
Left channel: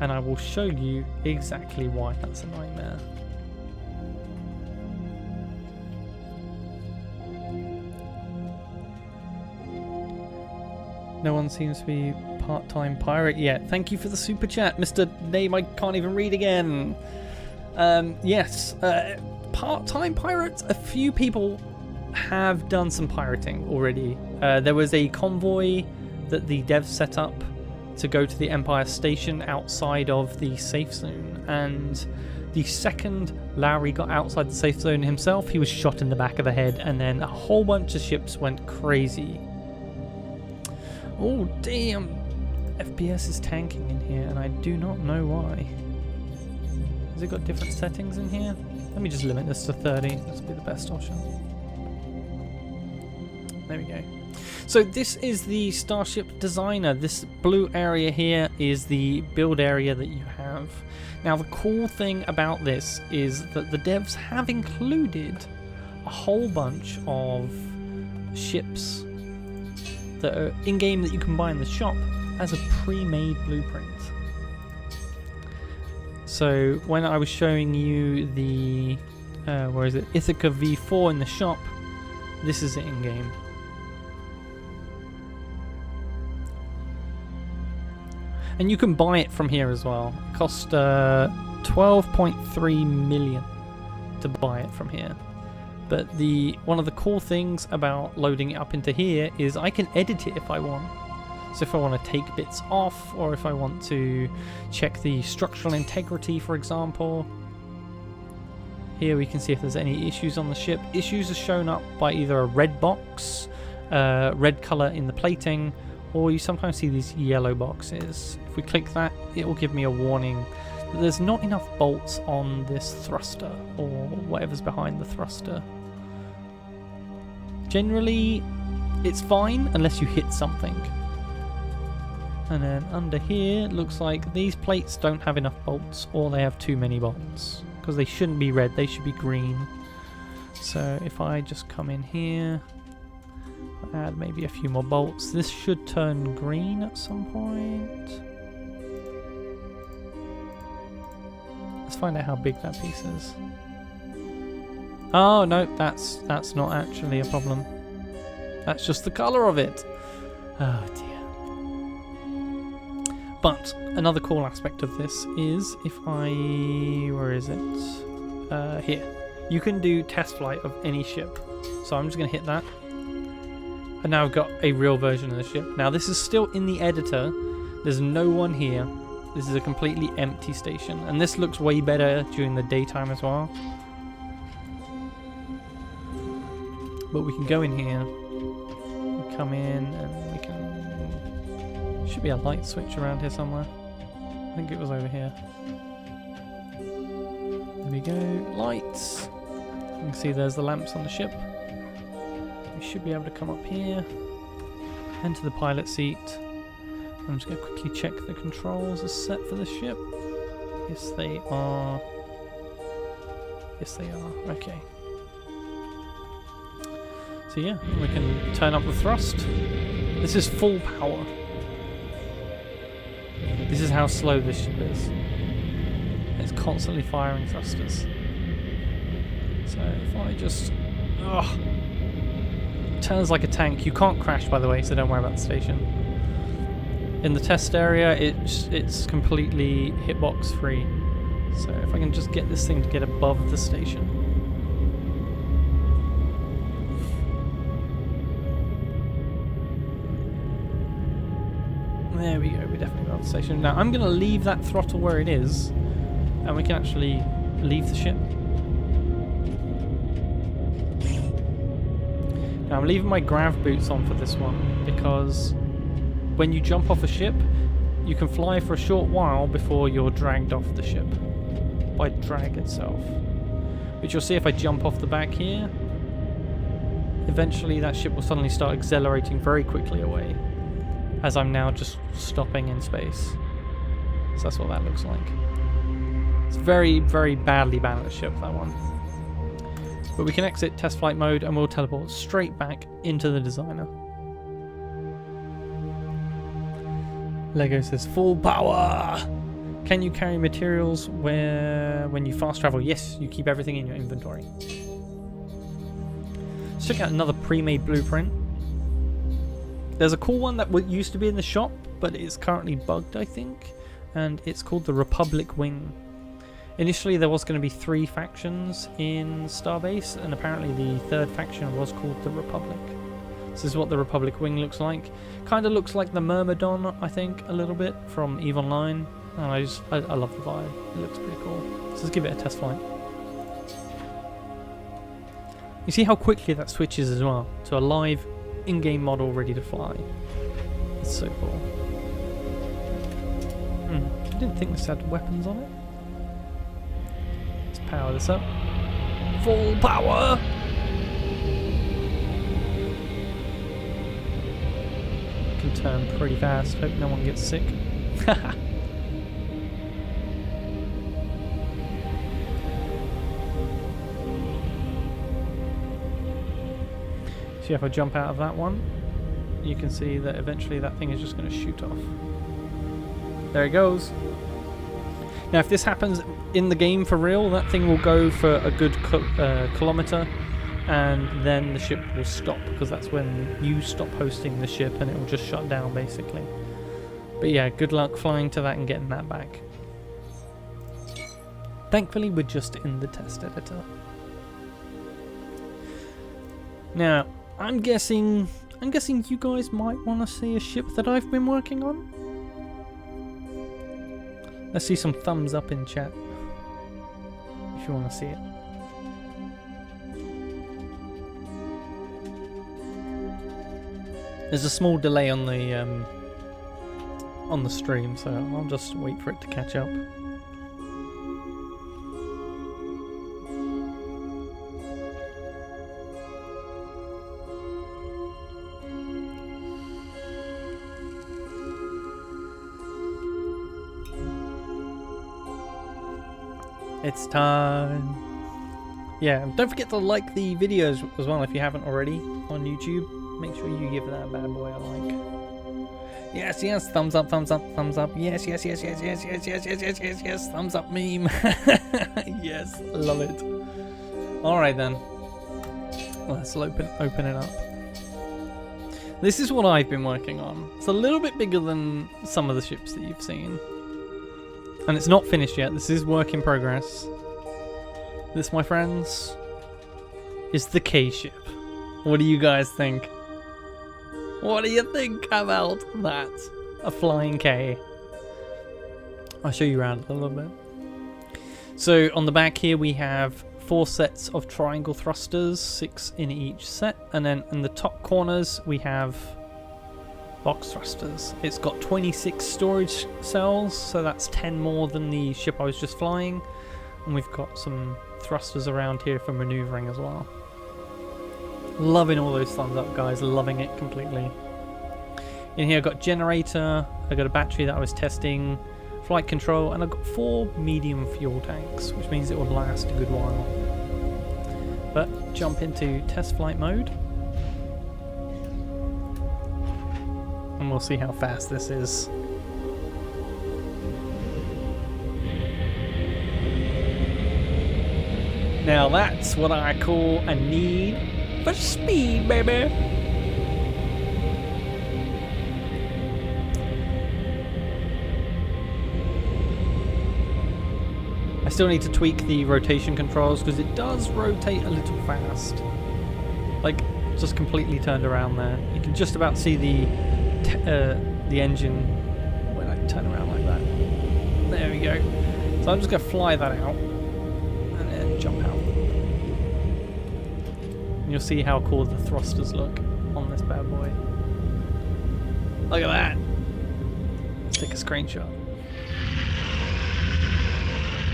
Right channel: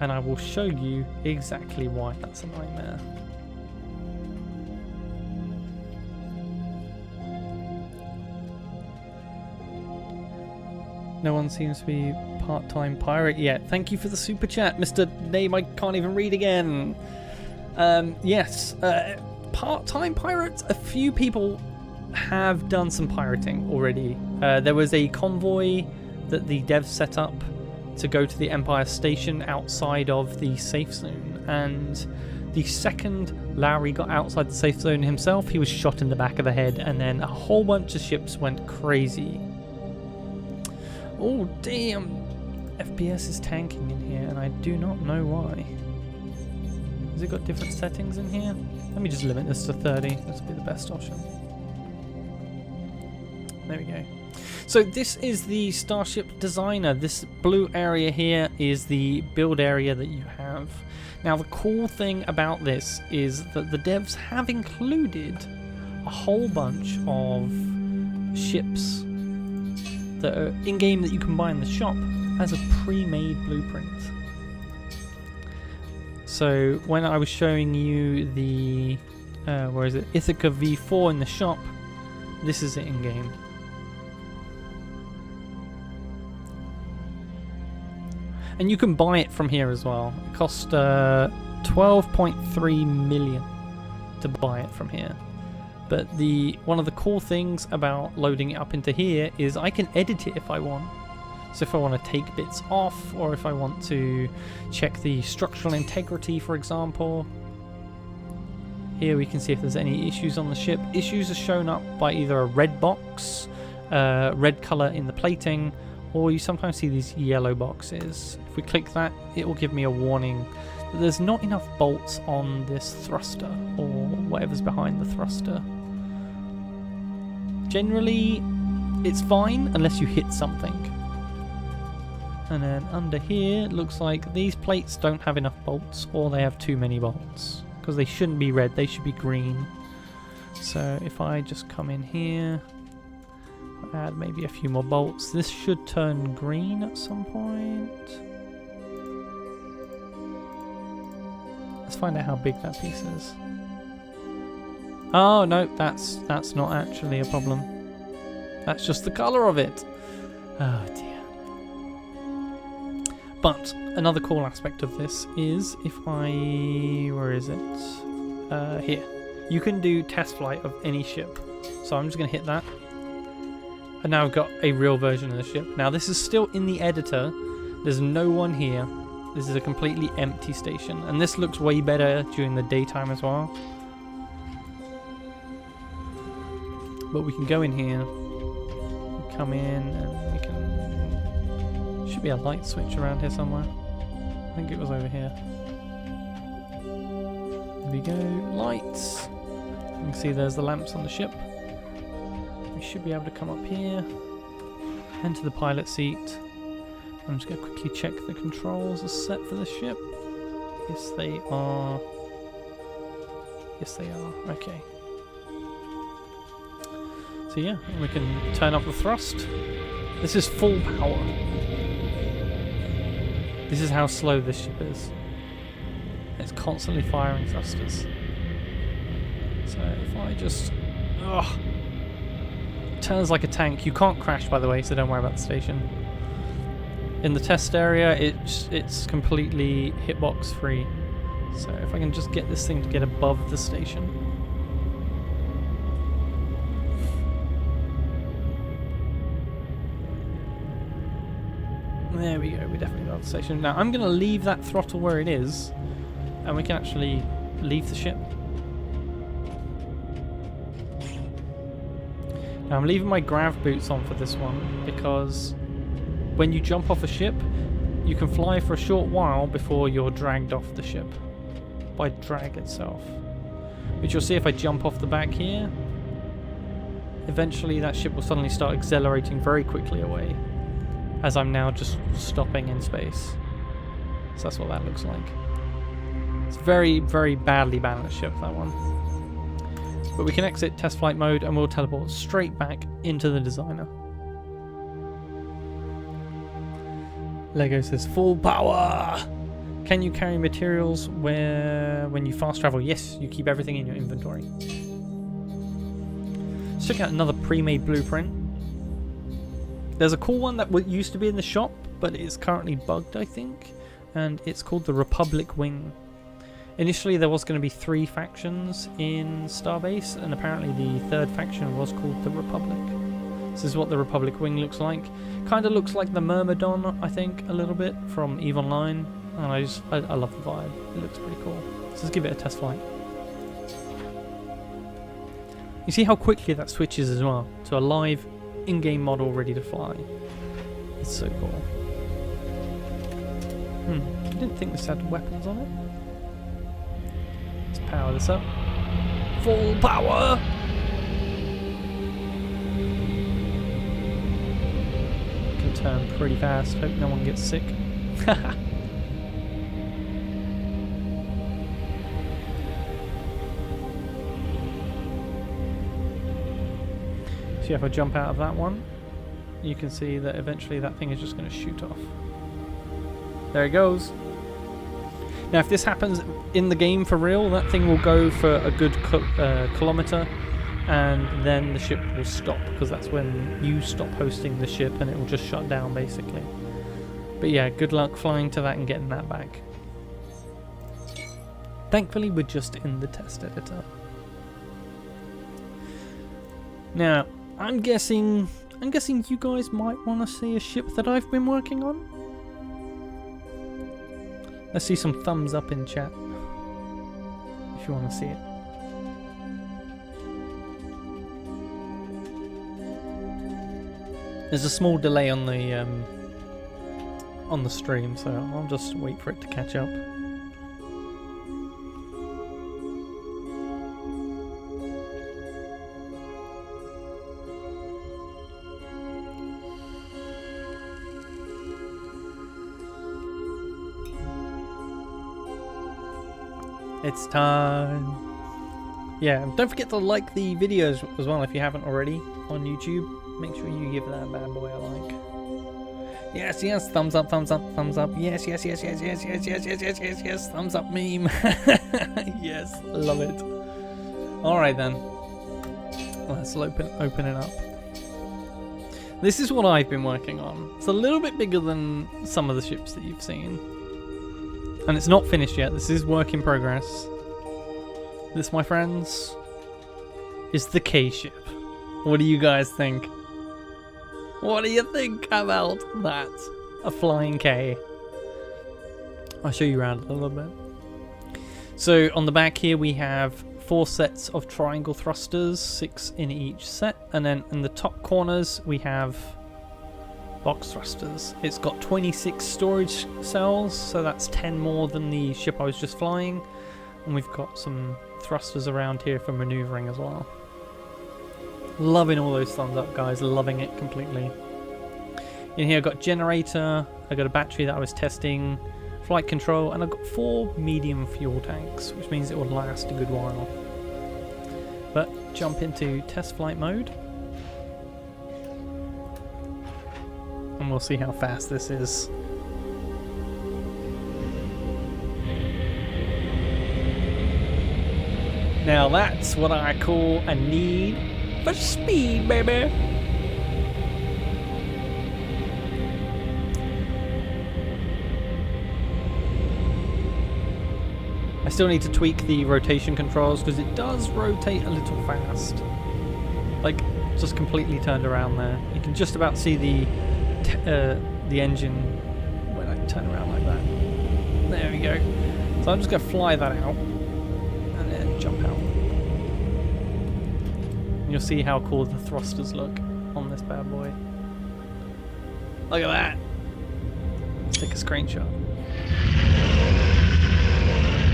And I will show you exactly why that's a nightmare. No one seems to be part-time pirate yet. Thank you for the super chat, Mr. Name I can't even read again. Yes, part-time pirates. A few people have done some pirating already. There was a convoy that the devs set up to go to the Empire Station outside of the safe zone, and the second Lowry got outside the safe zone himself, he was shot in the back of the head, and then a whole bunch of ships went crazy. Oh damn, FPS is tanking in here, and I do not know why. Has it got different settings in here? Let me just limit this to 30, this will be the best option. There we go. So this is the Starship Designer. This blue area here is the build area that you have. Now the cool thing about this is that the devs have included a whole bunch of ships that are in-game that you can buy in the shop as a pre-made blueprint. So when I was showing you the where is it, Ithaca V4 in the shop, this is it in-game. And you can buy it from here as well. It cost 12.3 million to buy it from here. But one of the cool things about loading it up into here is I can edit it if I want. So if I want to take bits off, or if I want to check the structural integrity, for example. Here we can see if there's any issues on the ship. Issues are shown up by either a red box, red color in the plating, or you sometimes see these yellow boxes. If we click that, it will give me a warning that there's not enough bolts on this thruster, or whatever's behind the thruster. Generally, it's fine unless you hit something. And then under here, it looks like these plates don't have enough bolts, or they have too many bolts. Because they shouldn't be red, they should be green. So if I just come in here, add maybe a few more bolts. This should turn green at some point. Let's find out how big that piece is. Oh no, that's not actually a problem. That's just the color of it. Oh dear. But another cool aspect of this is if I... where is it? Here. You can do test flight of any ship. So I'm just going to hit that. And now I've got a real version of the ship. Now this is still in the editor. There's no one here. This is a completely empty station. And this looks way better during the daytime as well. But we can go in here. Come in and we can... should be a light switch around here somewhere. I think it was over here. There we go. Lights. You can see there's the lamps on the ship. We should be able to come up here, enter the pilot seat. I'm just going to quickly check the controls are set for the ship. Yes, they are. Yes, they are. Okay. So yeah, we can turn up the thrust. This is full power. This is how slow this ship is. It's constantly firing thrusters. So if I just... ugh. Turns like a tank. You can't crash, by the way, so don't worry about the station. In the test area, it's completely hitbox free. So if I can just get this thing to get above the station. There we go, we're definitely above the station. Now I'm going to leave that throttle where it is, and we can actually leave the ship. Now I'm leaving my grav boots on for this one because when you jump off a ship, you can fly for a short while before you're dragged off the ship by drag itself. Which you'll see if I jump off the back here. Eventually that ship will suddenly start accelerating very quickly away, as I'm now just stopping in space. So that's what that looks like. It's very, very badly balanced ship, that one. But we can exit test flight mode and we'll teleport straight back into the designer. Lego says full power! Can you carry materials when you fast travel? Yes, you keep everything in your inventory. Let's check out another pre-made blueprint. There's a cool one that used to be in the shop, but it's currently bugged, I think. And it's called the Republic Wing. Initially there was going to be 3 factions in Starbase, and apparently the 3rd faction was called the Republic. This is what the Republic wing looks like. Kind of looks like the Myrmidon, I think, a little bit from EVE Online. And I love the vibe. It looks pretty cool. So let's give it a test flight. You see how quickly that switches as well to a live in-game model ready to fly. It's so cool. I didn't think this had weapons on it. Let's power this up. Full power! Can turn pretty fast. Hope no one gets sick. See if I jump out of that one, you can see that eventually that thing is just going to shoot off. There it goes. Now if this happens in the game for real, that thing will go for a good kilometer, and then the ship will stop, because that's when you stop hosting the ship and it will just shut down basically. But yeah, good luck flying to that and getting that back. Thankfully we're just in the test editor. Now I'm guessing you guys might want to see a ship that I've been working on. Let's see some thumbs up in chat if you want to see it. There's a small delay on the stream, so I'll just wait for it to catch up. It's time. Yeah, don't forget to like the videos as well if you haven't already on YouTube. Make sure you give that bad boy a like. Yes, yes, thumbs up, thumbs up, thumbs up. Yes, yes, yes, yes, yes, yes, yes, yes, yes, yes, yes, thumbs up meme. Yes, love it. Alright then. Let's open it up. This is what I've been working on. It's a little bit bigger than some of the ships that you've seen. And it's not finished yet. This is work in progress. This, my friends, is the K ship. What do you guys think? What do you think about that? A flying K. I'll show you around a little bit. So on the back here we have 4 sets of triangle thrusters, 6 in each set. And then in the top corners we have box thrusters. It's got 26 storage cells, so that's 10 more than the ship I was just flying. And we've got some thrusters around here for maneuvering as well. Loving all those thumbs up, guys. Loving it completely. In here I've got generator, I've got a battery that I was testing, flight control, and I've got 4 medium fuel tanks, which means it will last a good while. But jump into test flight mode. And we'll see how fast this is. Now that's what I call a need for speed, baby. I still need to tweak the rotation controls because it does rotate a little fast. Like, just completely turned around there. You can just about see the engine when I turn around like that. There we go. So I'm just going to fly that out and then jump out. And you'll see how cool the thrusters look on this bad boy. Look at that. Let's take a screenshot.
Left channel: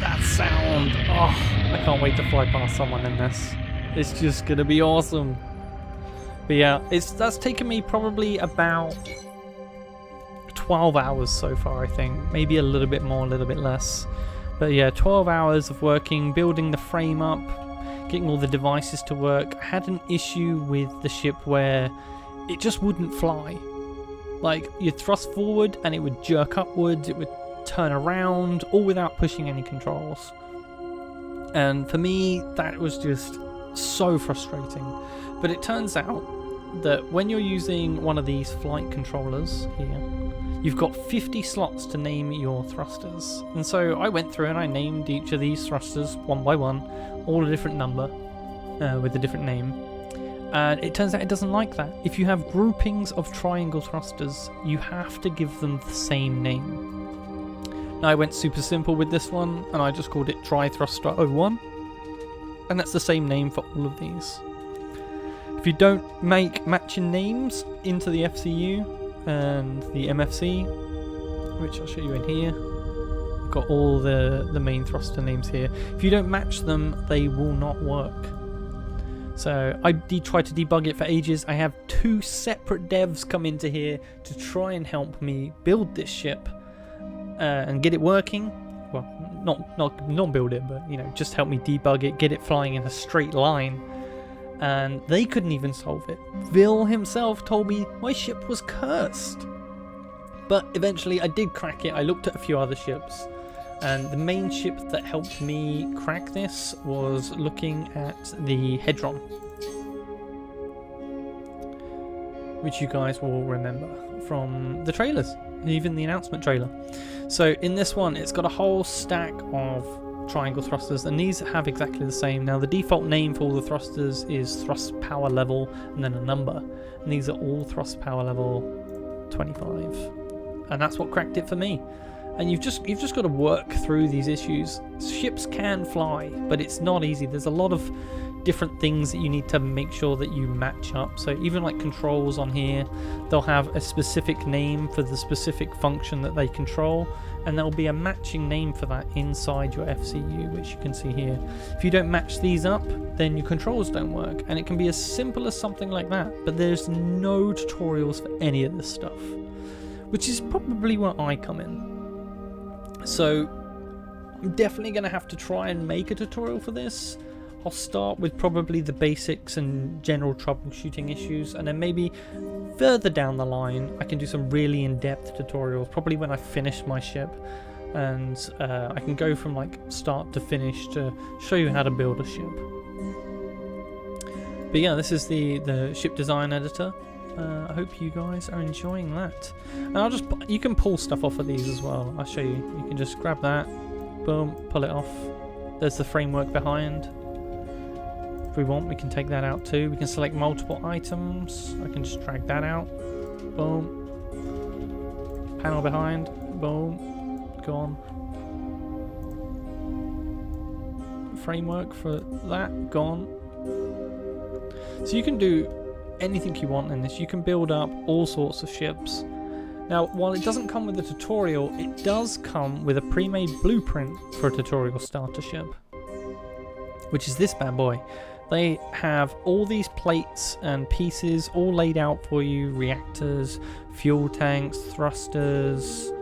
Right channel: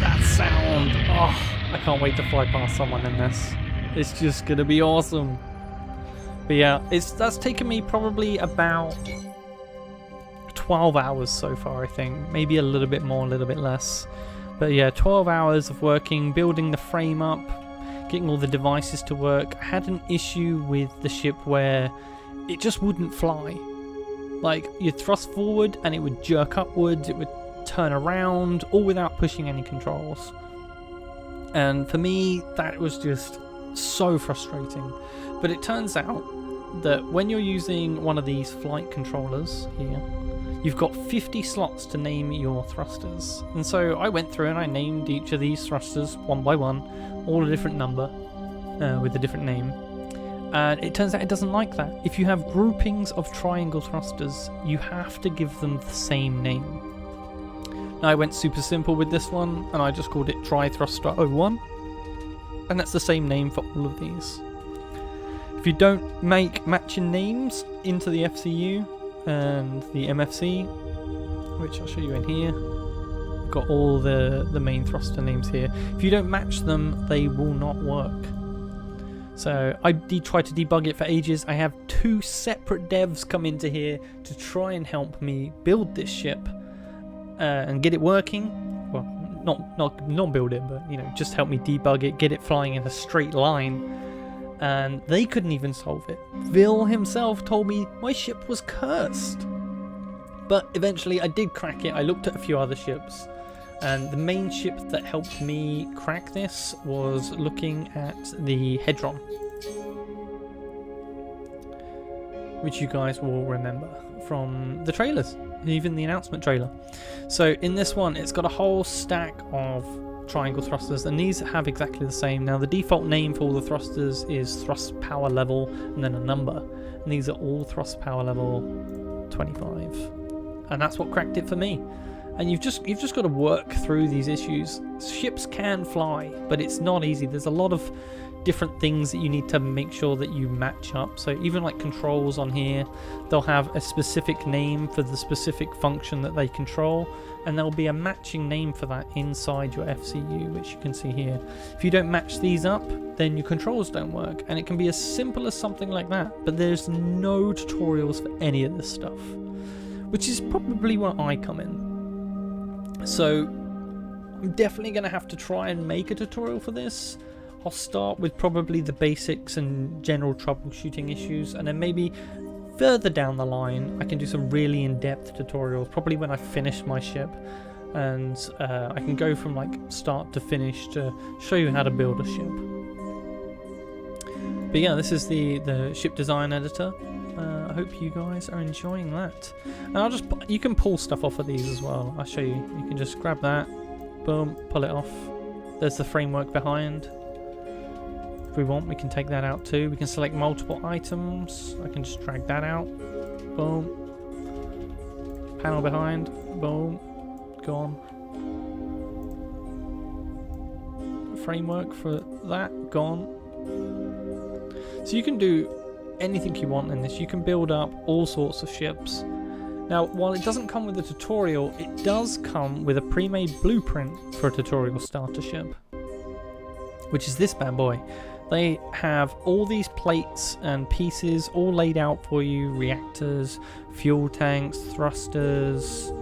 That sound. Oh, I can't wait to fly past someone in this. It's just going to be awesome. But yeah, that's taken me probably about 12 hours so far, I think. Maybe a little bit more, a little bit less. But yeah, 12 hours of working, building the frame up, getting all the devices to work. I had an issue with the ship where it just wouldn't fly. Like, you'd thrust forward and it would jerk upwards, it would turn around, all without pushing any controls. And for me, that was just so frustrating. But it turns out that when you're using one of these flight controllers here, you've got 50 slots to name your thrusters. And so I went through and I named each of these thrusters one by one, all a different number with a different name. And it turns out it doesn't like that. If you have groupings of triangle thrusters, you have to give them the same name. Now I went super simple with this one, and I just called it Tri Thruster 01, and that's the same name for all of these. If you don't make matching names into the FCU and the MFC, which I'll show you in here, we've got all the main thruster names here. If you don't match them, they will not work. So I did try to debug it for ages. I have 2 separate devs come into here to try and help me build this ship and get it working. Well, not build it, but you know, just help me debug it, get it flying in a straight line. And they couldn't even solve it. Vil himself told me my ship was cursed. But eventually I did crack it. I looked at a few other ships. And the main ship that helped me crack this was looking at the Hedron, which you guys will remember from the trailers, even the announcement trailer. So in this one, it's got a whole stack of triangle thrusters, and these have exactly the same. Now the default name for all the thrusters is thrust power level and then a number, and these are all thrust power level 25, and that's what cracked it for me. And you've just got to work through these issues. Ships can fly, but it's not easy. There's a lot of different things that you need to make sure that you match up. So even like controls on here, they'll have a specific name for the specific function that they control, and there'll be a matching name for that inside your FCU, which you can see here. If you don't match these up, then your controls don't work, and it can be as simple as something like that. But there's no tutorials for any of this stuff, which is probably where I come in. So I'm definitely going to have to try and make a tutorial for this. I'll start with probably the basics and general troubleshooting issues, and then maybe further down the line I can do some really in-depth tutorials, probably when I finish my ship, and I can go from like start to finish to show you how to build a ship. But yeah, this is the ship design editor. I hope you guys are enjoying that. And you can pull stuff off of these as well. I'll show you. You can just grab that, boom, pull it off. There's the framework behind. If we want, we can take that out too. We can select multiple items. I can just drag that out. Boom. Panel behind. Boom. Gone. Framework for that. Gone. So you can do anything you want in this. You can build up all sorts of ships. Now, while it doesn't come with a tutorial, it does come with a pre-made blueprint for a tutorial starter ship, which is this bad boy. They have all these plates and pieces all laid out for you: reactors, fuel tanks, thrusters,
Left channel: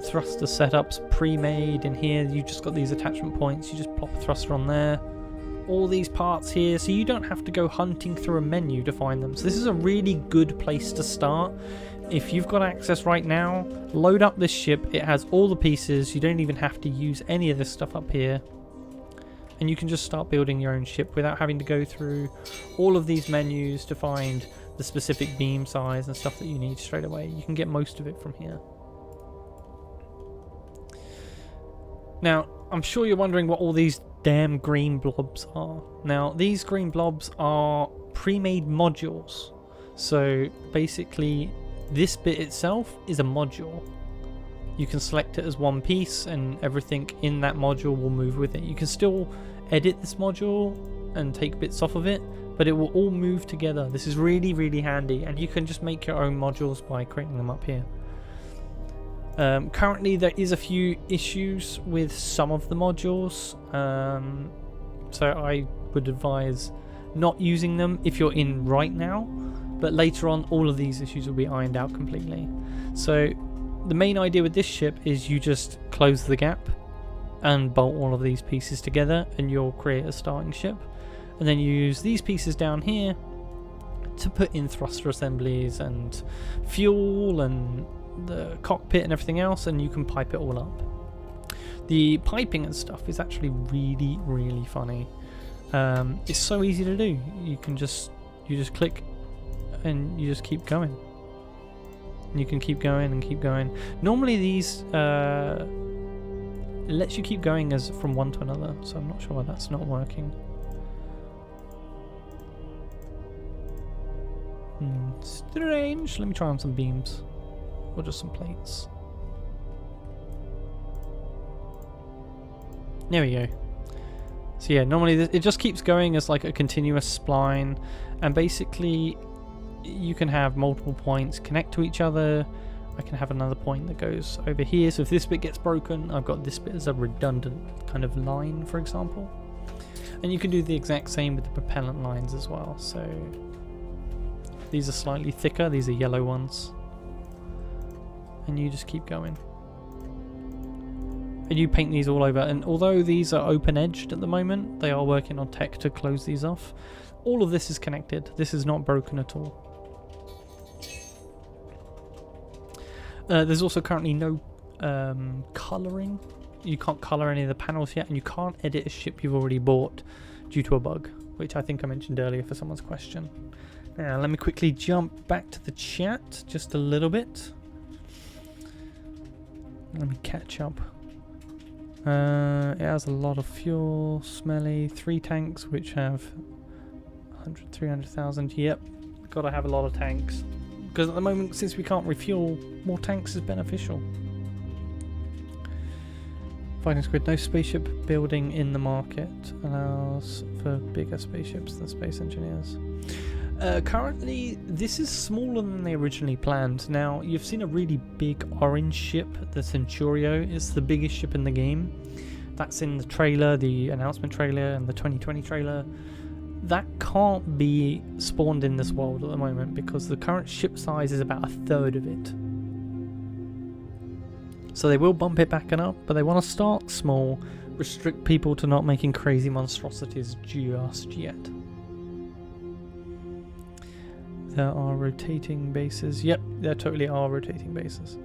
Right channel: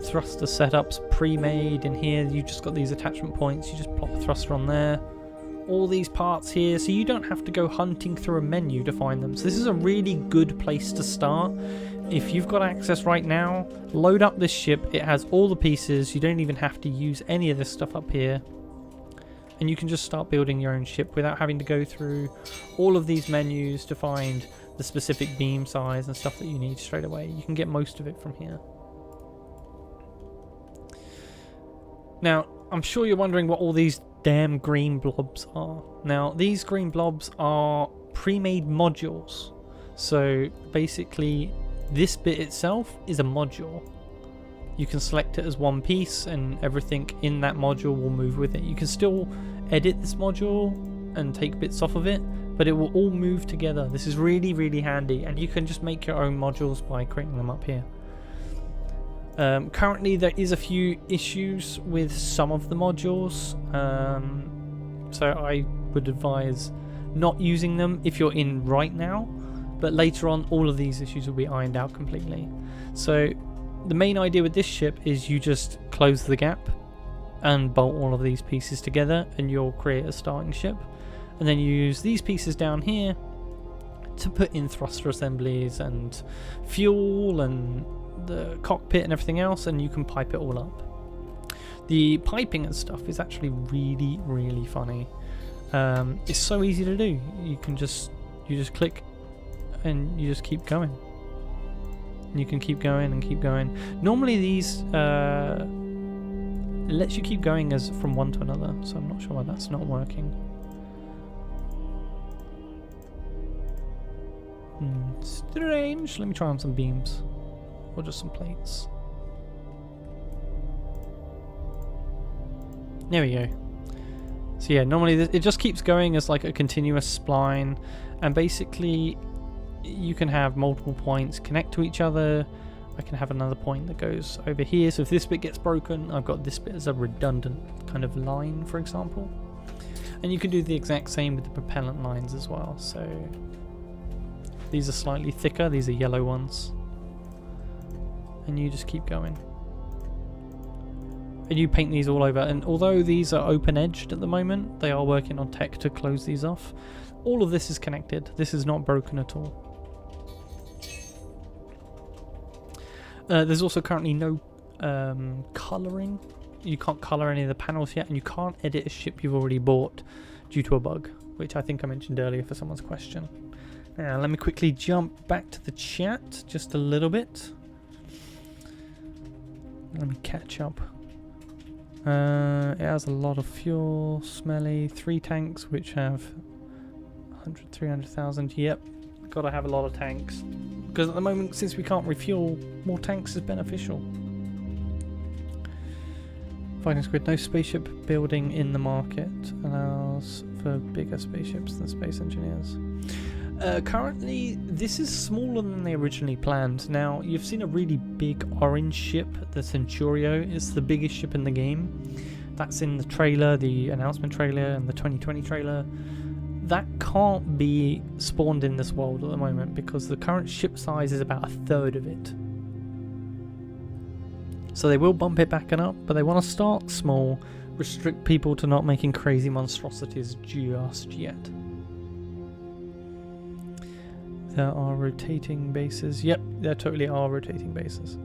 thruster setups pre-made. In here you just got these attachment points, you just plop a thruster on there. All these parts here, so you don't have to go hunting through a menu to find them. So this is a really good place to start. If you've got access right now, load up this ship. It has all the pieces. You don't even have to use any of this stuff up here, and you can just start building your own ship without having to go through all of these menus to find the specific beam size and stuff that you need straight away. You can get most of it from here. Now, I'm sure you're wondering what all these damn green blobs are. Now, these green blobs are pre-made modules. So basically this bit itself is a module. You can select it as one piece and everything in that module will move with it. You can still edit this module and take bits off of it, but it will all move together. This is really, really handy, and you can just make your own modules by creating them up here. Currently there is a few issues with some of the modules, so I would advise not using them if you're in right now, but later on all of these issues will be ironed out completely. So the main idea with this ship is you just close the gap and bolt all of these pieces together and you'll create a starting ship, and then you use these pieces down here to put in thruster assemblies and fuel and the cockpit and everything else, and you can pipe it all up. The piping and stuff is actually really, really funny. It's so easy to do. You just click and you just keep going. And you can keep going and keep going. Normally these it lets you keep going as from one to another, so I'm not sure why that's not working. Strange. Let me try on some beams. Or just some plates. There we go. So yeah, normally it just keeps going as like a continuous spline, and basically you can have multiple points connect to each other. I can have another point that goes over here, so if this bit gets broken, I've got this bit as a redundant kind of line, for example. And you can do the exact same with the propellant lines as well. So these are slightly thicker, these are yellow ones. And you just keep going. And you paint these all over, and although these are open-edged at the moment, they are working on tech to close these off. All of this is connected. This is not broken at all. There's also currently no colouring. You can't colour any of the panels yet, and you can't edit a ship you've already bought due to a bug, which I think I mentioned earlier for someone's question. Now, let me quickly jump back to the chat just a little bit. Let me catch up. It has a lot of fuel, smelly, 3 tanks which have 100, 300,000. Yep, gotta have a lot of tanks. Because at the moment, since we can't refuel, more tanks is beneficial. Fighting Squid, no spaceship building in the market. Allows for bigger spaceships than space engineers. Currently, this is smaller than they originally planned. Now, you've seen a really big orange ship, the Centurio. It's the biggest ship in the game. That's in the trailer, the announcement trailer, and the 2020 trailer. That can't be spawned in this world at the moment because the current ship size is about 1/3 of it. So they will bump it back and up, but they want to start small, restrict people to not making crazy monstrosities just yet. There are rotating bases. Yep, there totally are rotating bases.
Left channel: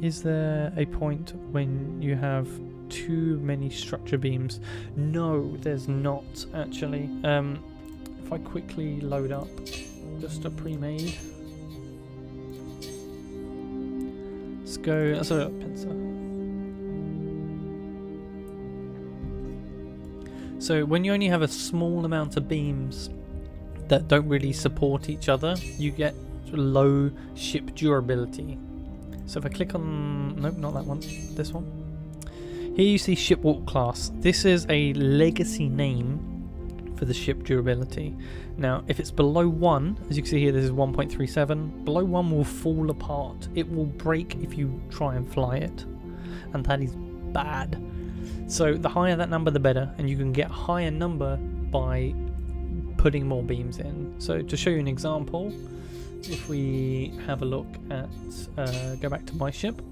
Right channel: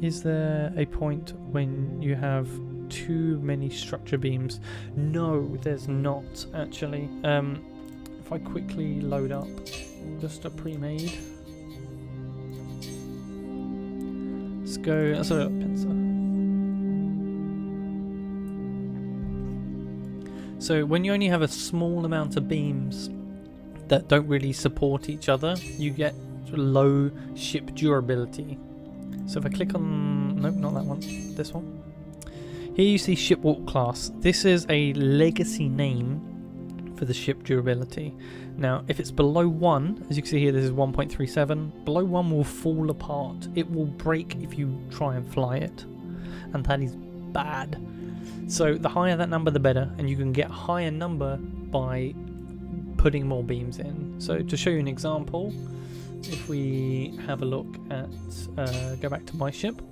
Is there a point when you have too many structure beams? No, there's not actually. If I quickly load up just a pre-made. Let's go, let's load up Pincer. So when you only have a small amount of beams that don't really support each other, you get low ship durability. So if I click on, nope, not that one, this one. Here you see ship warp class. This is a legacy name for the ship durability. Now, if it's below 1, as you can see here, this is 1.37. Below 1 will fall apart. It will break if you try and fly it, and that is bad. So the higher that number, the better, and you can get a higher number by putting more beams in. So to show you an example, if we have a look at, go back to my ship.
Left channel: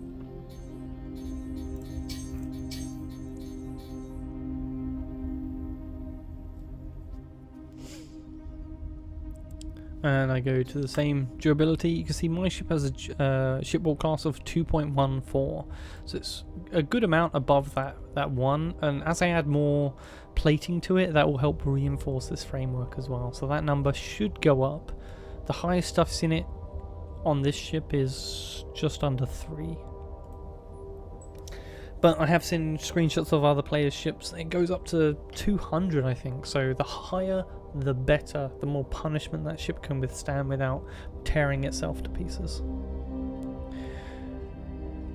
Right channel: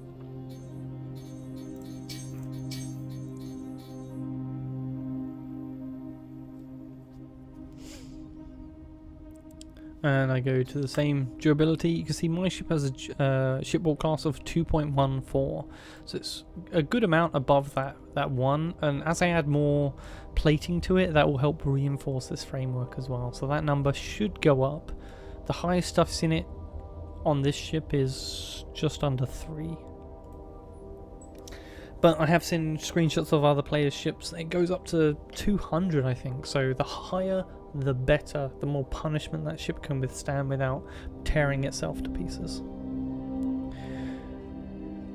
And I go to the same durability, you can see my ship has a ship warp class of 2.14. So it's a good amount above that one, and as I add more plating to it, that will help reinforce this framework as well. So that number should go up. The highest stuff's in it on this ship is just under 3. But I have seen screenshots of other players' ships. It goes up to 200, I think. So the higher, the better. The more punishment that ship can withstand without tearing itself to pieces.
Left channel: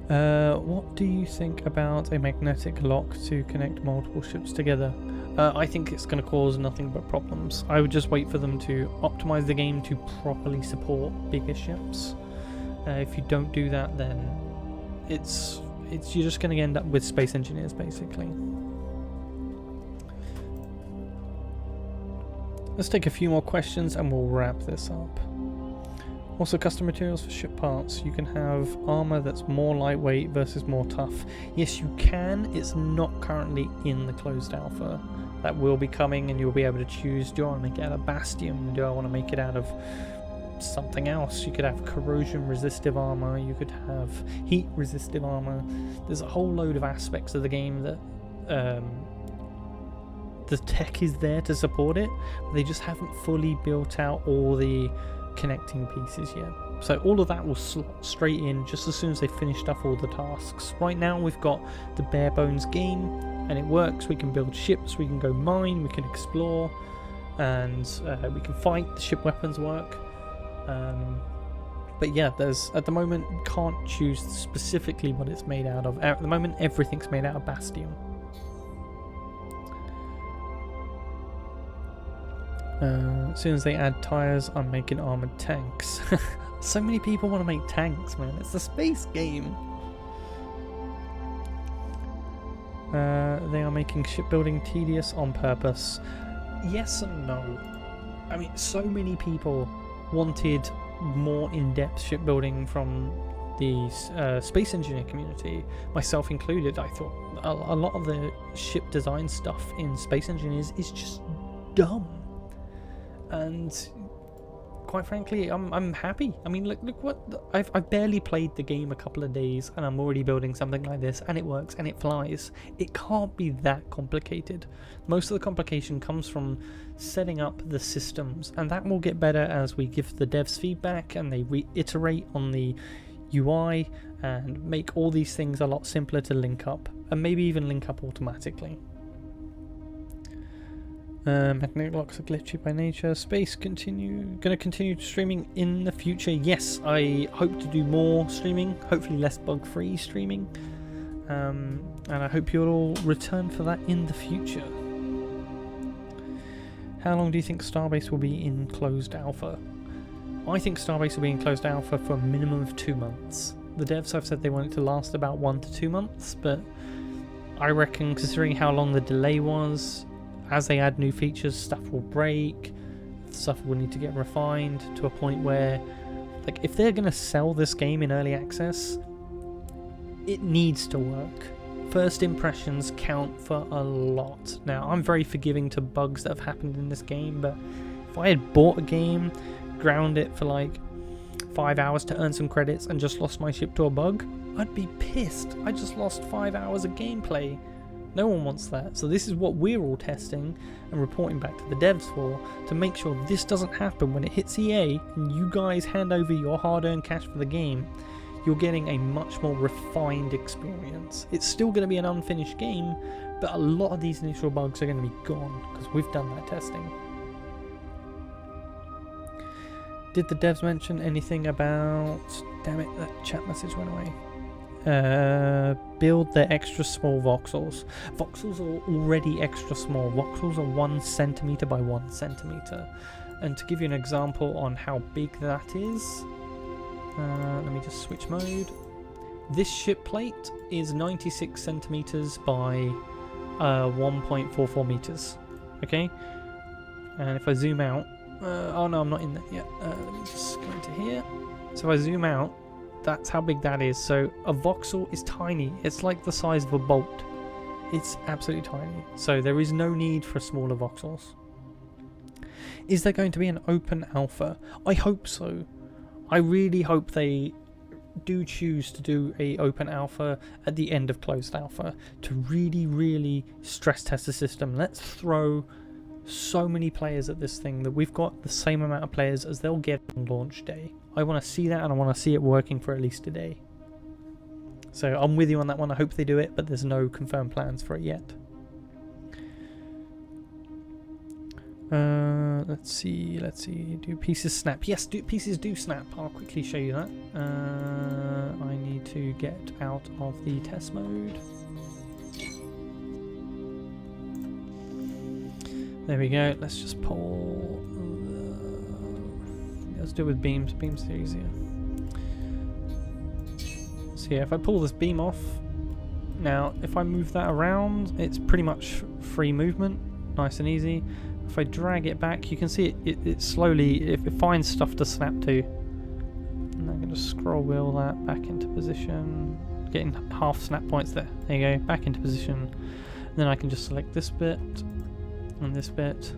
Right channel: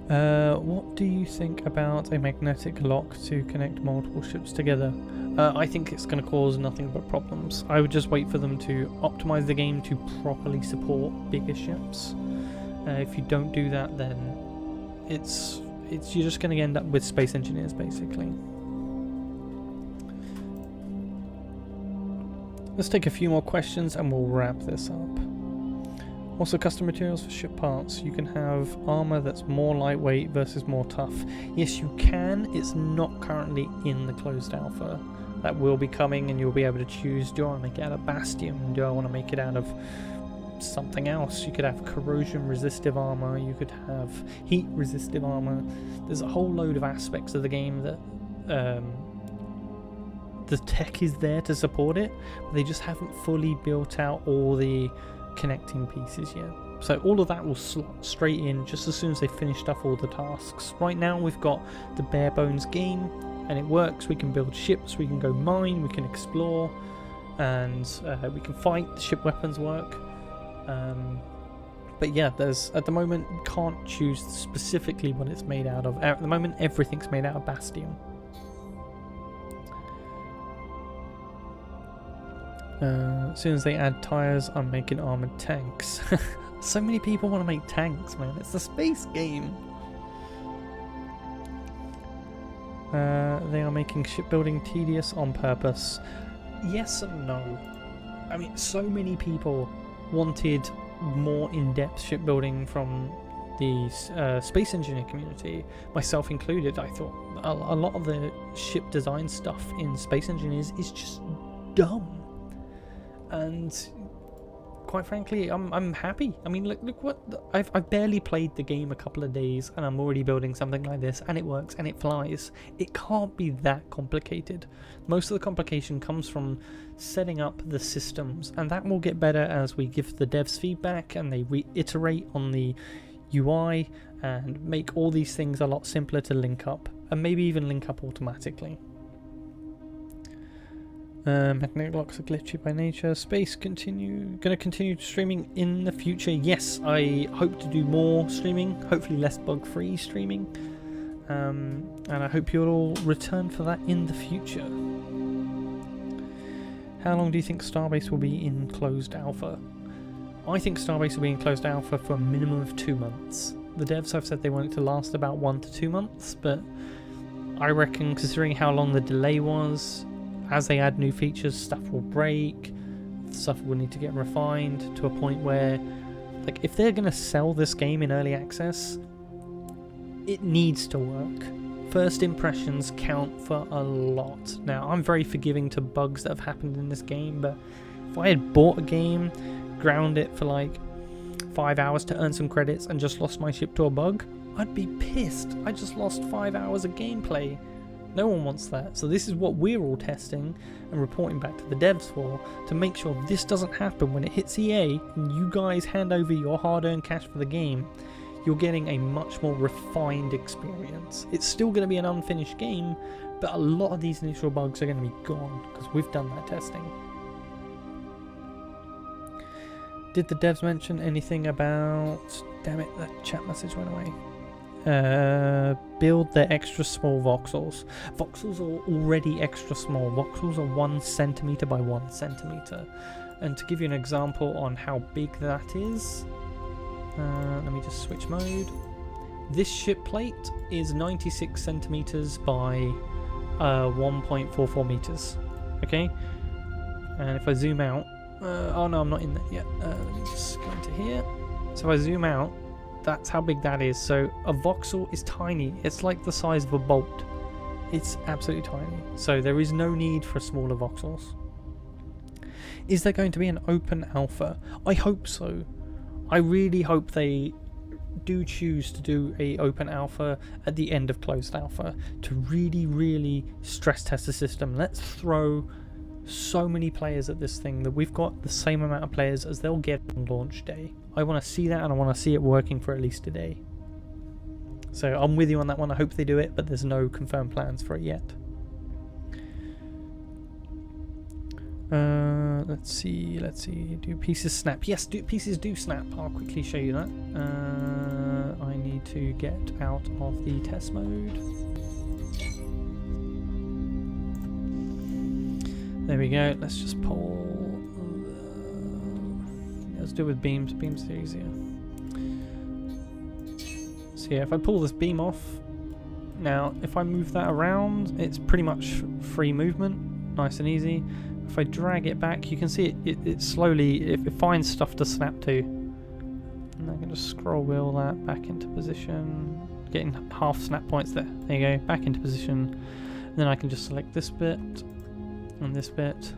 What do you think about a magnetic lock to connect multiple ships together? I think it's going to cause nothing but problems. I would just wait for them to optimize the game to properly support bigger ships. If you don't do that, then you're just going to end up with space engineers basically. Let's take a few more questions and we'll wrap this up. Also, custom materials for ship parts. You can have armor that's more lightweight versus more tough. Yes, you can. It's not currently in the closed alpha. That will be coming and you'll be able to choose, do I want to make it out of Bastion? Do I want to make it out of something else? You could have corrosion resistive armor, you could have heat resistive armor. There's a whole load of aspects of the game that the tech is there to support it, but they just haven't fully built out all the connecting pieces yet. So all of that will slot straight in just as soon as they finished off all the tasks. Right now we've got the bare bones game, and it works. We can build ships, we can go mine, we can explore, and we can fight. The ship weapons work. But yeah, there's at the moment can't choose specifically what it's made out of. At the moment, everything's made out of Bastion. As soon as they add tires, I'm making armored tanks. So many people want to make tanks, man. It's a space game. They are making shipbuilding tedious on purpose. Yes and no. I mean, so many people wanted more in-depth shipbuilding from the space engineer community, myself included. I thought a lot of the ship design stuff in Space Engineers is just dumb, and quite frankly, I'm happy. I mean, look what I've barely played the game a couple of days, and I'm already building something like this, and it works and it flies. It can't be that complicated. Most of the complication comes from setting up the systems, and that will get better as we give the devs feedback and they reiterate on the UI and make all these things a lot simpler to link up, and maybe even link up automatically. Magnetic locks are glitchy by nature. Space gonna continue streaming in the future. Yes, I hope to do more streaming, hopefully less bug-free streaming, and I hope you'll all return for that in the future. How long do you think Starbase will be in closed alpha? I think Starbase will be in closed alpha for a minimum of 2 months. The devs have said they want it to last about 1 to 2 months, but I reckon, considering how long the delay was, as they add new features, stuff will break, stuff will need to get refined to a point where, like, if they're going to sell this game in early access, it needs to work. First impressions count for a lot. Now, I'm very forgiving to bugs that have happened in this game, but if I had bought a game, ground it for like 5 hours to earn some credits, and just lost my ship to a bug, I'd be pissed. I just lost 5 hours of gameplay. No one wants that. So this is what we're all testing and reporting back to the devs for, to make sure this doesn't happen when it hits EA and you guys hand over your hard-earned cash for the game. You're getting a much more refined experience. It's still going to be an unfinished game, but a lot of these initial bugs are going to be gone because we've done that testing. Did the devs mention anything about... Damn it, that chat message went away. Build their extra small voxels. Voxels are already extra small. Voxels are 1 centimeter by 1 centimeter. And to give you an example on how big that is, let me just switch mode. This ship plate is 96 centimeters by 1.44 meters. Okay, and if I zoom out, oh no, I'm not in there yet. Let me just go into here. So if I zoom out, that's how big that is. So a voxel is tiny. It's like the size of a bolt. It's absolutely tiny. So there is no need for smaller voxels. Is there going to be an open alpha? I hope so. I really hope they do choose to do a open alpha at the end of closed alpha to really stress test the system. Let's throw so many players at this thing that we've got the same amount of players as they'll get on launch day. I want to see that, and I want to see it working for at least a day. So I'm with you on that one. I hope they do it, but there's no confirmed plans for it yet. Let's see. Do pieces snap? Yes, pieces do snap. I'll quickly show you that. I need to get out of the test mode. There we go. Let's just pull. Let's do it with beams. Beams are easier. So yeah, if I pull this beam off, now if I move that around, it's pretty much free movement, nice and easy. If I drag it back, you can see it slowly, it finds stuff to snap to. And I can just scroll wheel that back into position, getting half snap points there. There you go, back into position. And then I can just select this bit and this bit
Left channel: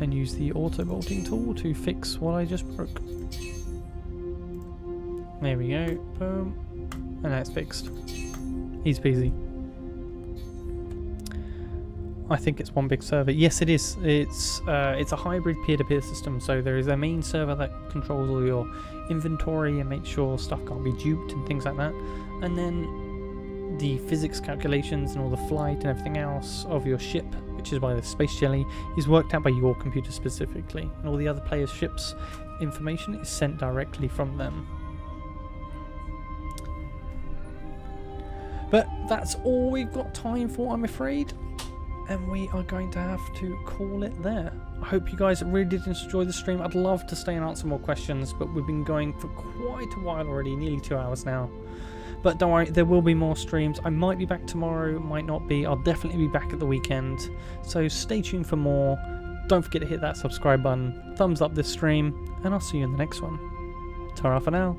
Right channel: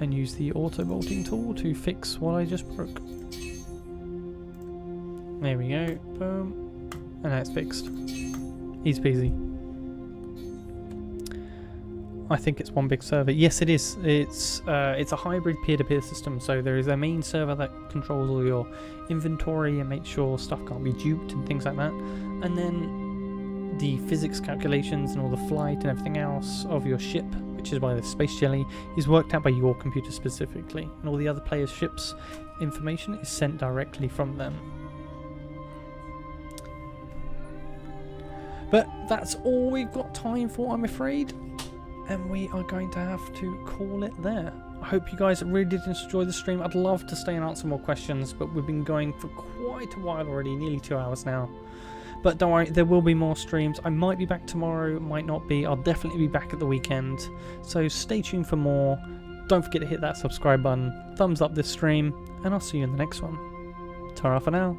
and use the auto bolting tool to fix what I just broke. There we go, boom, and now it's fixed. Easy peasy. I think it's one big server. Yes, it is. It's a hybrid peer-to-peer system. So there is a main server that controls all your inventory and makes sure stuff can't be duped and things like that. And then the physics calculations and all the flight and everything else of your ship, which is why the space jelly, is worked out by your computer specifically. And all the other players' ships information is sent directly from them. But that's all we've got time for, I'm afraid. And we are going to have to call it there. I hope you guys really did enjoy the stream. I'd love to stay and answer more questions, but we've been going for quite a while already, nearly 2 hours now. But don't worry, there will be more streams. I might be back tomorrow, might not be. I'll definitely be back at the weekend. So stay tuned for more. Don't forget to hit that subscribe button, thumbs up this stream, and I'll see you in the next one. Ta-ra for now.